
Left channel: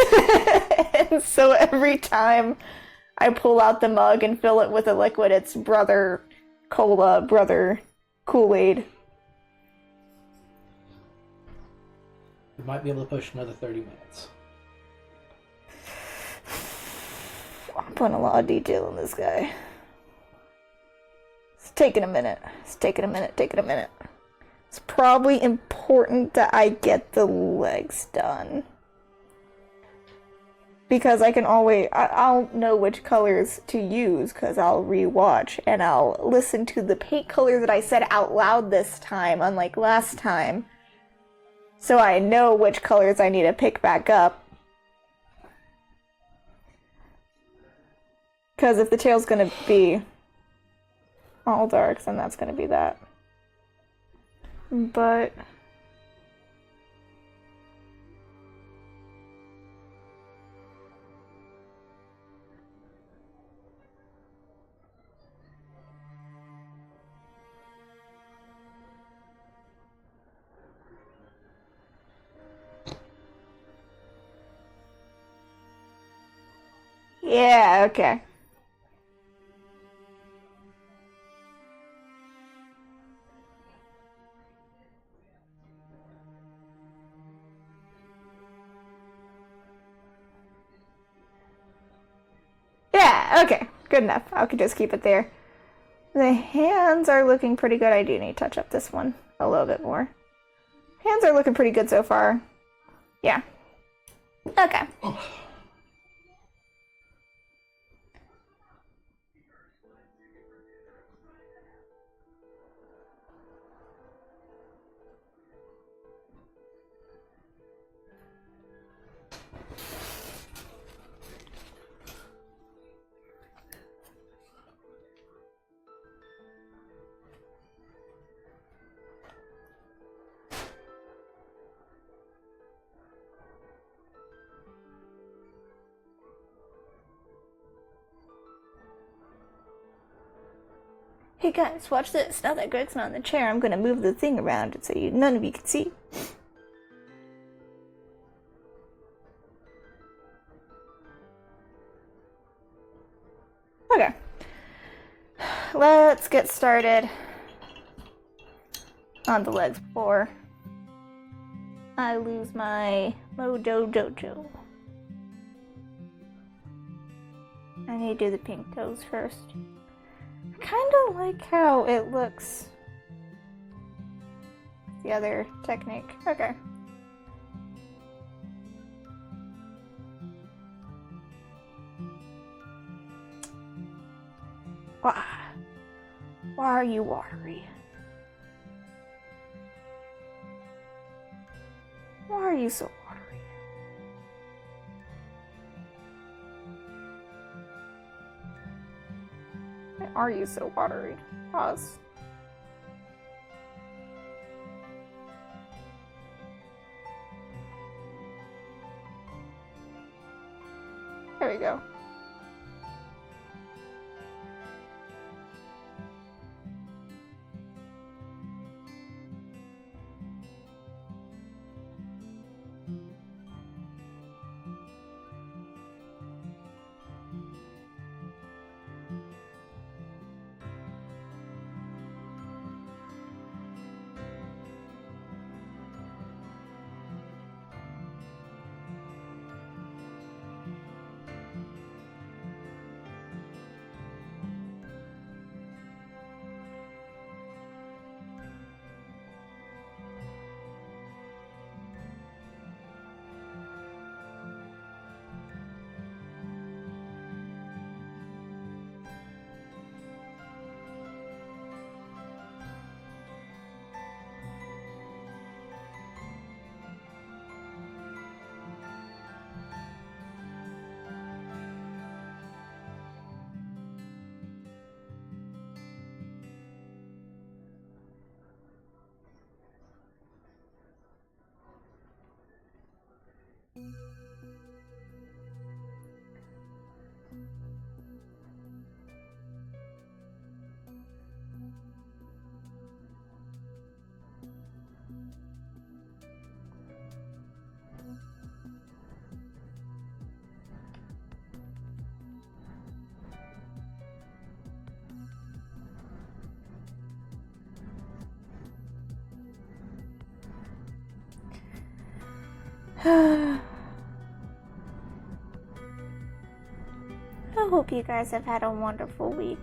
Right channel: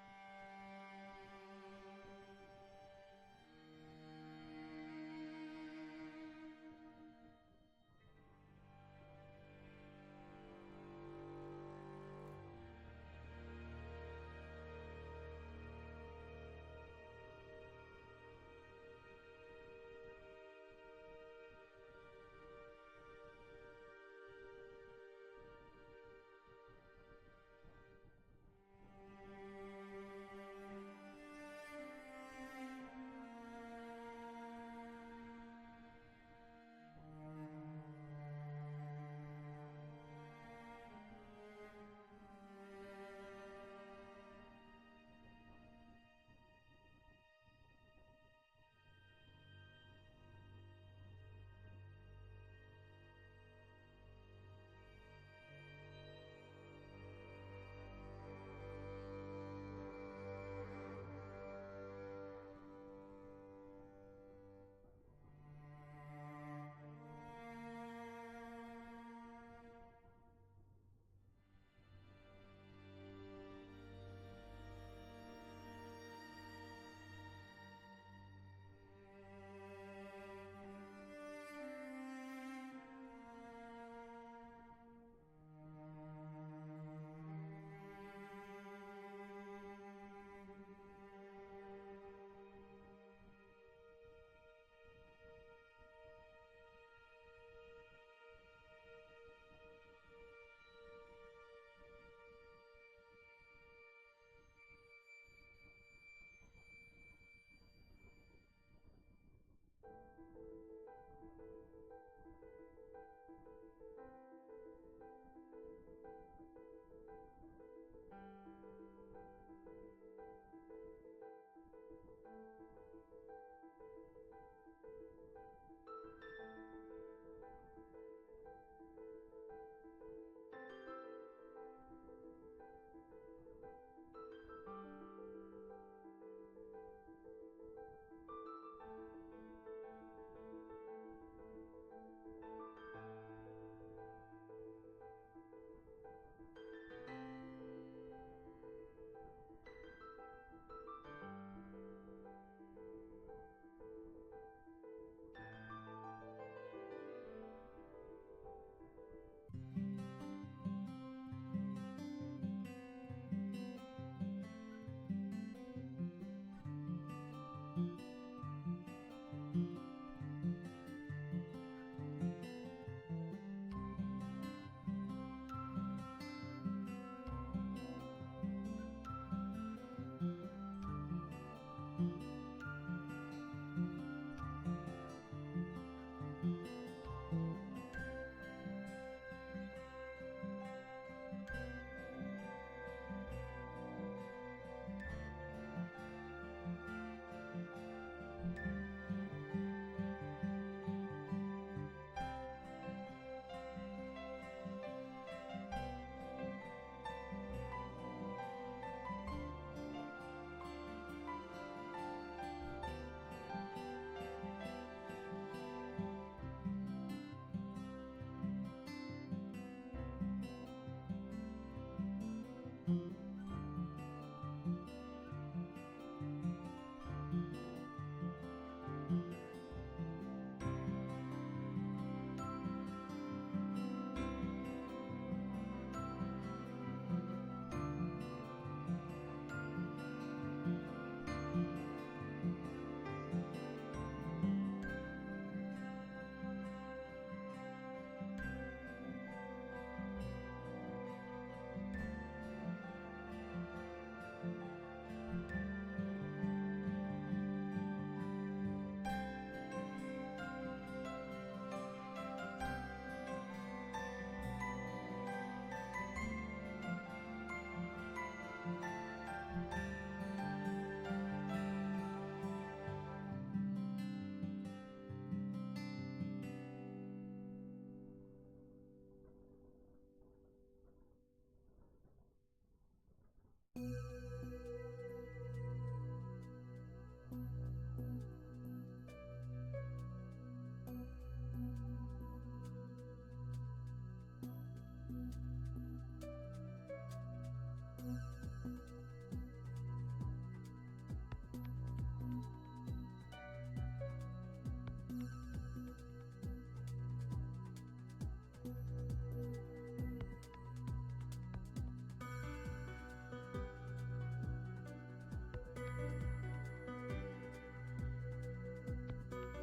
And so every time I pull out the mug and fill it with a liquid, it's Brother Cola, Brother Kool-Aid. We might be able to push another 30 minutes. I'm putting a lot of detail in this guy. It's taking a minute. It's taking a minute. It's probably important that I get the legs done. Because I can always, I'll know which colors to use because I'll rewatch and I'll listen to the paint color that I said out loud this time, unlike last time. So I know which colors I need to pick back up. Because if the tail's gonna be all dark, then that's gonna be that. But yeah, okay. Yeah, okay. Good enough. I could just keep it there. The hands are looking pretty good. I do need to touch up this one a little bit more. Hands are looking pretty good so far. Yeah. Okay. Hey guys, watch this. Now that Greg's not in the chair, I'm gonna move the thing around so none of you can see. Okay. Let's get started on the legs before I lose my Mojo Jojo. I need to do the pink toes first. I kind of like how it looks. The other technique. Okay. Why are you watery? Why are you so watery? Why are you so watery? Pause. There we go. I hope you guys have had a wonderful week.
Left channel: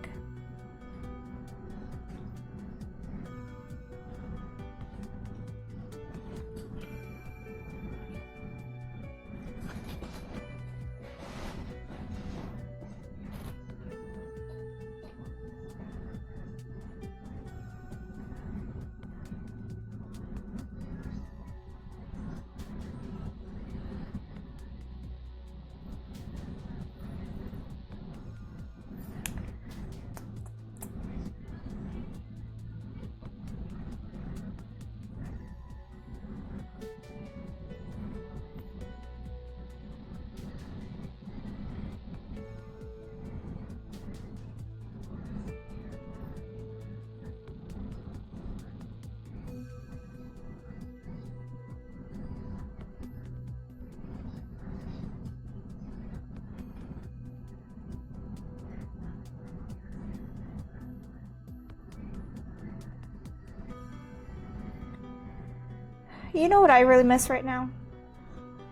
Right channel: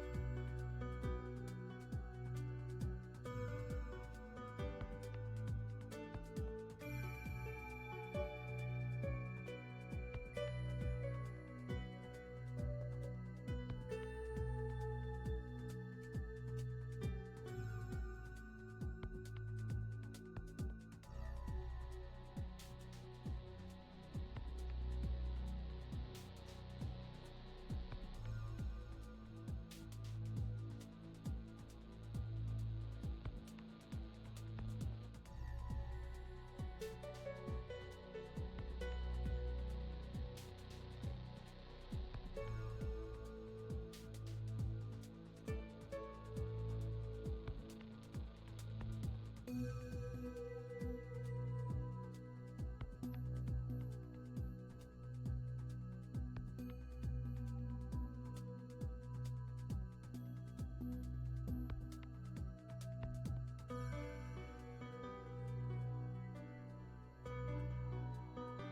You know what I really miss right now?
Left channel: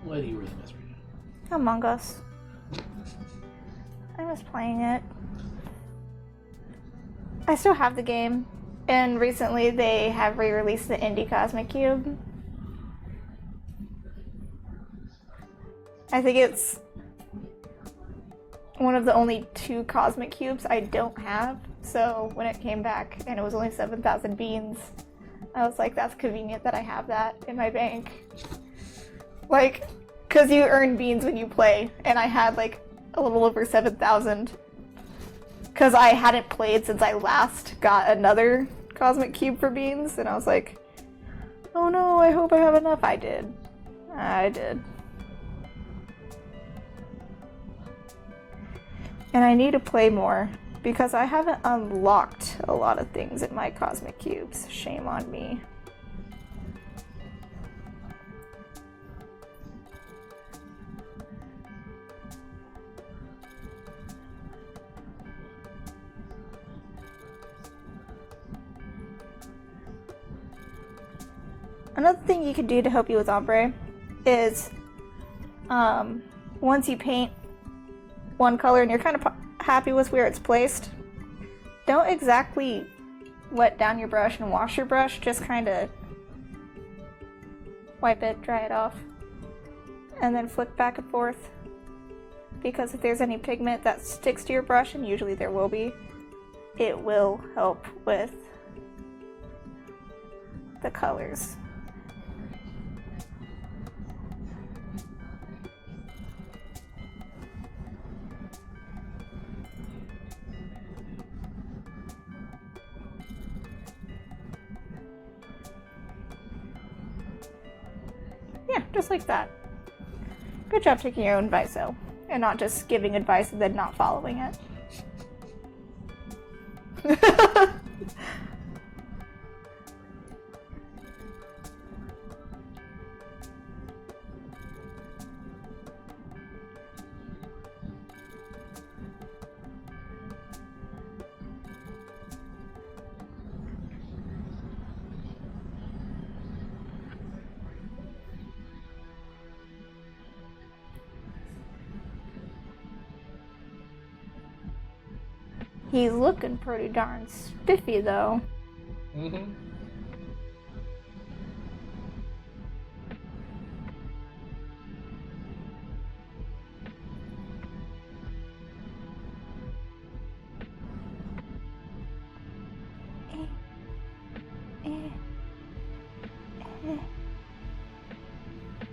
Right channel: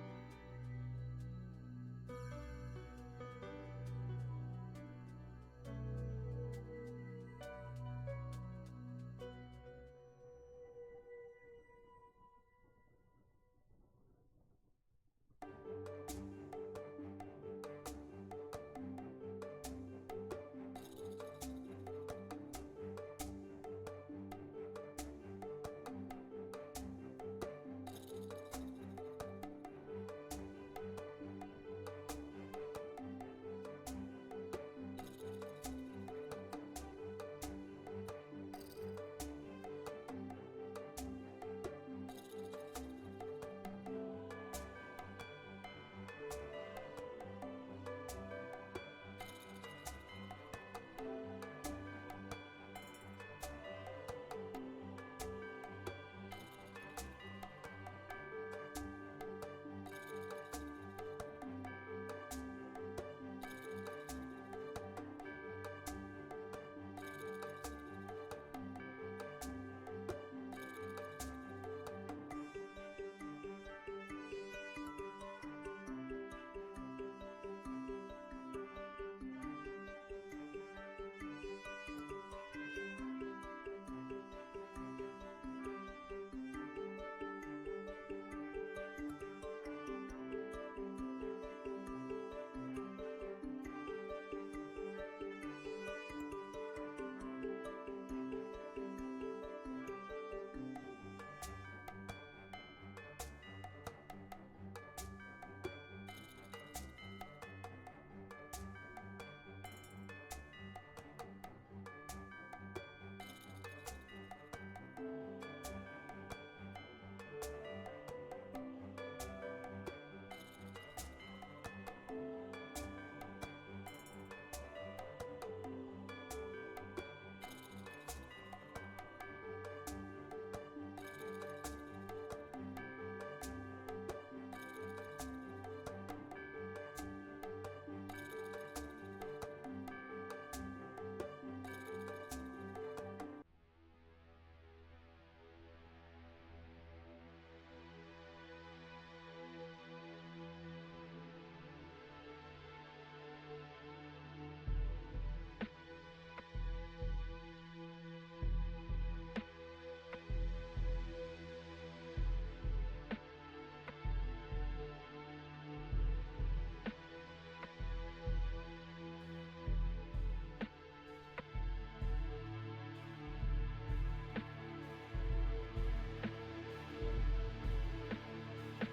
What do you really miss right now? Among Us. I miss playing it. I still have the game, and recently they have re-released the Indie Cosmic Cube. I think it's one of the only 2 Cosmic Cubes I don't have, so when it came back and it was only 7,000 beans, I was like, that's convenient that I have that in my bank. Like, cause you earn beans when you play, and I had like a little over 7,000. Cause I hadn't played since I last got another Cosmic Cube for beans, and I was like, oh no, I hope I have enough. I did. I did. And I need to play more, because I haven't unlocked a lot of things in my Cosmic Cubes. Shame on me. Another thing you can do to help you with ombre is once you paint one color and you're kind of happy with where it's placed, don't exactly wet down your brush and wash your brush, just kind of wipe it, dry it off, and then flick back and forth, because if there's any pigment that sticks to your brush, and usually there will be, it will help with the colors. Yeah, just like that. Good job taking your own advice, though, and not just giving advice and then not following it. He's looking pretty darn spiffy, though. Mm-hmm.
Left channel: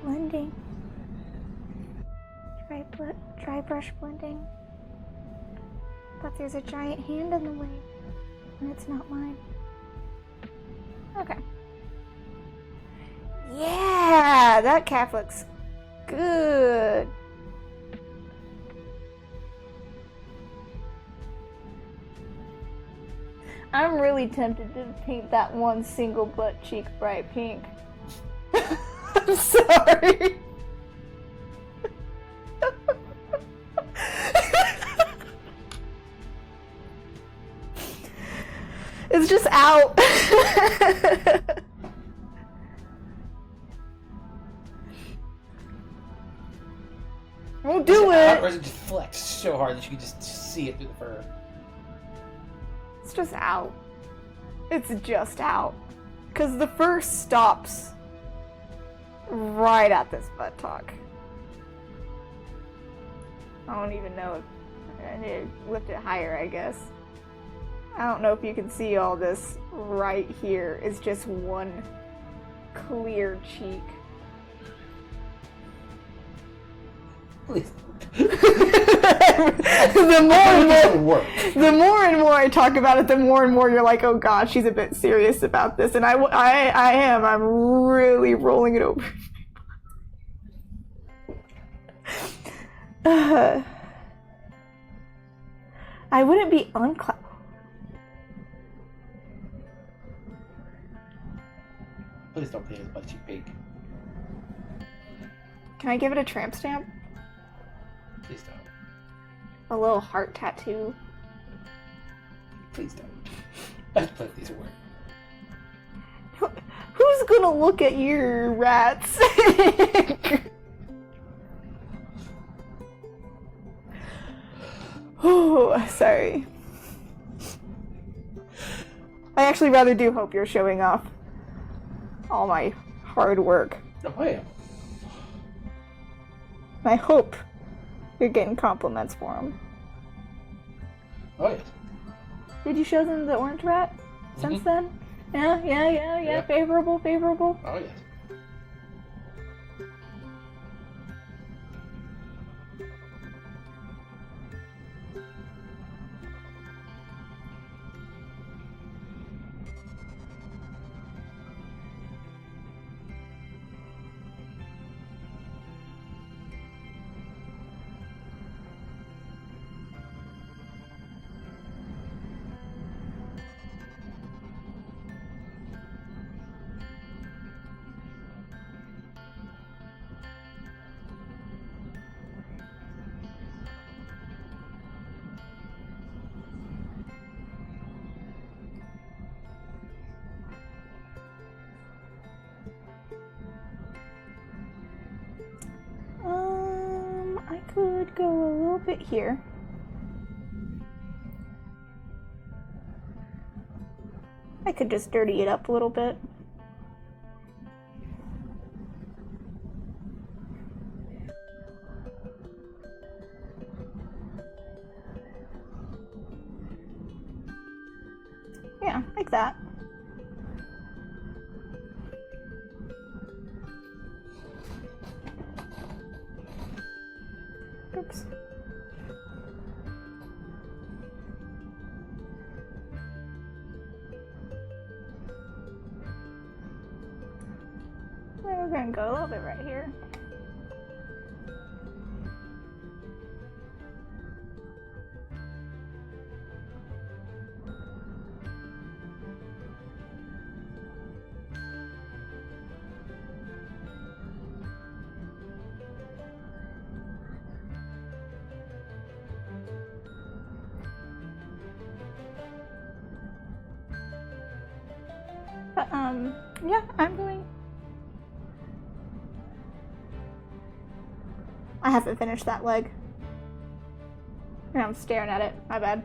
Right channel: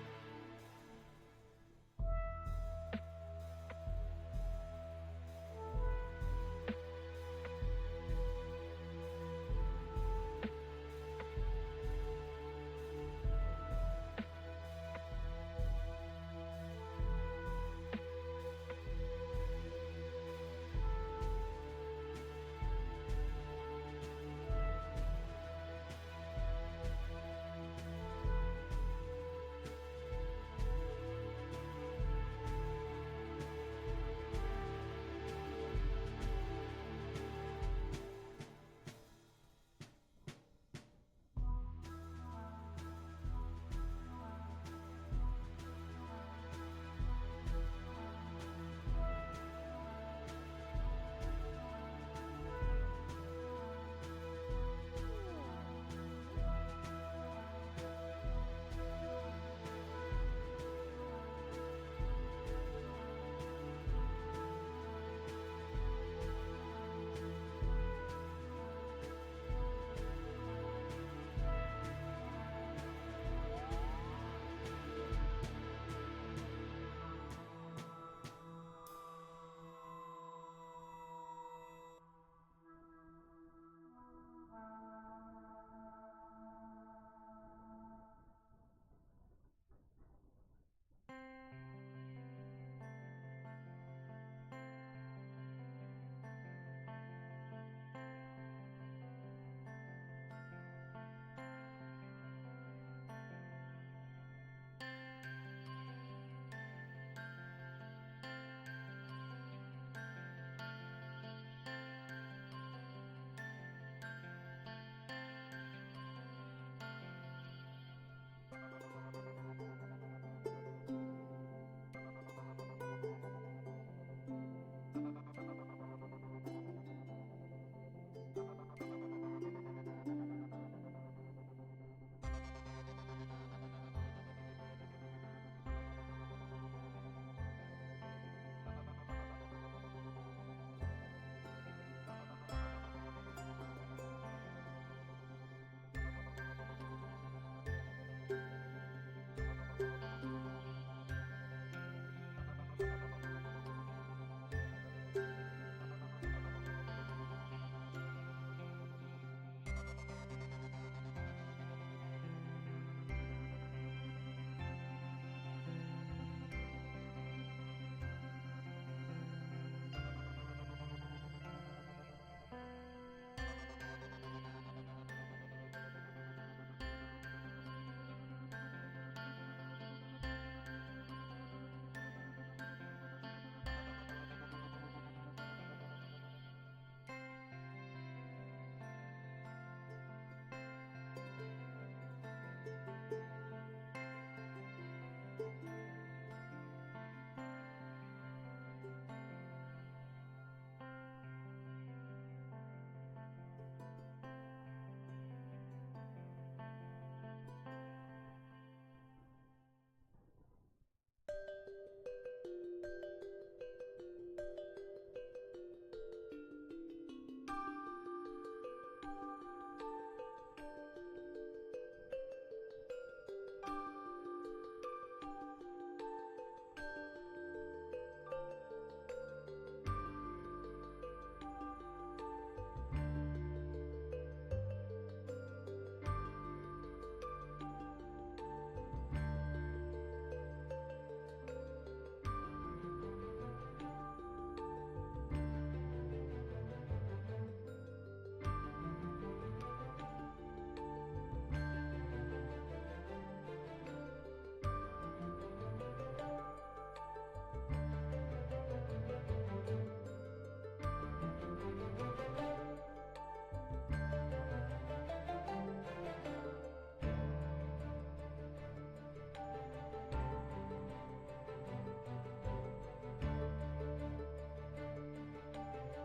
Blending. Dry brush blending. But there's a giant hand in the way, and it's not mine. Okay. Yeah, that calf looks good. I'm really tempted to paint that one single butt cheek bright pink. I'm sorry. It's just out. Won't do it! Or is it just flex so hard that you can just see it through the fur? It's just out. It's just out. Because the fur stops right at this buttock. I don't even know if I need to lift it higher, I guess. I don't know if you can see all this right here. It's just one clear cheek. Please. the more and more I talk about it, the more and more you're like, oh god, she's a bit serious about this, and I am. I'm really rolling it over. I wouldn't be uncla. Please don't pay as much you pig. Can I give it a tramp stamp? Please don't. A little heart tattoo. Please don't. Let's play these away. Who's gonna look at your rats? Oh, sorry. I actually rather do hope you're showing off all my hard work. Oh, yeah. I hope you're getting compliments for them. Oh, yes. Did you show them the orange rat since then? Yeah. Favorable. Oh, yes. I could go a little bit here. I could just dirty it up a little bit. Yeah, like that. Oops. We're gonna go a little bit right here. But, yeah, I'm going. I haven't finished that leg. And I'm staring at it. My bad.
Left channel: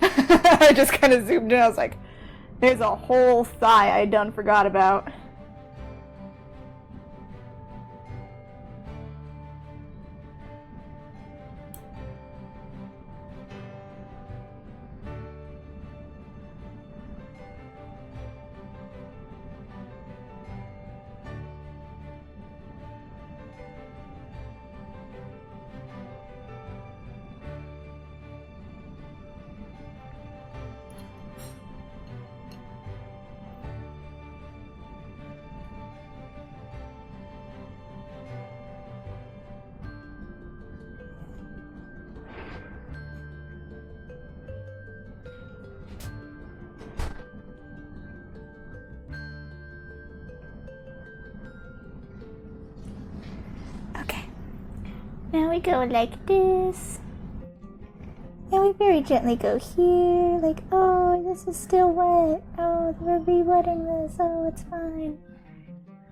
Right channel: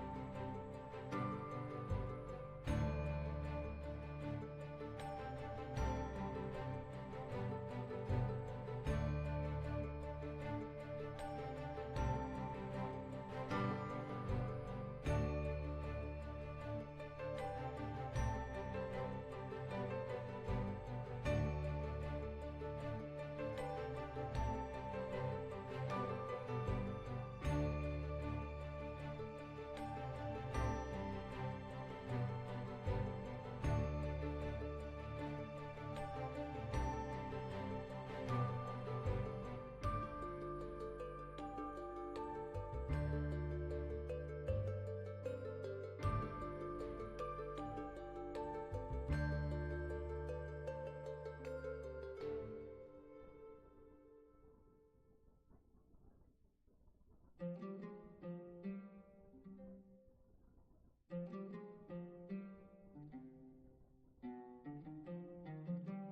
I just kind of zoomed in. I was like, there's a whole thigh I done forgot about. Now we go like this. And we very gently go here, like, oh, this is still wet. Oh, we're re-wetting this. Oh, it's fine.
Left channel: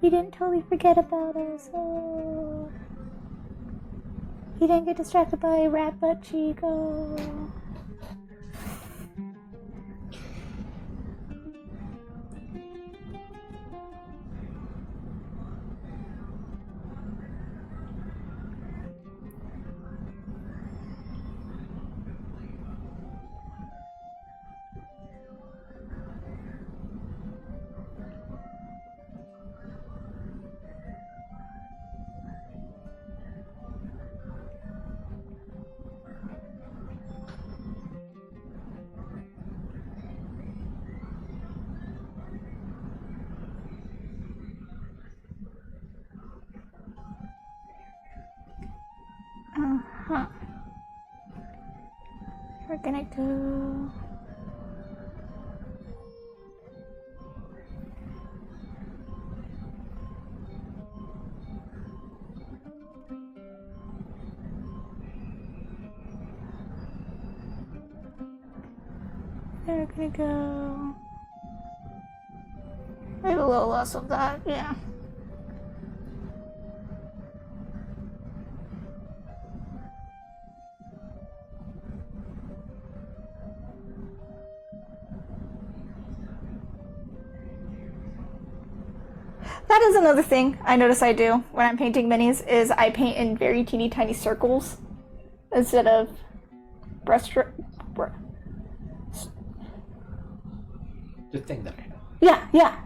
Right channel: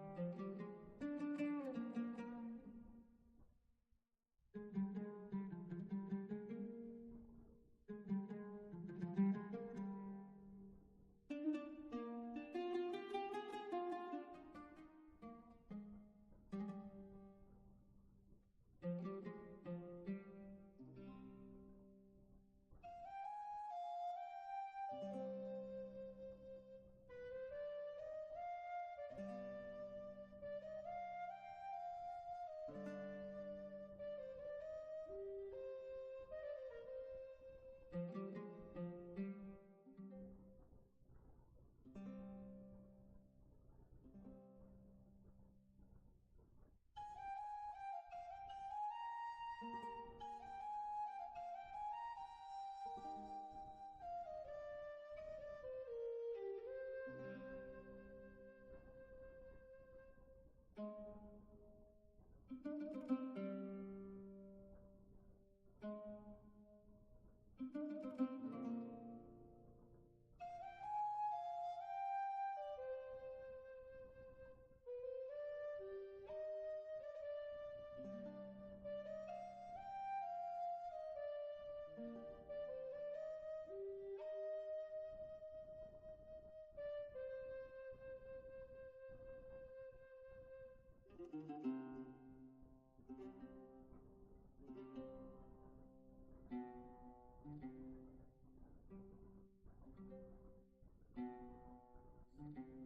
You didn't totally forget about us. Oh. He didn't get distracted by a rat butt Chico. Uh-huh. We're gonna go... We're gonna go... Maybe a little less of that, yeah. That is another thing I notice I do when I'm painting minis, is I paint in very teeny tiny circles instead of brushstroke. The thing that I have.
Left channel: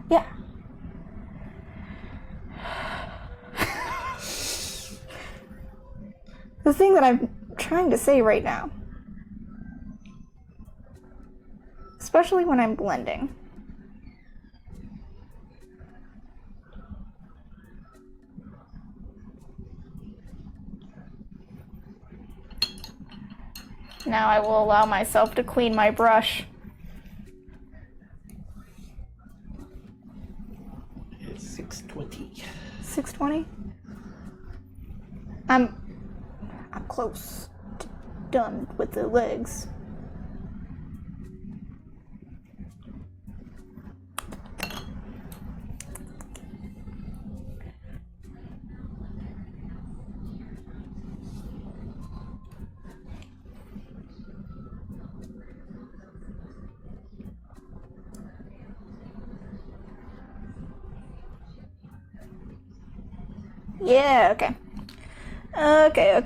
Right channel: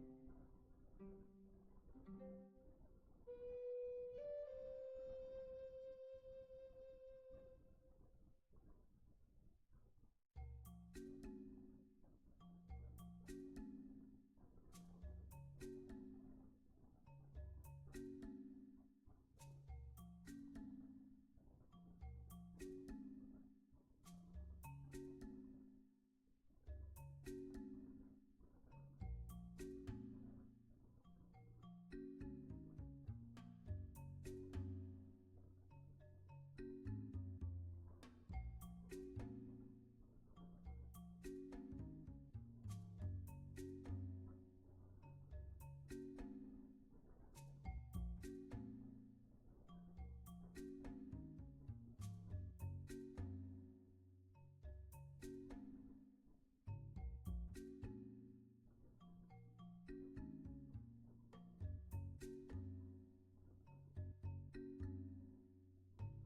Yeah. The thing that I'm trying to say right now. Especially when I'm blending. Now I will allow myself to clean my brush. It's 6:20. 6:20? I'm close to done with the legs. Yeah, okay. Okay.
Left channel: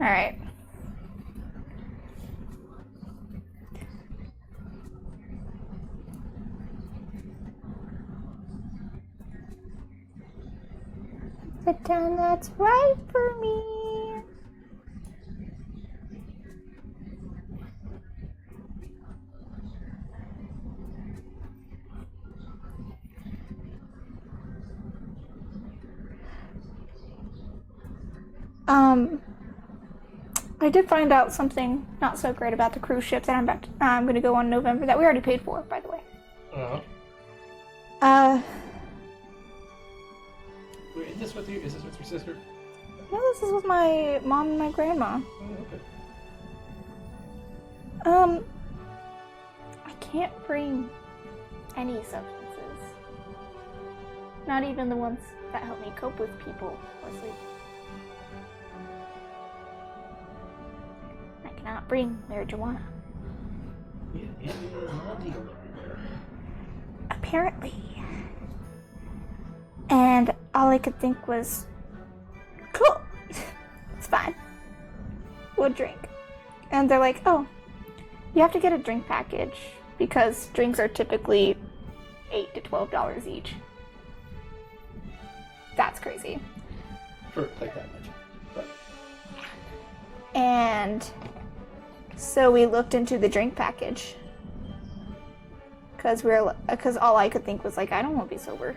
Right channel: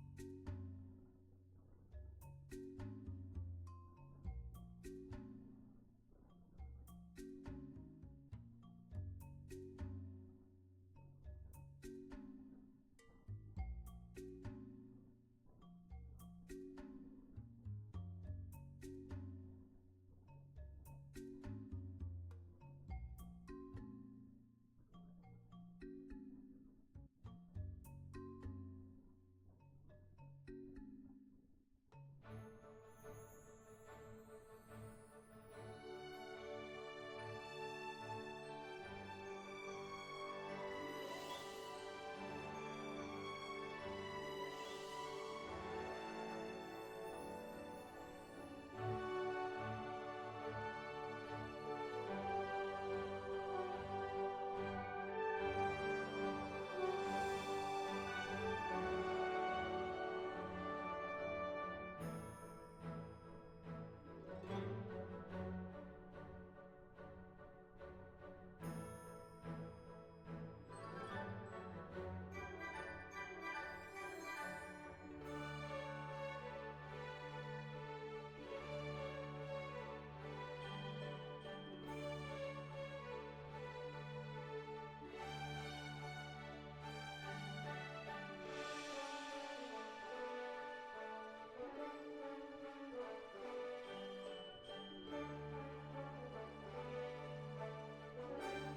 Alright. The time that's right for me. I did find out something not so great about the cruise ship that I'm going to go on in November that we already paid for, by the way. Is this with you? Is this with your sister? No, this is with my mom and my grandma. Oh, okay. I can't bring any substances. Not even the ones that help me cope with people or sleep. I cannot bring marijuana. Yeah, not legal everywhere. Apparently. And all I could think was, cool, it's fine. We'll drink. And they're like, oh, you have to get a drink package because drinks are typically $8 to $12 each. That's crazy. For like that much. But. And so we looked into the drink package because all I could think was like, I don't want to be sober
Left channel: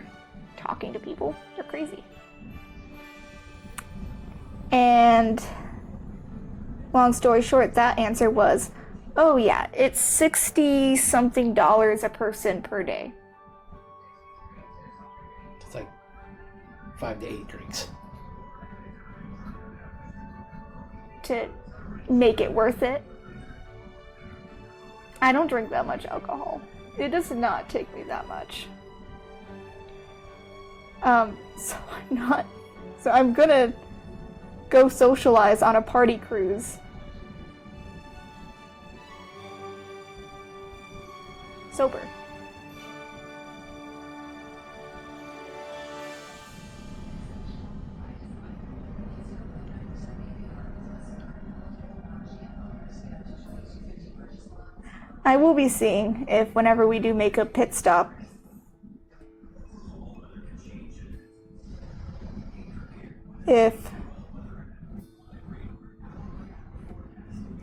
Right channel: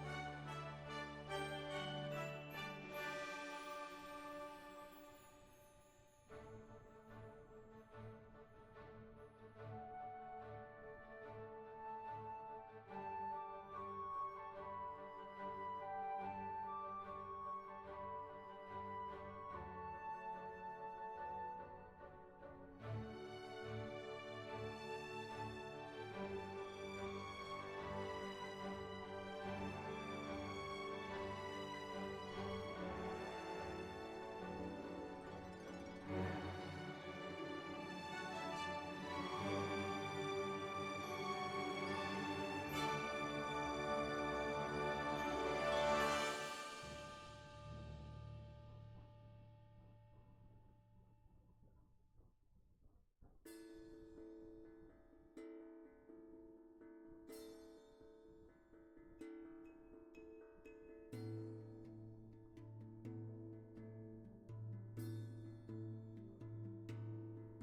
talking to people. They're crazy. And long story short, that answer was, oh yeah, it's $60-something a person per day. It's like 5 to 8 drinks. To make it worth it. I don't drink that much alcohol. It does not take me that much. So I'm gonna go socialize on a party cruise. Sober. I will be seeing if whenever we do make a pit stop, if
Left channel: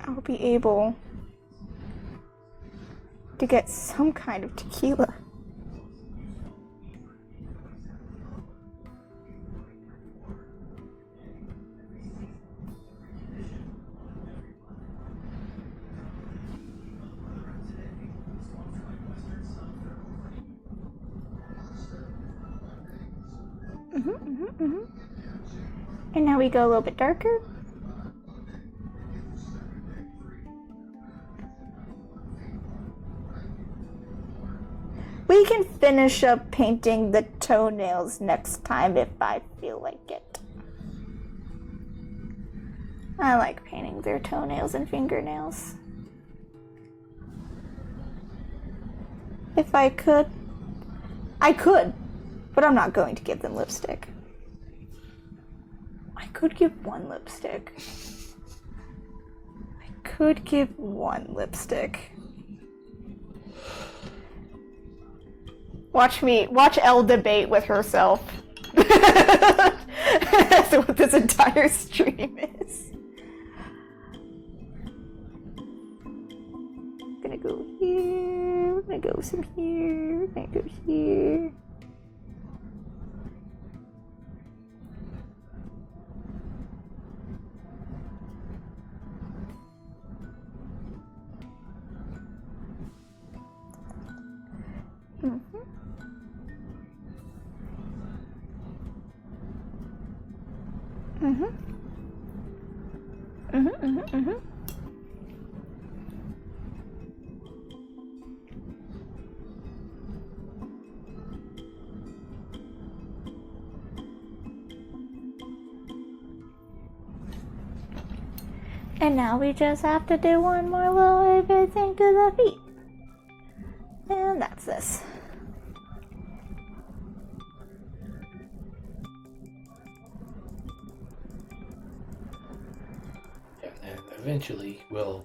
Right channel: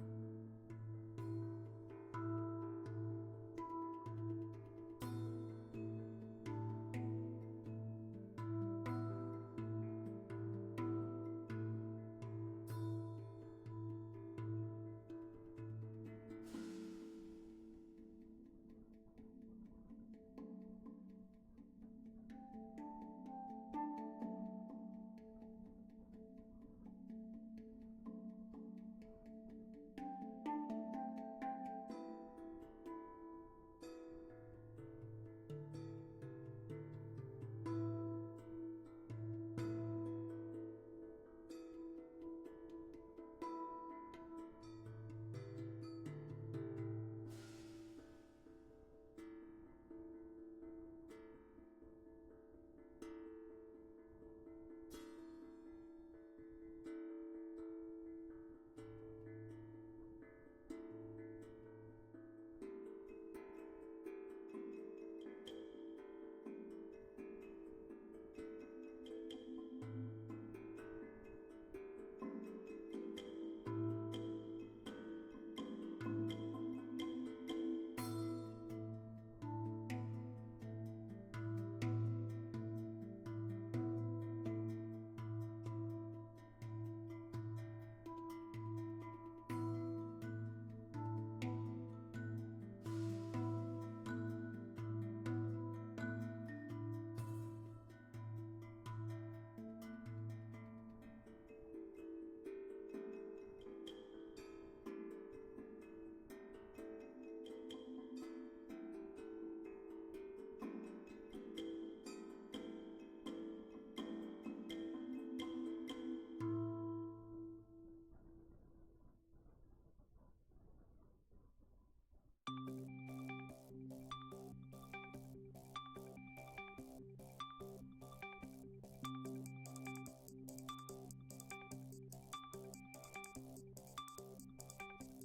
I'll be able to get some kind of tequila. And now we go a little bit darker. We can finish up painting the toenails next time if I feel like it. I like painting their toenails and fingernails. If I could, but I'm not going to give them lipstick. I could give one lipstick. Watch Elle debate with herself. That's what this entire stream is. I'm gonna go here, we're gonna go some here, we're gonna go here. And now we just have to do one more little thing to the feet. And that's this. And eventually we'll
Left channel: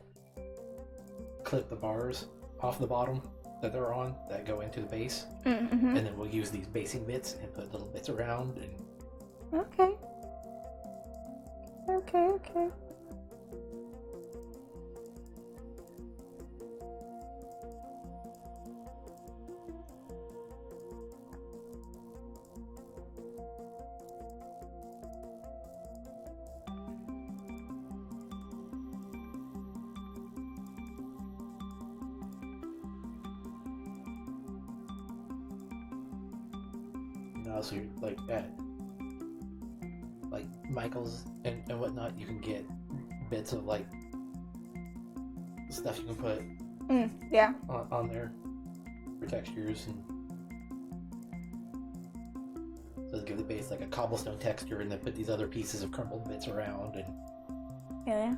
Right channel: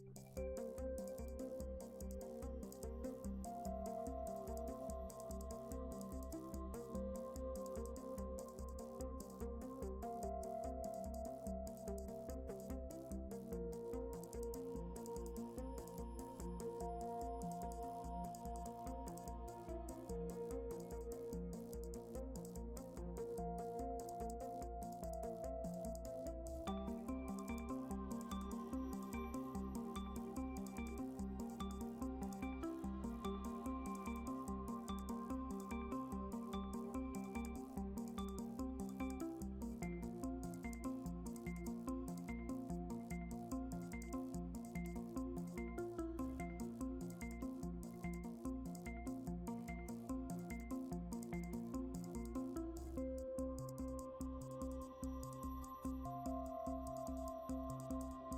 clip the bars off the bottom that they're on that go into the base. And then we'll use these basing bits and put little bits around. And... Okay. So you're like at like Michael's and whatnot, you can get bits of like stuff you can put on there for textures, and so give the base like a cobblestone texture, and then put these other pieces of crumpled bits around. And yeah.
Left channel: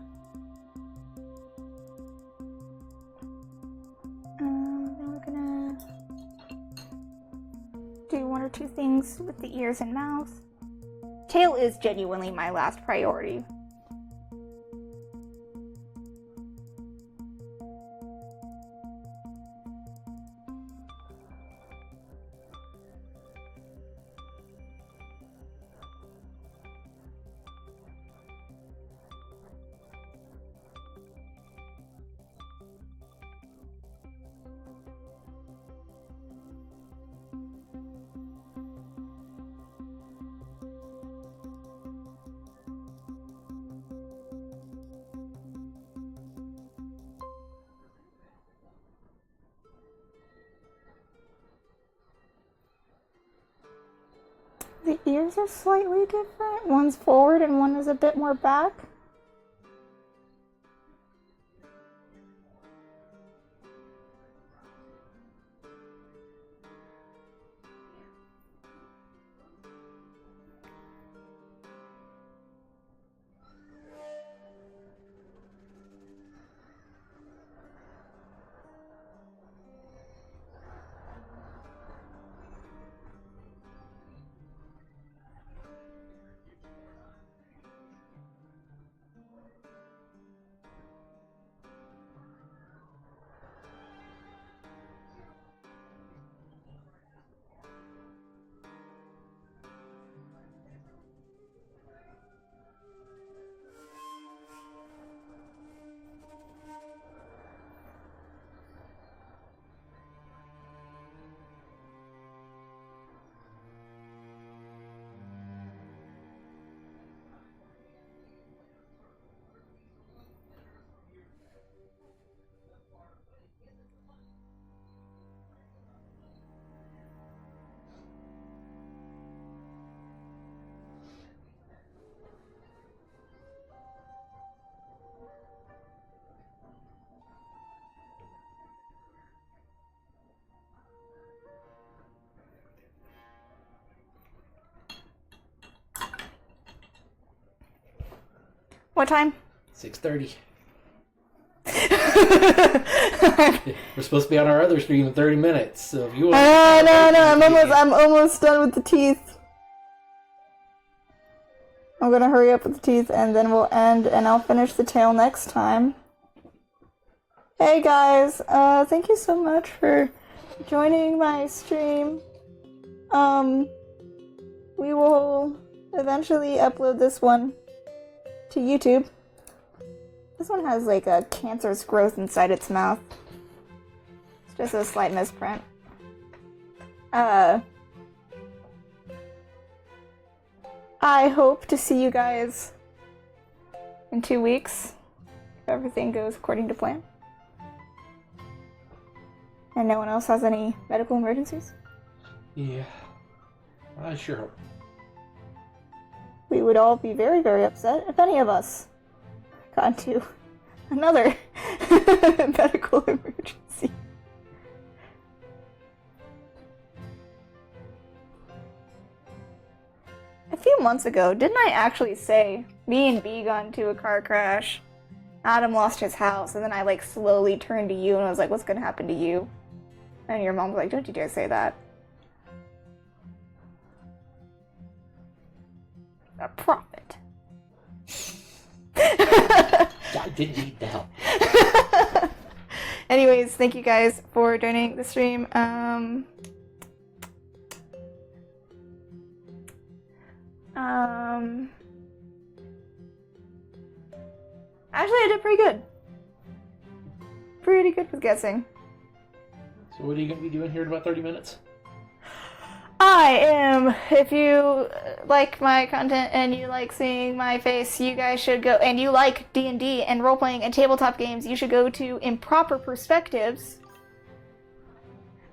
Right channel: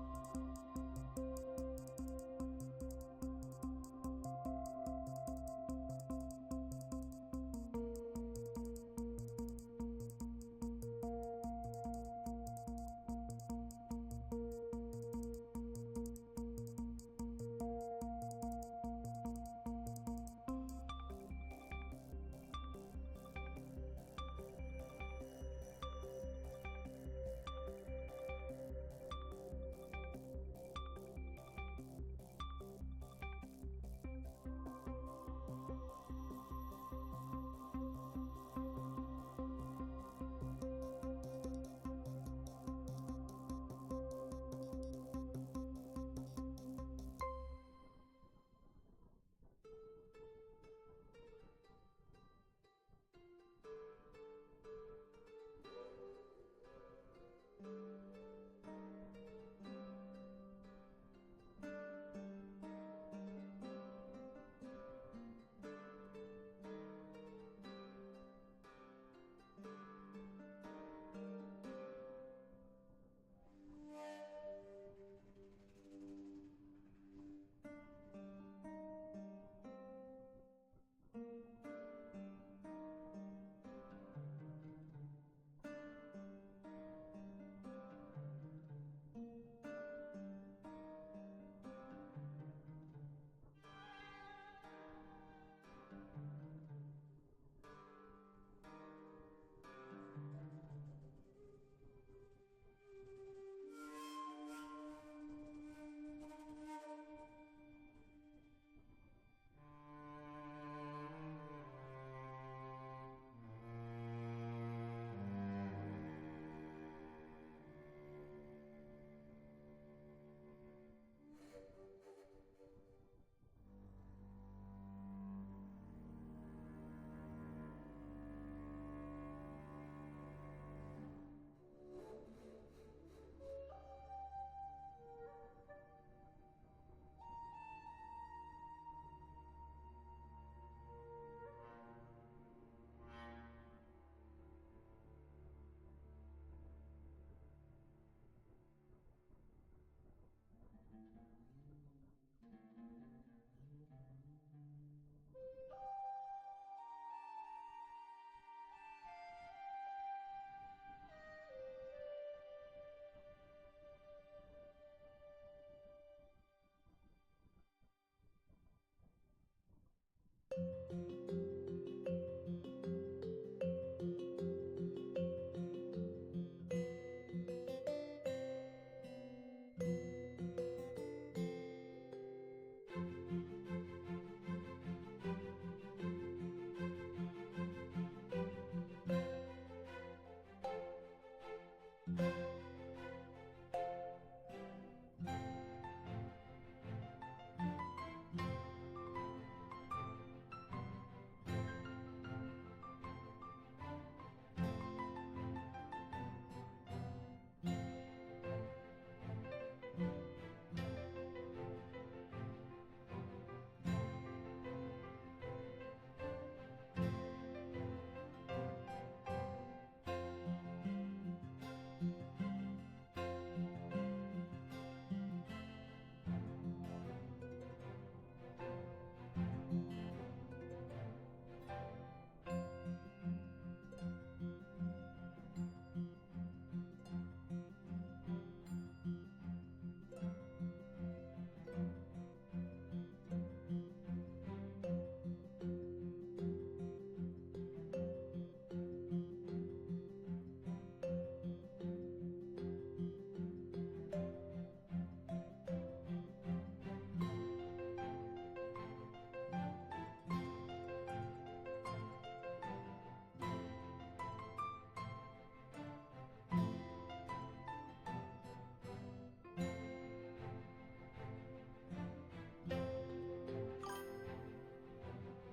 Two things with the ears and mouth. Tail is genuinely my last priority. The ears are slightly different. One's forward and one is a bit more back. What time? 6:30. We're supposed to be on our other stream in 30 minutes, so if you want no, I'm almost done with the teeth. I'm gonna hurry up with the teeth and then we'll end and I'll finish the tail next time. Hey guys, thank you so much for joining my stream. We will eventually upload this one to YouTube. This one has like a cancerous growth inside its mouth. It's just a slight misprint. I hope to see you guys in 2 weeks if everything goes according to plan. And no one else has any medical emergencies? Yeah. I sure hope. We would all be very, very upset if any of us got into another medical emergency. A few months ago, didn't I actually say me and B got into a car crash? Adam lost his house, and then I like slowly turned to you and I was like, what's gonna happen to you? And your mom was like, don't you dare say that. A prophet. I didn't need the help. Anyways, thank you guys for joining the stream. Actually, I did pretty good. Pretty good with guessing. So what are you going to be doing here in about 30 minutes? I am, if you like my content and you like seeing my face, you guys should go, and you like D&D and role-playing and tabletop games, you should go to Improper Perspectives,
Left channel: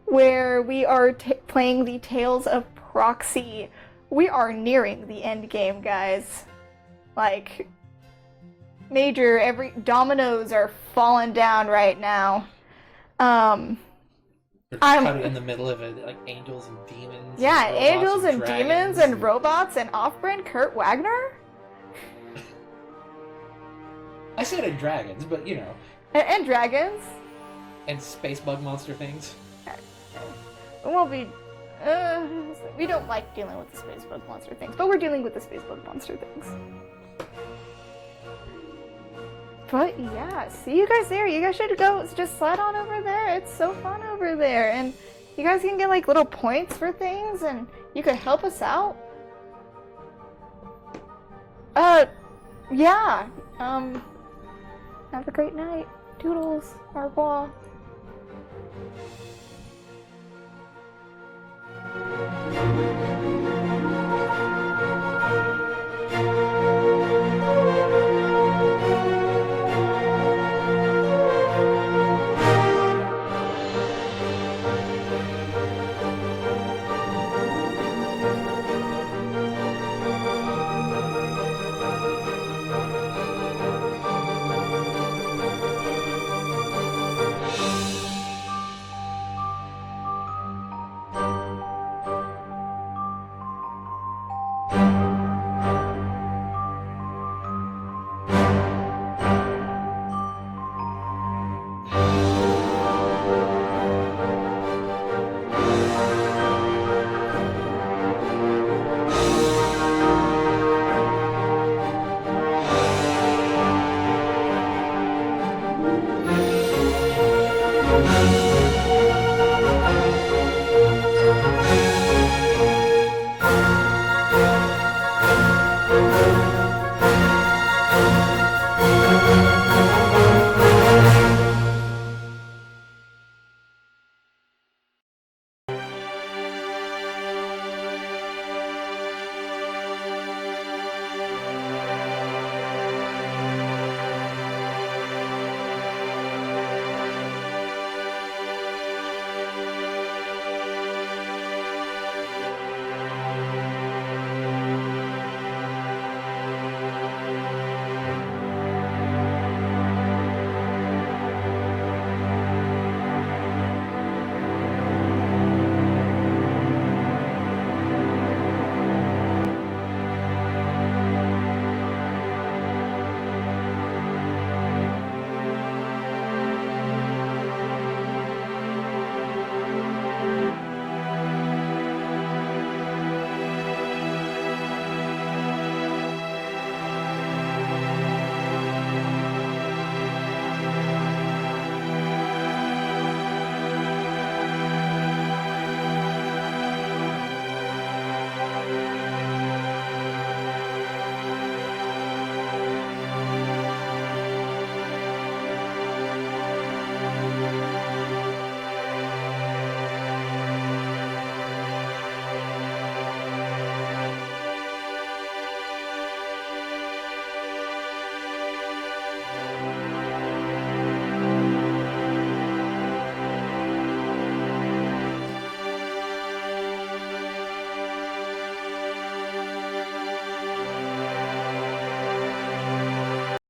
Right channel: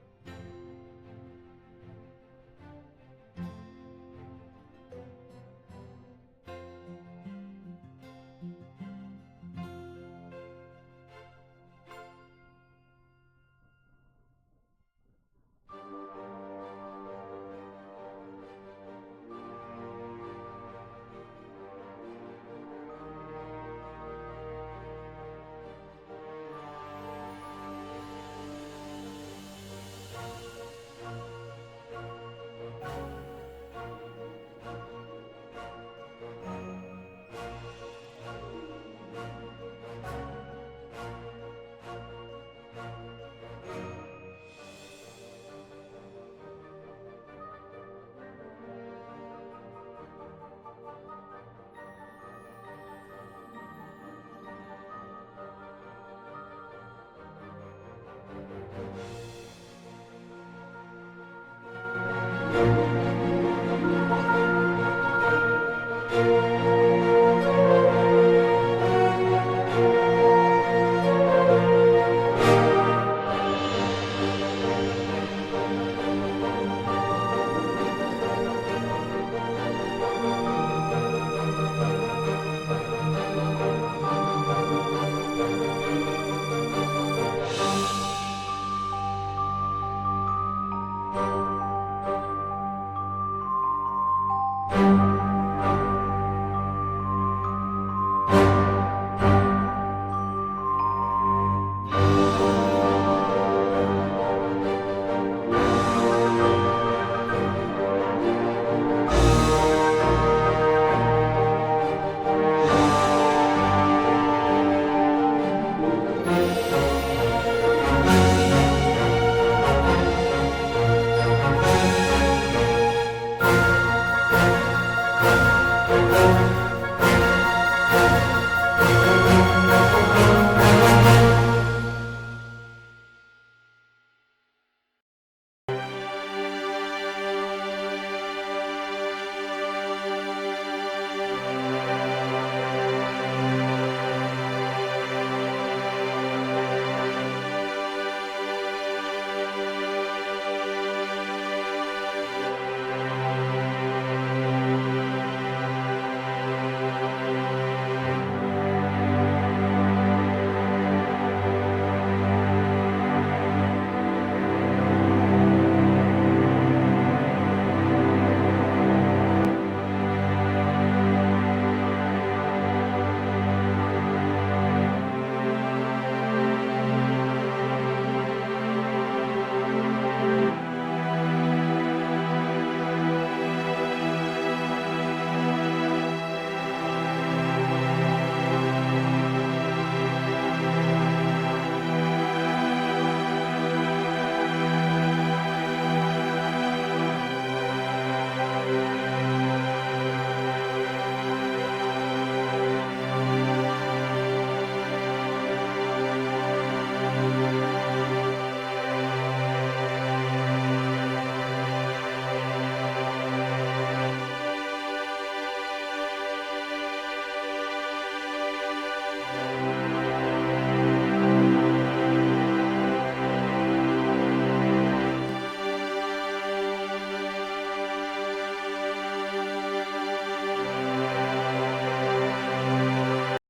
where we are playing the Tales of Proxy. We are nearing the end game, guys. Like, every dominoes are falling down right now. You're kind of in the middle of it, like angels and demons. Yeah, and angels and dragons demons and robots and off-brand Kurt Wagner? I said and dragons, but you know. And dragons? And space bug monster things. Well, we don't like dealing with the space bug monster things, but we're dealing with the space bug monster things. But yeah, see you guys there. You guys should go, just slide on over there. It's so fun over there. And you guys can get like little points for things and you could help us out. Yeah. Have a great night. Toodles. Au revoir.